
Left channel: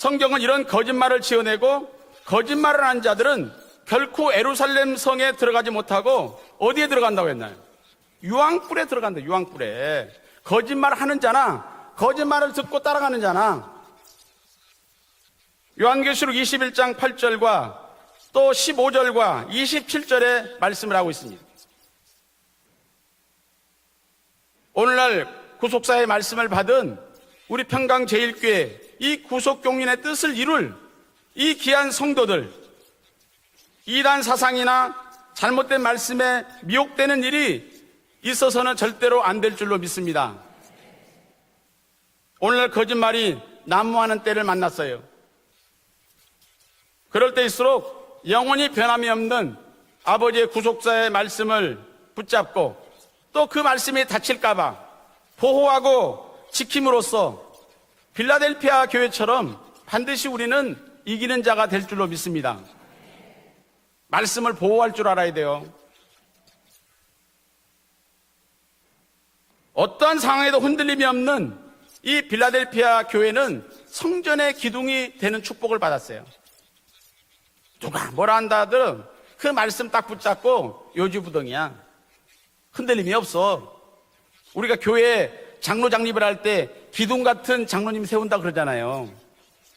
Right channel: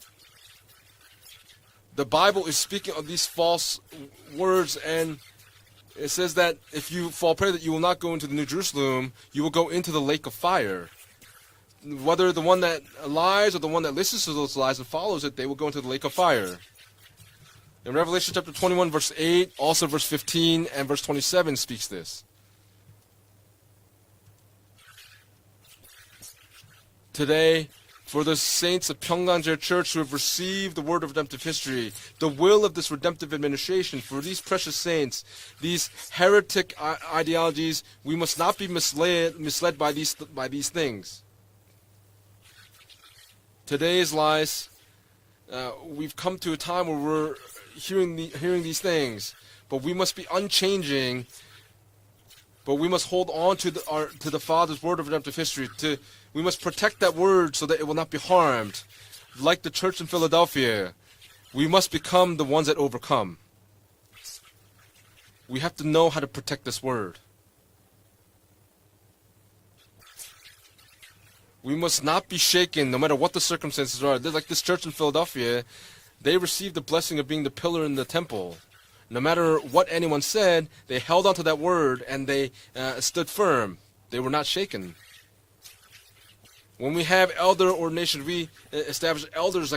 성경은 이런 거짓말을 지어내고 The Bible is 거짓말을 한 speaking of these 자들은 false 결코 words, 에루살렘 and 성에 들어가지 못하고 It says that 어디에 if you 들어간다고 fall prey 했나? that you will not go into the New 유황불에 Jerusalem, 들어간다. you will go into the 유황불에. lake of fire. 거짓말 하는 자나 Whether the 거짓말을 one 듣고 that 따라가는 lies 자나 or the one that listens to those lies and follows it, they will go into the lake of 요한계시록 fire. 21장 8절과 In Revelation 또 chapter 21, verse 15절과 8, also verse 27절에 15 and 말씀을 verse 하고 있습니다. 27 speaks this. 오늘날 구속사의 말씀을 받은 Today, 우리 for 평강 the 제일교회 saints of 이 Pyongyang Church 구속종인의 who have 뜻을 received 이룰 the word of redemptive 이 history, 귀한 성도들, the will of this redemptive administration, for 이단 these precious 사상이나 saints, 잘못된 these 말씀에 heretic 미혹되는 일이 ideologies, we must not 있어서는 be 절대로 안 될 줄로 misled 믿습니다. by these things. 오늘날 거짓말이 난무하는 때를 만났어요. We've come to a time where 그럴 we're 때일수록 hearing 영원히 these 변함이 things, 없는 but we must be 아버지의 구속사의 unchanging. 말씀을 But 붙잡고 we must hold 또 on 그 to 말씀이 the 다칠까 봐 Father's word of redemptive history. 보호하고 We must protect that 지킴으로써 word so that it will not be harmed. 필라델피아 교회처럼 Like the church in 반드시 Philadelphia, 우리는 이기는 자가 We 될 must 줄로 become the 믿습니다. ones that overcome. 말씀을 보호할 줄 알아야 돼요. We have to know how to protect this word. 어떠한 상황에도 흔들림이 없는 We must 이 not be shaken no 필라델피아 matter what the 교회는 circumstances are. Just like 성전의 this church in 기둥이 되는 Philadelphia, 축복을 받았어요. they received the blessing of being the pillar in the 뭐라 temple. 한다든 No matter 그 말씀 what 딱 anyone said, 붙잡고 they held on to that 요즘 word and they 흔들림이 stood 없어. firm. They were not 우리가 shaken. 교회에 장로 장립을 할 때 When we 기둥 have 같은 elder 장로님 ordination, 세운다 we 그러잖아요. establish elders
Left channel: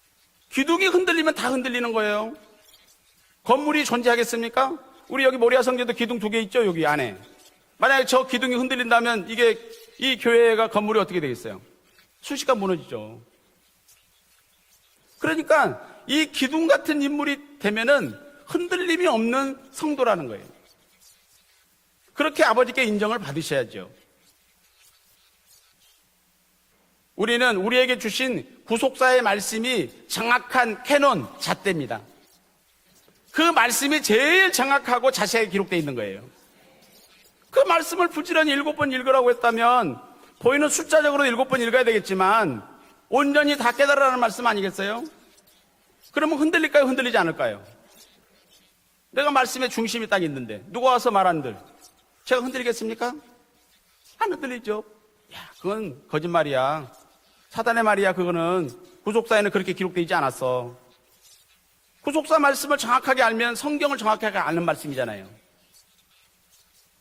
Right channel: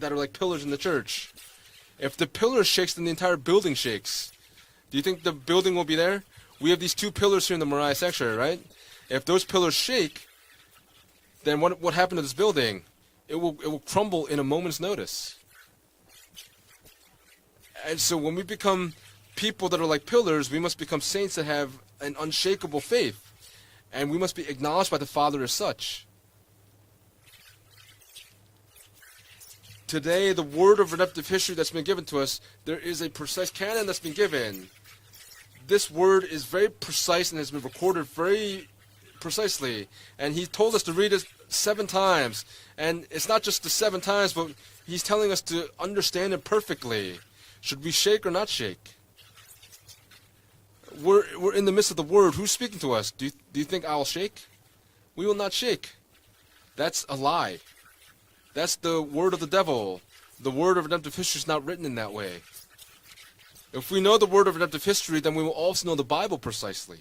that are like pillars in the 기둥이 church. 흔들리면 다 흔들리는 거예요. If the pillar shakes, then the entire building 건물이 shakes. 존재하겠습니까? Do you think 우리 the 여기 모리아 building will 성교도 be there? 기둥 두 개 있죠 We have 여기 these 안에. two pillars here in the Moriah 만약에 저 sanctuary, 기둥이 right? 흔들린다면 If those 이게 pillars shake, 이 교회가 건물이 어떻게 되겠어요? then what happened to this 수시가 building? 무너지죠. It will crumble in a moment's notice. 그러니까 이 기둥 같은 인물이 되면은 And so when we become 흔들림이 없는 people that are like 성도라는 거예요. pillars, we must become saints that have an 그렇게 unshakable 아버지께 faith. 인정을 받으셔야죠. And we must be acknowledged by the Father as such. 우리는 우리에게 주신 구속사의 말씀이 Today, the 정확한 word of 캐논 redemptive history that's been 잣대입니다. given to us, there is a precise 그 canon 말씀이 that's been 제일 given. 정확하고 자세하게 기록되어 This 있는 거예요. word is very precise and has 그 been 말씀을 recorded 부지런히 very 7번 읽으라고 precisely. 했다면 And he 보이는 told us to read 숫자적으로 it 7번 읽어야 7 되겠지만 times. And it's not 온전히 just 다 the 7 깨달으라는 times, 말씀 but 아니겠어요? he's telling us to understand 그러면 it 흔들릴까요, 흔들리지 perfectly. 않을까요? Should we shake or not shake? 내가 말씀의 중심이 딱 있는데 누가 와서 We're 말하는데 in the midst of the word. 제가 Who's speaking to us? 흔들리겠습니까? Do you think I'll 안 shake? 흔들리죠. We will not shake. 그건 거짓말이야. That's a lie. 사단의 말이야. 그거는 That's the word of 구속사에는 the 그렇게 devil. 기록되지 The 않았어. word of redemptive history is not written in that way. 구속사 말씀을 정확하게 알면 If 성경을 we know the 정확하게 word of 아는 redemptive history, 말씀이잖아요. then we will also know the Bible precisely.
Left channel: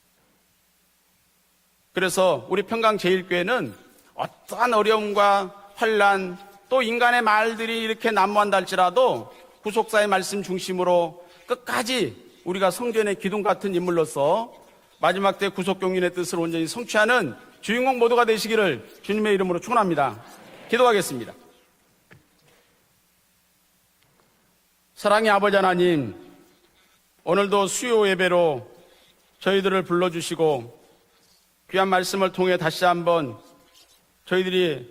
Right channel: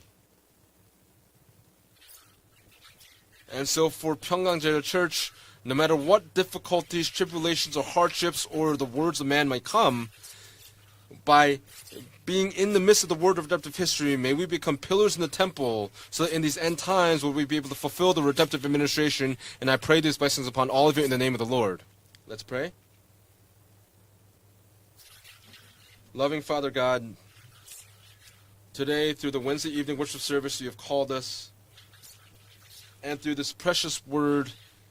그래서 우리 평강 제일교회는 And so for Pyongyang 어떠한 Church, 어려움과 no matter 환란 what 또 difficulties, 인간의 말들이 tribulations, or 이렇게 hardships, 난무한다 or the 할지라도 words of man might come, 구속사의 말씀 중심으로 by 끝까지 being 우리가 in the midst of 성전의 the word 기둥 of 같은 redemptive history, may we 인물로서 become pillars in the 마지막 때 temple, 구속경륜의 so 뜻을 in these 온전히 end times 성취하는 will we be able to 주인공 fulfill 모두가 the redemptive 되시기를 administration. 주님의 이름으로 And I pray 축원합니다. these blessings upon all of you in the 기도하겠습니다. name of the Lord. Let's pray. 사랑의 아버지 하나님, Loving Father God, 오늘도 수요 예배로 today through the 저희들을 Wednesday evening worship 불러주시고 service, you have called us, 귀한 말씀을 통해 다시 and 한번 through this precious word, 저희들이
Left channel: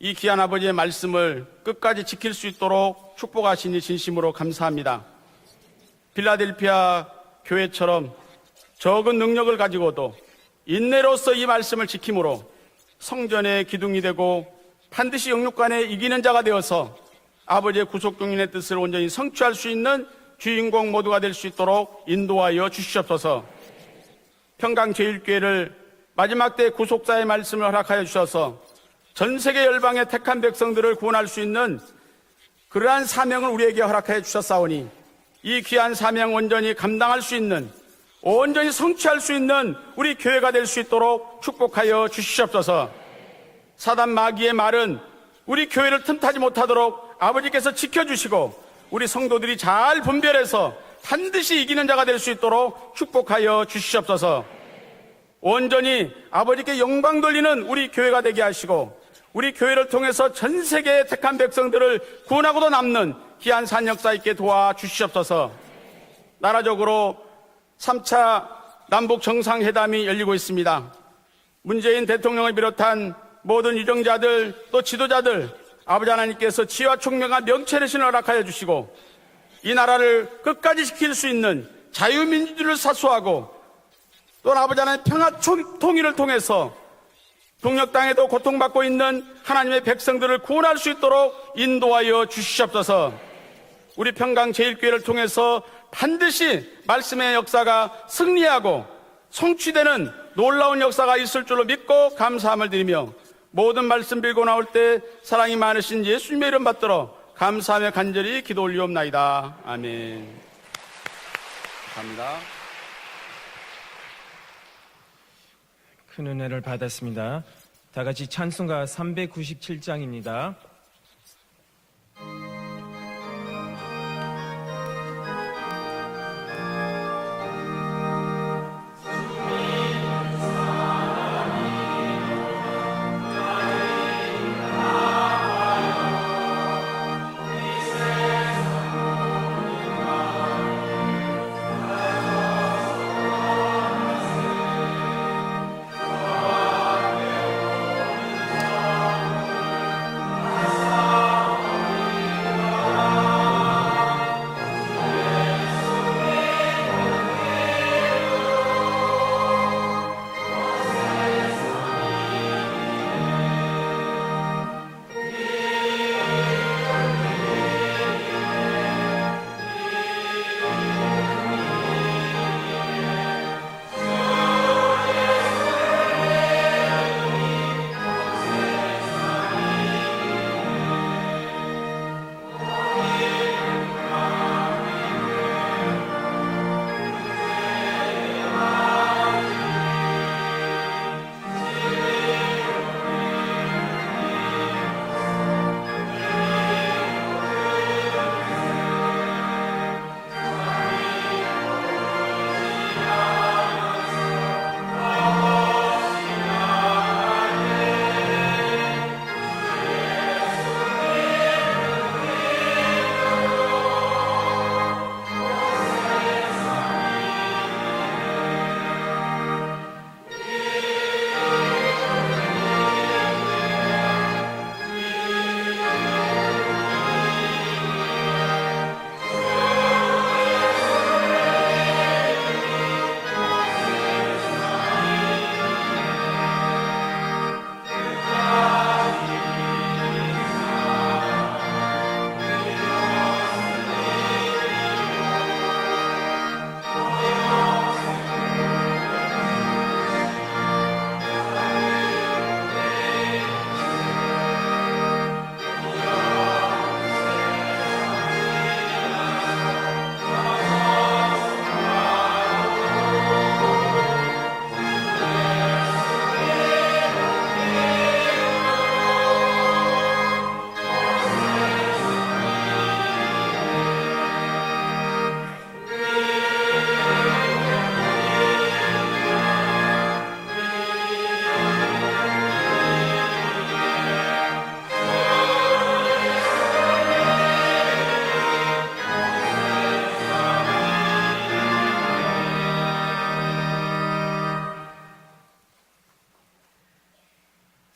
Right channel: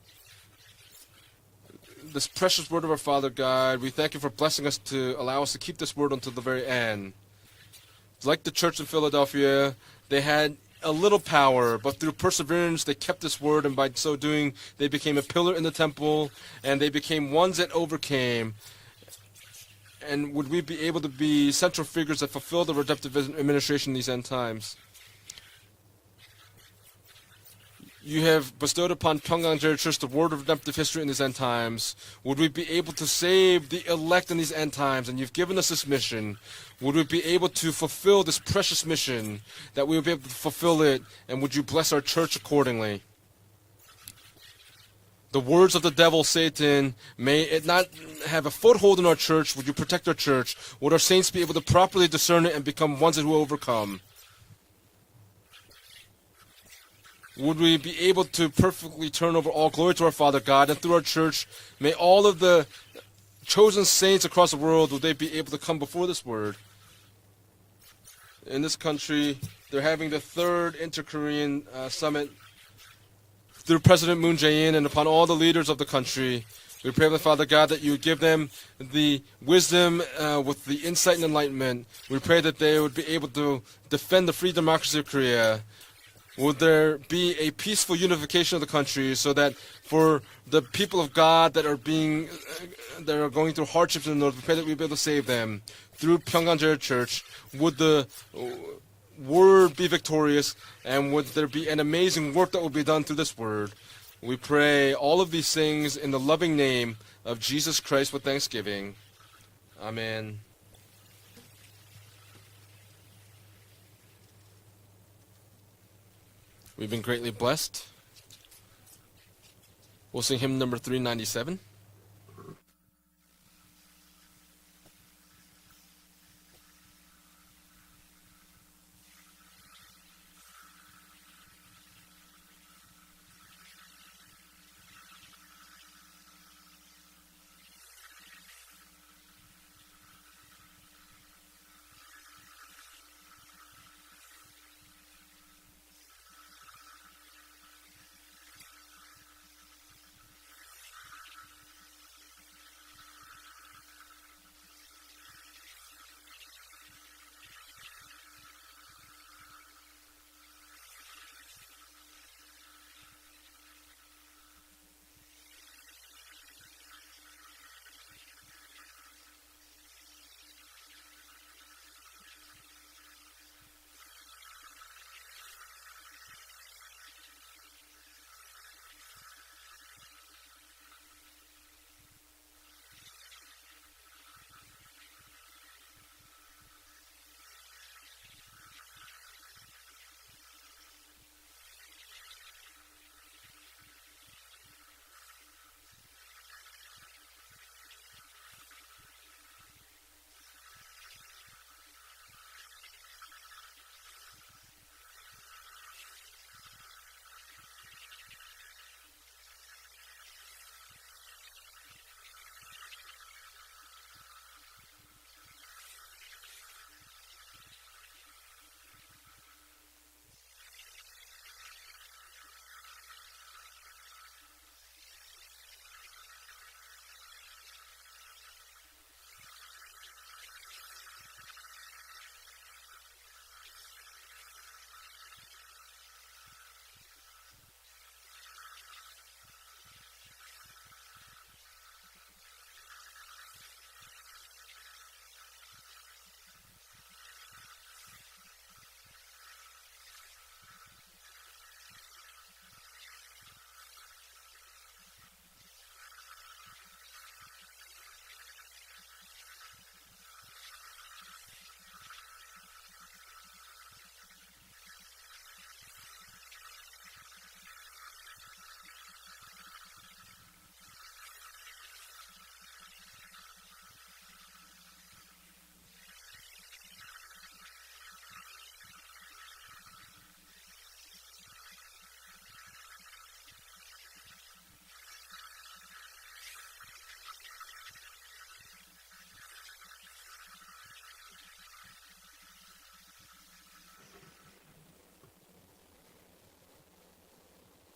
이 귀한 아버지의 말씀을 끝까지 this 지킬 수 precious word of our 있도록 Father 축복하시니 God, we thank you 진심으로 for blessing us 감사합니다. to allow us to keep this word until the very end. 필라델피아 교회처럼 Like the church in 적은 능력을 Philadelphia, 가지고도 they had a little 인내로서 이 power, 말씀을 but through 지킴으로 perseverance, they kept this 성전의 word, and by 기둥이 so 되고 doing, they became a 반드시 pillar in 영육간에 the 이기는 temple, 자가 되어서 and they became ones that 아버지의 구속 overcame. 동인의 뜻을 온전히 성취할 수 있는 And would we be 주인공 able to 모두가 될 수 be central 있도록 figures that 인도하여 fulfill the redemptive 주시옵소서. administration in these end times? 평강제일교회를 마지막 때 구속사의 말씀을 허락하여 You 주셔서 have bestowed upon 전 Pyongyang 세계 Church 열방의 the word 택한 of redemptive 백성들을 history in 구원할 these 수 end 있는 times. Would we be able 그러한 to 사명을 save 우리에게 the 허락하여 elect in these end 주셨사오니 times? And you've given 이 us this 귀한 mission. 사명 온전히 Would we 감당할 be 수 able 있는 to fulfill this 온전히 precious 성취할 수 mission? 있는 That we 우리 would 교회가 될 수 fulfill it, 있도록 and would you bless 축복하여 our church 주시옵소서. accordingly? 사단 마귀의 말은 The 우리 words of 교회를 the devil, 틈타지 Satan, 못하도록 may 아버지께서 not 지켜주시고 have a foothold 우리 in our 성도들이 church. Would you 잘 protect our 분별해서 church? Would our saints be 반드시 able to 이기는 자가 properly 될 수 discern it and 있도록 become ones that will 축복하여 overcome? 주시옵소서. 온전히 아버지께 영광 돌리는 Would we 우리 be 교회가 able 되게 to 하시고 perfectly turn 우리 over all 교회를 glory to our 통해서 Father 전 God, and through 세계의 our 택한 church, 백성들을 may all of 구원하고도 the 남는 귀한 chosen 사역자 saints 있게 across the 도와 world, would they be 주시옵소서. able to come before this word? 나라적으로 3차 In this country, 남북 they're 정상회담이 having 열리고 the 있습니다. third inter-Korean 문재인 summit. 대통령을 비롯한 모든 Through President Moon 유정자들 Jae-in 또 and upon all the 지도자들 leaders of the 아버지 country, 하나님께서 we 지혜와 pray, 총명한 Father God, that 명철의 you 신을 give 허락하여 them 주시고 the 이 wisdom 나라를 with the 끝까지 지킬 insight 수 and 있는 enlightenment. We pray that they 자유민주주의를 will be able 사수하고 to defend the 또 free 아버지 democracy 하나님 of 평화 Korea. 통일을 통해서 Will there be a peaceful 동역당에도 unification of the 고통받고 있는 country so that 하나님의 for 백성들을 the 구원할 수 people of 있도록 God that 인도하여 are 주시옵소서. going through hardships 우리 in the 평강 faith that you're going 제일교회를 to save them. 통해서 Through 반드시 Pyongyang Church, 말씀의 would 역사가 the 승리하고 word be 성취되는 victorious, 놀라운 역사가 and would 있을 there 줄로 be an 믿고 amazing work that 감사함을 will be 드리며 done through this word. 모든 말씀 빌고 We 나올 pray 때 all of these 사랑이 things 많으신 in the 예수님의 loving 이름 name 받들어 of Jesus 감사하며 Christ with 간절히 기도 thanksgiving. 올리옵나이다. 아멘. Amen. 감사합니다. 큰 은혜를 We've been greatly 받았습니다. blessed. 다 같이 찬송가 We'll sing 397장입니다. hymn number 397.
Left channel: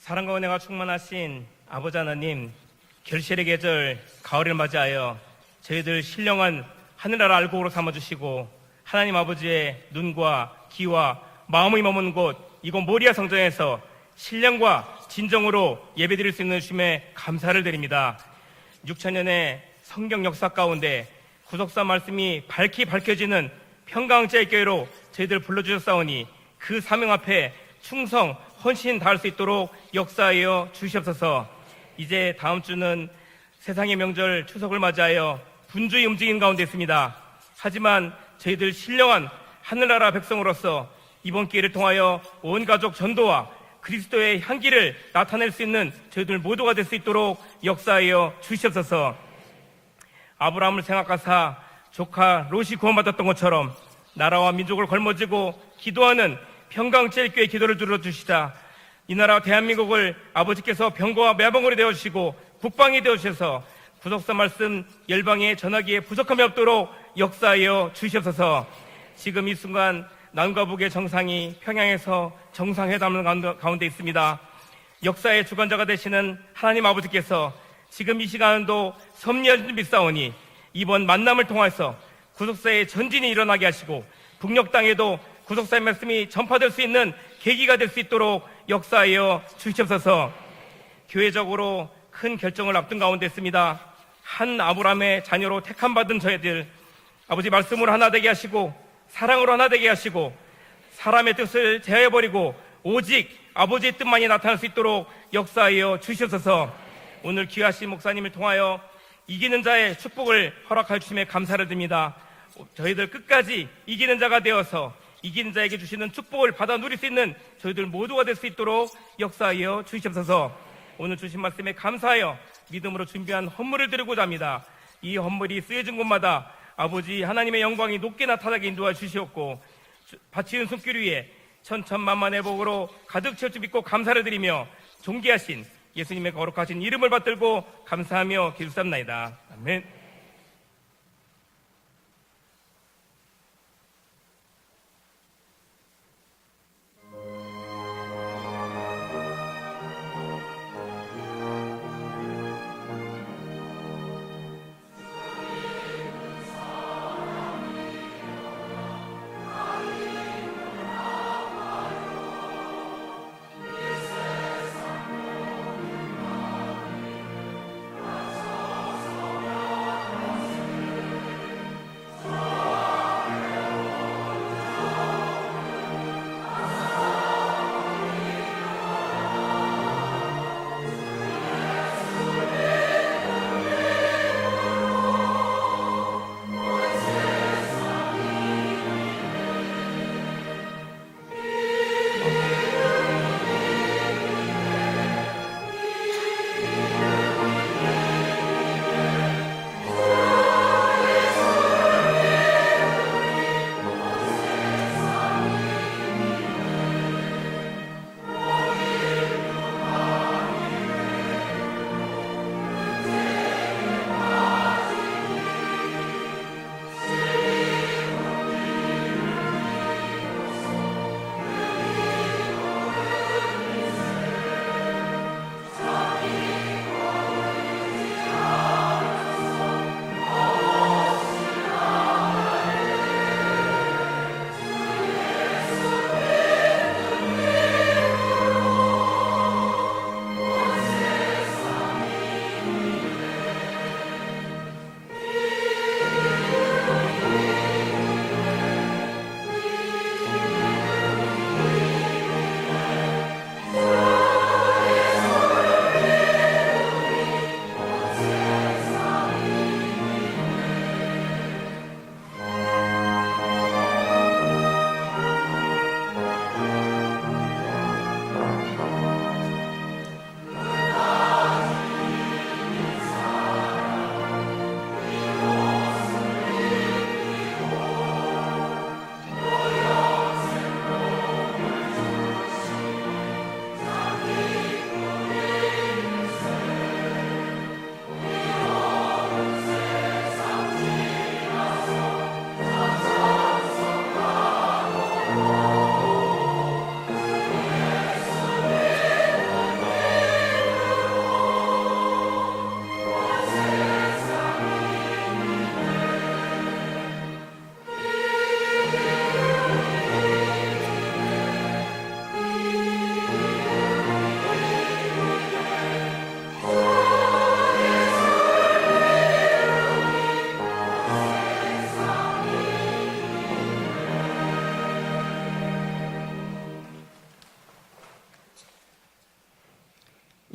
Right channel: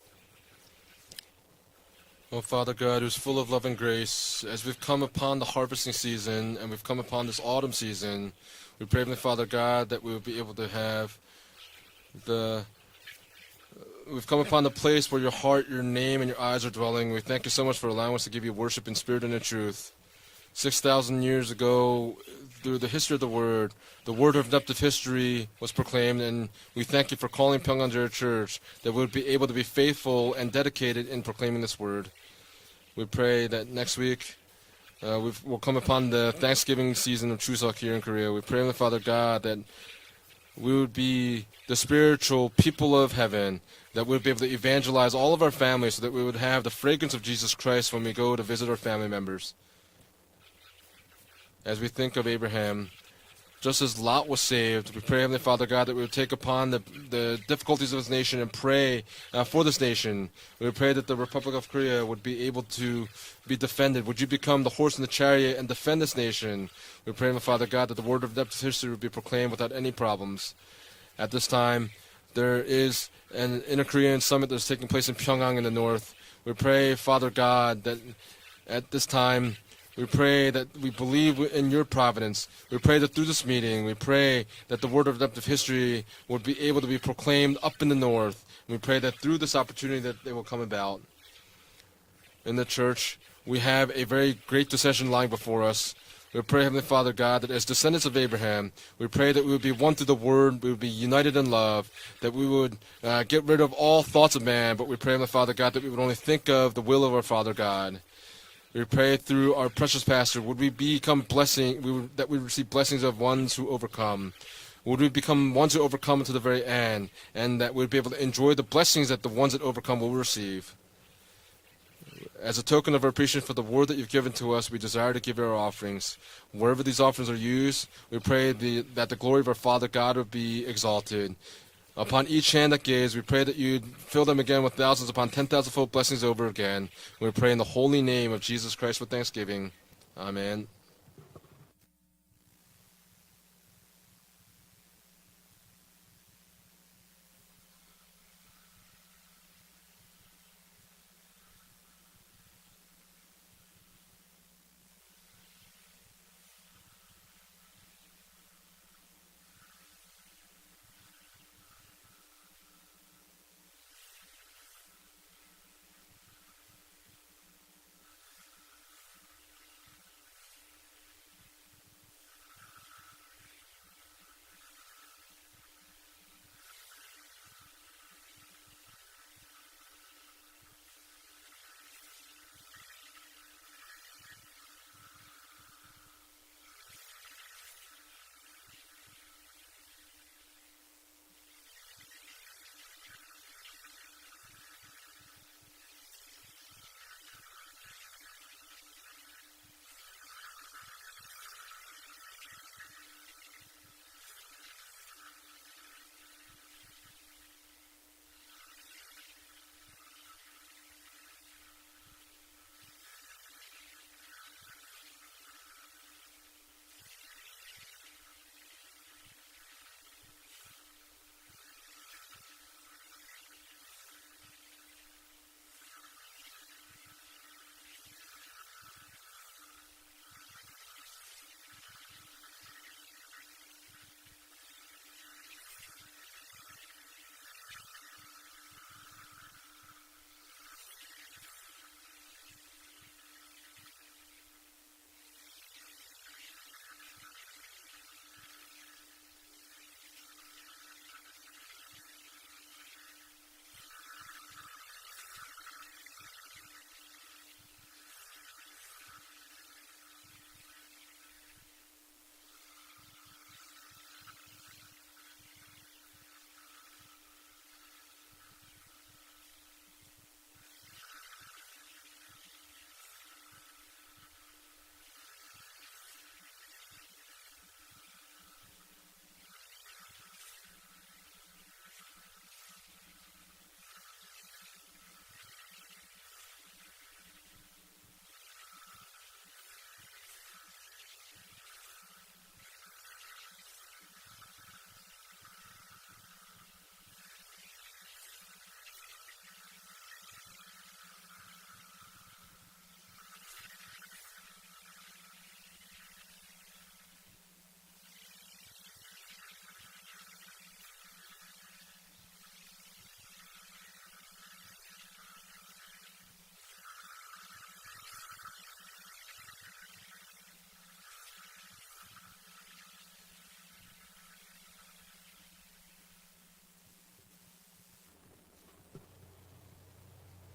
사랑과 은혜가 충만하신 아버지 하나님, Oh, Father God, who's full 결실의 of love and 계절 grace, 가을을 as we've come 맞이하여 upon the harvest 저희들 season, 신령한 and we've come upon 하늘나라 this 알곡으로 autumn season, 삼아주시고 we pray, 하나님 Father 아버지의 God, that we will be 눈과 able to have 귀와 마음이 머문 곳 the- 이곳 모리아 성전에서 We've come upon a 신령과 place where your heart, 진정으로 your name, 예배드릴 and 수 있는 eyes are 춤에 dwelling. We thank you 감사를 so much for 드립니다. allowing us to give you worship in spirit and in 6,000년의 truth. 성경 역사 가운데 6,000 years ago, 구속사 말씀이 through 밝게 the history of the 밝혀지는 word, the 평강제 word of 교회로 redemptive history 저희들 was 불러주셨사오니 proclaimed, and 그 we 사명 thank you for 앞에 calling Pyongyang 충성, Church, that 헌신 we 다할 would 수 be able to be 있도록 faithful and 역사하여 dedicated in 주시옵소서. proclaiming this word. 이제 다음 We 주는 pray that 세상의 next week 명절 추석을 맞이하여 we'll come 군주의 upon the 움직임 가운데 Thanksgiving 있습니다. season of Chuseok here in 하지만 Korea. We pray, 저희들 Father 신령한 God, that 하늘나라 we 백성으로서 would be 이번 기회를 the 통하여 spiritual 온 가족 people of 전도와 heaven, that we would 그리스도의 be able to 향기를 evangelize all of 나타낼 our 수 있는 families so that we 저희들 would have 모두가 the 될 수 fragrance 있도록 of Jesus Christ when we 역사하여 go to visit our 주시옵소서. family members. 아브라함을 생각하사 As we think of 조카 Abraham, 롯이 구원받았던 것처럼 just as Lot was 나라와 saved, 민족을 we pray, Heavenly 걸머쥐고 Father God, that we would 기도하는 take upon the 평강제일교회 기도를 difficulties of this nation 들어주시자. and pray 이 나라 for this 대한민국을 nation. We 아버지께서 pray that the 병거와 Republic of 매봉으로 Korea 되어주시고 would be able 국방이 to 되어주셔서 be defended. Would you 구속사 become the 말씀 horse in the 열방에 chariot and 전하기에 defend this 부족함이 nation? 없도록 We pray, Father 역사하여 God, that the word of 주시옵소서. redemptive history would be 지금 proclaimed 이 without 순간 any problems. 남과 북의 정상이 At this time, 평양에서 there is 정상회담을 an 가운데 inter-Korean 있습니다. summit that's taking place in 역사의 Pyongyang in the 주관자가 north. 되시는 We pray, 하나님 Father 아버지께서 God, that 지금 이 시간도 at this time, 섭리하신 we 믿사오니 pray that we 이번 believe 만남을 in 통해서 your providence. We 구속사의 pray that 전진이 through this 일어나게 meeting, 하시고 we pray 북녘 that the word 땅에도 of redemptive 구속사의 history 말씀이 will be 전파될 able 수 to be 있는 proclaimed 계기가 up 될 in 수 the 있도록 north. We pray that 역사하여 through this opportunity that 주시옵소서. they will come about. 교회적으로 큰 In the 결정을 앞둔 church, 가운데 we 있습니다. have a very 한 great decision 아브라함의 lying 자녀로 before us. 택함받은 We 저희들 pray, Heavenly Father God, 아버지 that as 말씀으로 descendants 하나 of 되게 Abraham, 하시고 we pray that 사랑으로 we 하나 would be 되게 one to the 하시고 word, we would be 사람의 united in 뜻을 love, that we 제어해버리고 would 오직 get rid of 아버지의 all 뜻만이 thoughts of 나타날 수 man, but we 있도록 pray, Heavenly Father God, that we 역사하여 would only think 주시옵소서. of the will of our 오늘 Father 귀하신 God. 목사님을 통하여 We pray through 이기는 our 자의 precious pastor, would we 축복을 허락하심에 become 감사를 blessing, 드립니다. that we receive blessings 저희들 of ones 끝까지 who 이기는 overcome. 자가 되어서 Would we become 이기는 ones 자에게 who 주시는 overcome to the 축복을 very 받아들일 수 end, 있는 and that 저희들 we'd be able to 모두가 될 수 enjoy the 있도록 blessings that the ones that 역사하여 overcome will 주시옵소서. receive. 오늘 주신 말씀에 감사하여 As a token of 기도로 appreciation 준비한 for the 헌물을 word that you've 드리고자 given to 합니다. us, we desire 이 to give 헌물이 our 쓰여진 offerings. 곳마다 Wherever these 아버지 offerings are 하나님의 used, 영광이 we 높게 pray 나타나게 인도해 that the glory of our 주시옵고 Father God would be 바치는 손길 위에 exalted. 천천만만의 Upon each hand 복으로 that gives, we 가득 pray 채워 that you 주시고 감사를 fill them again 드리며 with thousands upon 존귀하신 10,000-fold blessings 예수님의 over 거룩하신 again. 이름을 We pray in 받들고 the holy name 감사하며 of Jesus Christ with 기도합니다. thanksgiving. 아멘. Amen.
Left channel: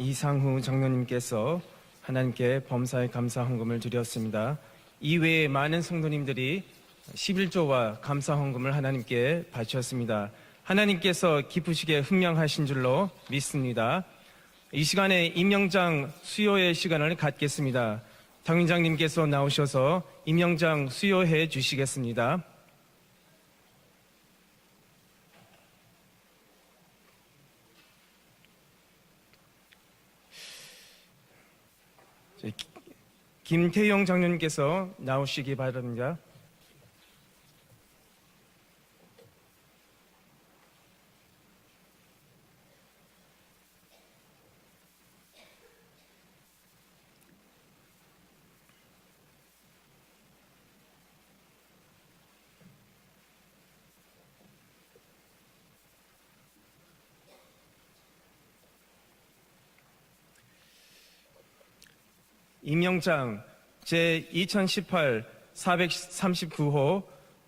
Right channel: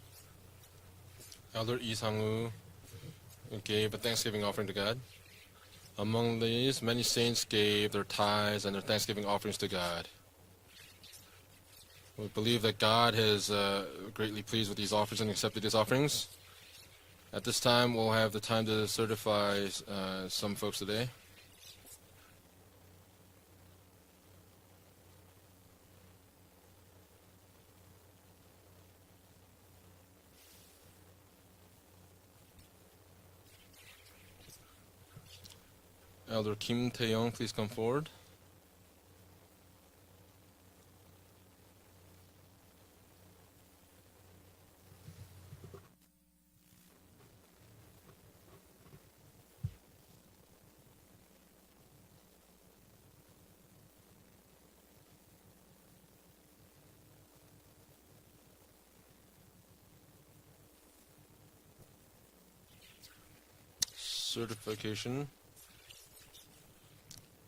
이상후 장로님께서 Elder Isangu 하나님께 범사에 감사 헌금을 gave a Thanksgiving 드렸습니다. offering to God. 이외에 많은 Among 성도님들이 these, many saints gave 11조와 their 감사 tithes 헌금을 and Thanksgiving 하나님께 offerings to God. 바쳤습니다. 하나님께서 기쁘시게 I 흠명하신 believe that 줄로 God is 믿습니다. greatly pleased with 이 these offerings 시간에 and accepted these 임명장 offerings. 수요의 시간을 At this 갖겠습니다. time, we'll have the time to 장인장님께서 certify 나오셔서 some 임명장 folks today. 수요해 주시겠습니다. 김태영 장로님께서 나오시기 바랍니다. Elder Kim Tae-young, please come forward. 임명장 제 2018 439호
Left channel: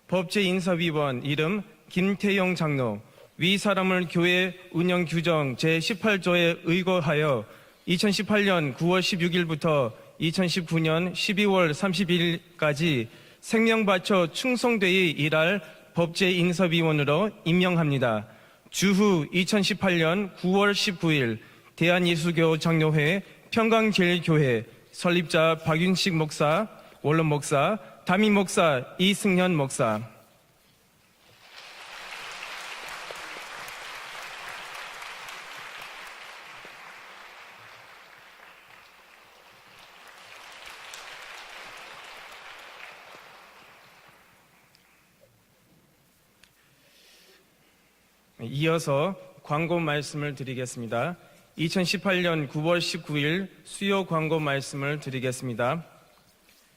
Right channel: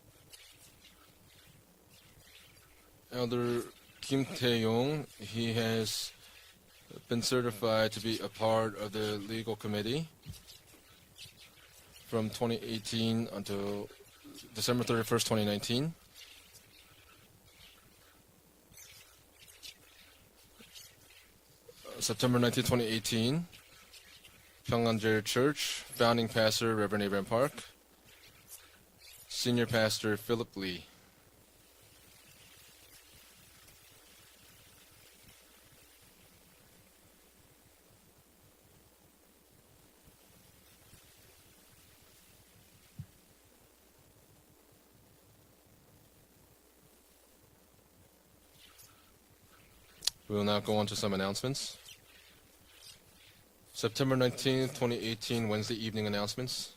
법제인사위원 이름 김태영 장로 위 사람을 교회 운영 규정 제 18조에 의거하여 2018년 9월 16일부터 2019년 12월 30일까지 생명 바쳐 충성되이 일할 법제인사위원으로 임명합니다. 주후 2018년 9월 19일 대한예수교 장로회 평강제일교회 설립자 박윤식 목사, 원론 목사, 담임 목사 이승현 Senior 목사, Pastor Philip Lee. 이어서 광고 말씀을 We will now go on to 드리겠습니다. some announcements. 2018년 9월 19일 수요 September 광고 19, 말씀을 2018 드리겠습니다. Wednesday evening announcements.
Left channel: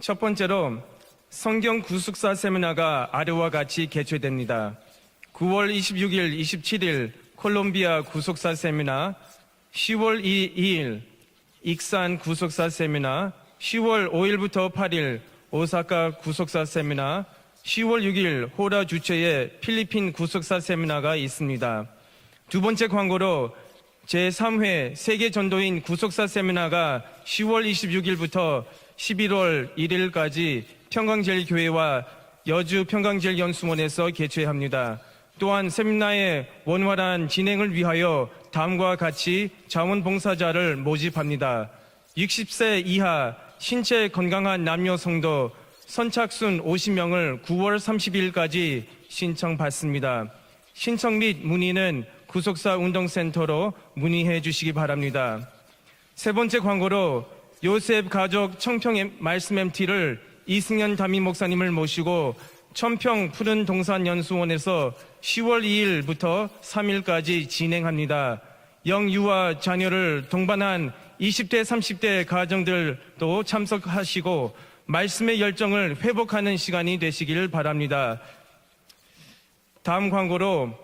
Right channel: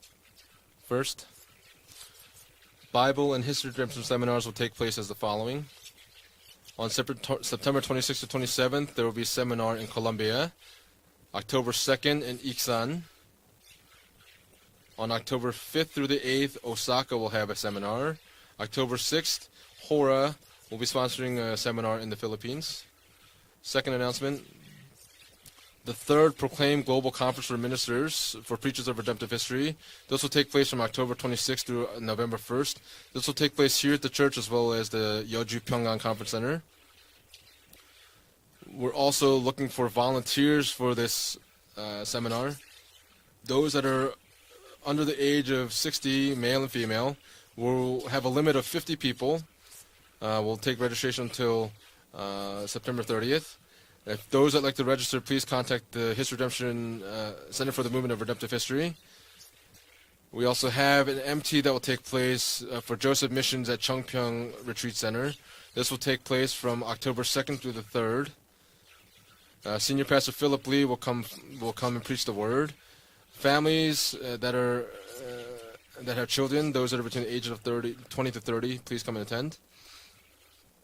첫 번째로 First, 성경 구숙사 세미나가 Bible 아래와 and 같이 history seminars will 개최됩니다. take place as the following. 9월 26일, On 27일 September 콜롬비아 26th and 구속사 27th, there 세미나, will be seminar in 10월 Colombia. 2일 October 2nd 익산 in 구속사 Iksan. 세미나, 10월 5일부터 On 8일 October 5th 오사카 through the 8th, 구속사 Osaka 세미나, will have a 10월 seminar. 6일 호라 October 주최의 6th, 필리핀 Hora 구속사 will be 세미나가 sponsoring a 있습니다. seminar in the Philippines. 두 번째 광고로 Second announcement. 제3회 세계 전도인 구속사 third 세미나가 proclaimed global conference 10월 for ministers 26일부터 for preachers of redemptive 11월 history. This will take 1일까지 place from October 26th to 평강제일교회와 November 1st. 여주 This will 평강제일 take place here 연수원에서 at the church as well 개최합니다. as the Yeoju 또한 Pyeonggang Conference 세미나의 Center. 원활한 진행을 위하여 다음과 We're also 같이 looking for 자원봉사자를 volunteers for this, 모집합니다. seminar. 60세 이하 Those that 신체 are 건강한 남녀 under the 성도 age of 60, 선착순 male and 50명을 9월 will have a limit of 50 30일까지 people. 신청받습니다. We'll take 신청 및 registration 문의는 till 구속사 September 30th. 운동센터로 문의해 Those that 주시기 like to register, 바랍니다. please contact the 세 번째 History 광고로 Center for the 요셉 Movement of 가족 Redemptive History. 청평 말씀 MT를 We also 이승현 have 담임 an 목사님을 MT that will take 모시고 place, for 청평 Joseph 푸른 Missions at 동산 Chongpyeong 연수원에서 Retreat Center. 10월 This will take 2일부터 place from October 2nd 3일까지 to the 3rd. 진행합니다. 영유아 자녀를 Senior Pastor Philip 동반한 Lee will come 20대, and 30대 preach the word. 가정들도 Families 참석하시고 that are- 말씀의 열정을 that have 회복하는 children, 시간이 those that are between the 되시길 age of 바랍니다. 20 to 30, please come and attend. 다음 광고로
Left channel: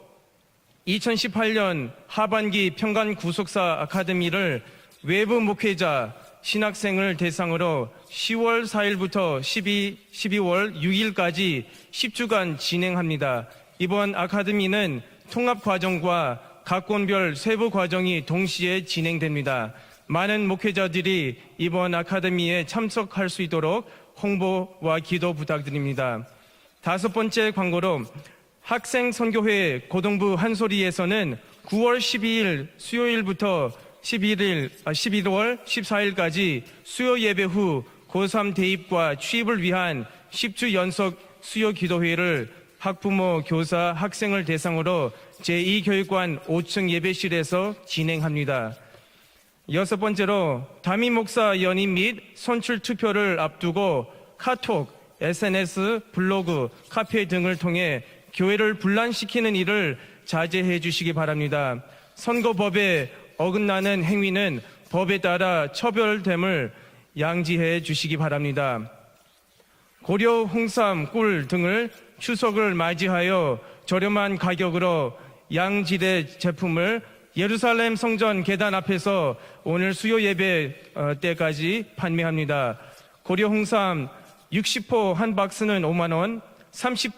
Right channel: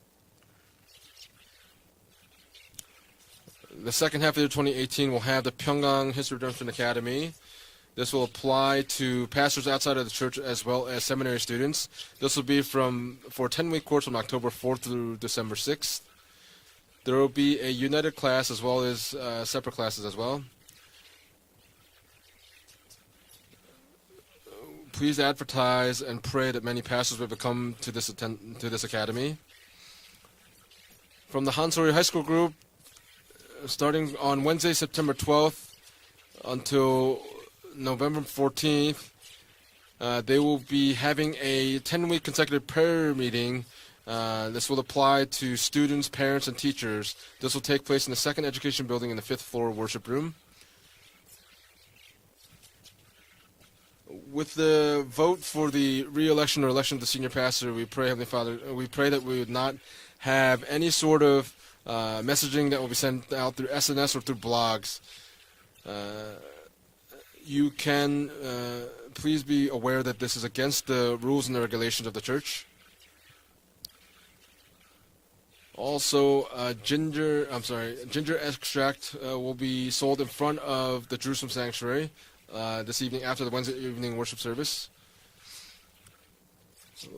2018년 하반기 평강 구속사 The second half of 아카데미를 2018 will 외부 have the 목회자, Pyongyang History Redemption 신학생을 Academy. 대상으로 This will 10월 apply 4일부터 to pastors outside of the church as 12월 well as seminary 6일까지 students. This will 10주간 be 진행합니다. for 10-week course 이번 from October 4th 아카데미는 through December 통합 6th. 과정과 각 There 권별 will be 세부 a 과정이 united class as 동시에 well as, 진행됩니다. separate classes as well. 많은 목회자들이 이번 아카데미에 참석할 수 있도록 홍보와 Please 기도 advertise 부탁드립니다. and pray that many 다섯 pastors will 번째 come 광고로 to this 학생 academy. 선교회 고등부 한소리에서는 From the Hanso리 9월 High School 12일 수요일부터 starting on Wednesday, September 11월 12th 14일까지 until 수요 예배 후 November 고3 14th, 대입과 취입을 위한 they will 10주 be 연속 having a 수요 10-week 기도회를 consecutive prayer 학부모, meeting. 교사, 학생을 This will 대상으로 apply to students, 제2교육관 parents, and 5층 teachers. This 예배실에서 will take place in the second 진행합니다. education building in the 5th floor 여섯 worship room. 번째로 담임 목사 연임 및 선출 투표를 앞두고 With 카톡, the vote for SNS, the re-election or 블로그, election of the 카페 senior 등을 pastor, we 통해 pray, Heavenly Father, 교회를 we pray that we 분란시키는 would not 일을 have 자제해 any 주시기 sort of, 바랍니다. messaging that 선거법에 we send out through 어긋나는 SNS or through 행위는 blogs. 법에 따라 처벌됨을 양지해 You 주시기 can, 바랍니다. please be aware that this 고려 is against the 홍삼, 꿀 rules and 등을 regulations of the church. 추석을 맞이하여 저렴한 가격으로 양질의 Also, 제품을 예루살렘 성전 ginger 계단 extract, 앞에서 will be 오늘 sold 수요 in 예배 front of the Jerusalem 때까지 sanctuary, 판매합니다. this evening after 고려 the Wednesday 홍삼 evening worship service. 60포 한 박스는 5만 원,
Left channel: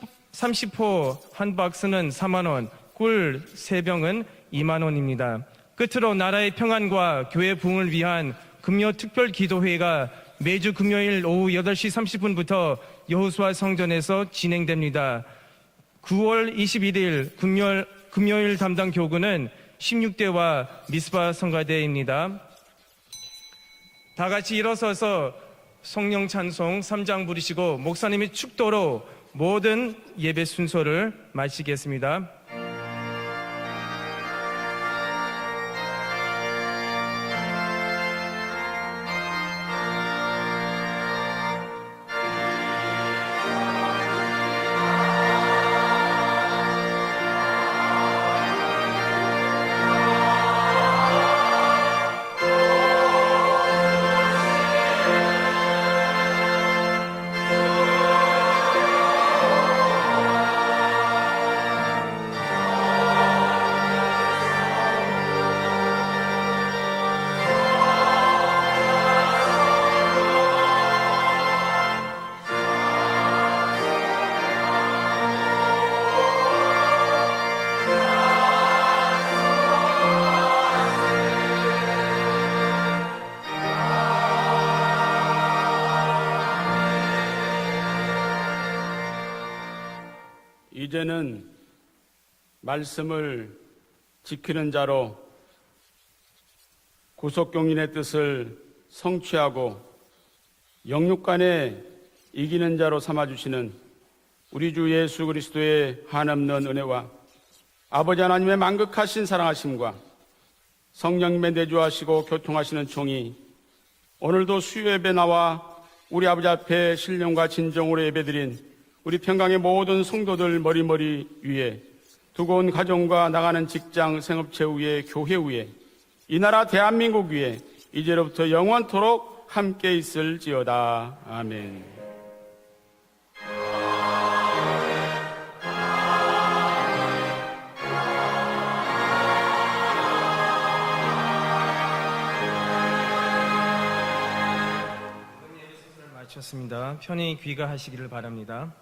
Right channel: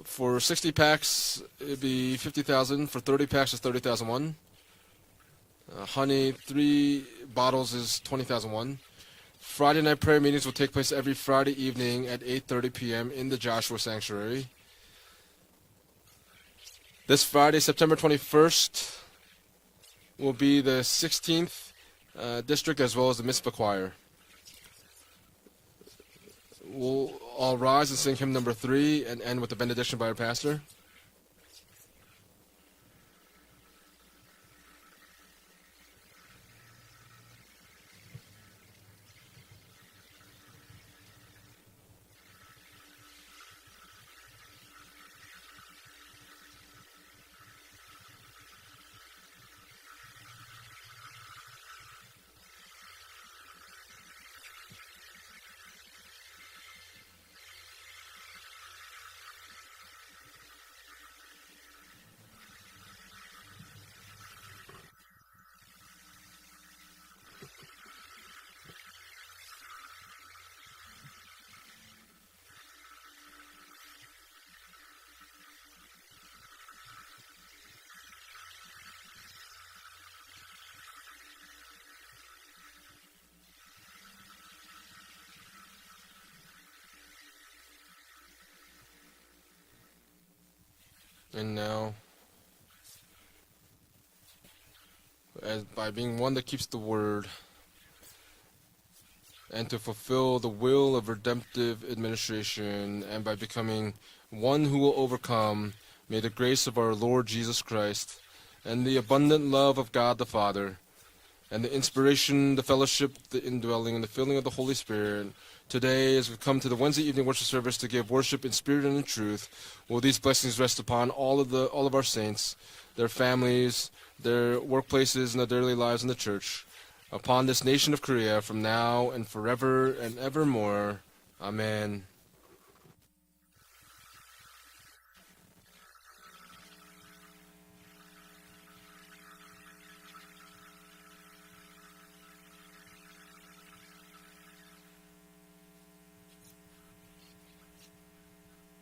For 60 30포 packs, 한 it would 박스는 be 4만 원, 50,000. For 꿀 30 packs, it's 3병은 30,000. 2만 원입니다. 끝으로 나라의 평안과 교회 부흥을 위한 금요 특별 기도회가 매주 금요일 오후 8시 30분부터 여호수아 성전에서 진행됩니다. 9월 21일 금요일 담당 교구는 16대와 미스바 성가대입니다. district as well as the Mitzvah choir. 다 같이 일어서서 성령 찬송 3장 부르시고 rise and 목사님의 sing hymn number 축도로 3 and end with the 모든 benediction by our 예배 pastor. 순서를 마치겠습니다. 이제는 And now, 말씀을 지키는 자로 as by being one that keeps the word 구속경륜의 뜻을 성취하고 and to fulfill the will of 영육간에 redemptive administration, 이기는 자로 and by 삼아주시는 becoming one 우리 who 주 will 예수 overcome, 그리스도의 may the 한없는 grace of our 은혜와 Lord Jesus Christ 아버지 하나님의 and the 만극하신 abundant love 사랑하심과 of God the Father 성령님의 and the 내주하시고 inspiration, the 교통하시는 fellowship, 통이 the indwelling, and the filling of the 오늘도 Holy 수요예배 Spirit. 나와 Today, 우리 as we 아버지 come to the 앞에 Wednesday evening 신령과 worship service to 진정으로 give worship 예배드린 in spirit and in 우리 truth, 평강의 모든 will these 성도들 blessings rest upon 머리머리 위에 all of our saints, 두고 온 their 가정과 나가는 families, 직장, their 생업체 위에 workplaces, 교회 and their 위에 daily lives in the church. 이 나라 대한민국 Upon 위에 this nation of Korea, 이제로부터 from now and 영원토록 forever 함께 and 있을지어다. evermore. 아멘. Amen. 마쳤습니다. 편히 귀가하시기를 바랍니다.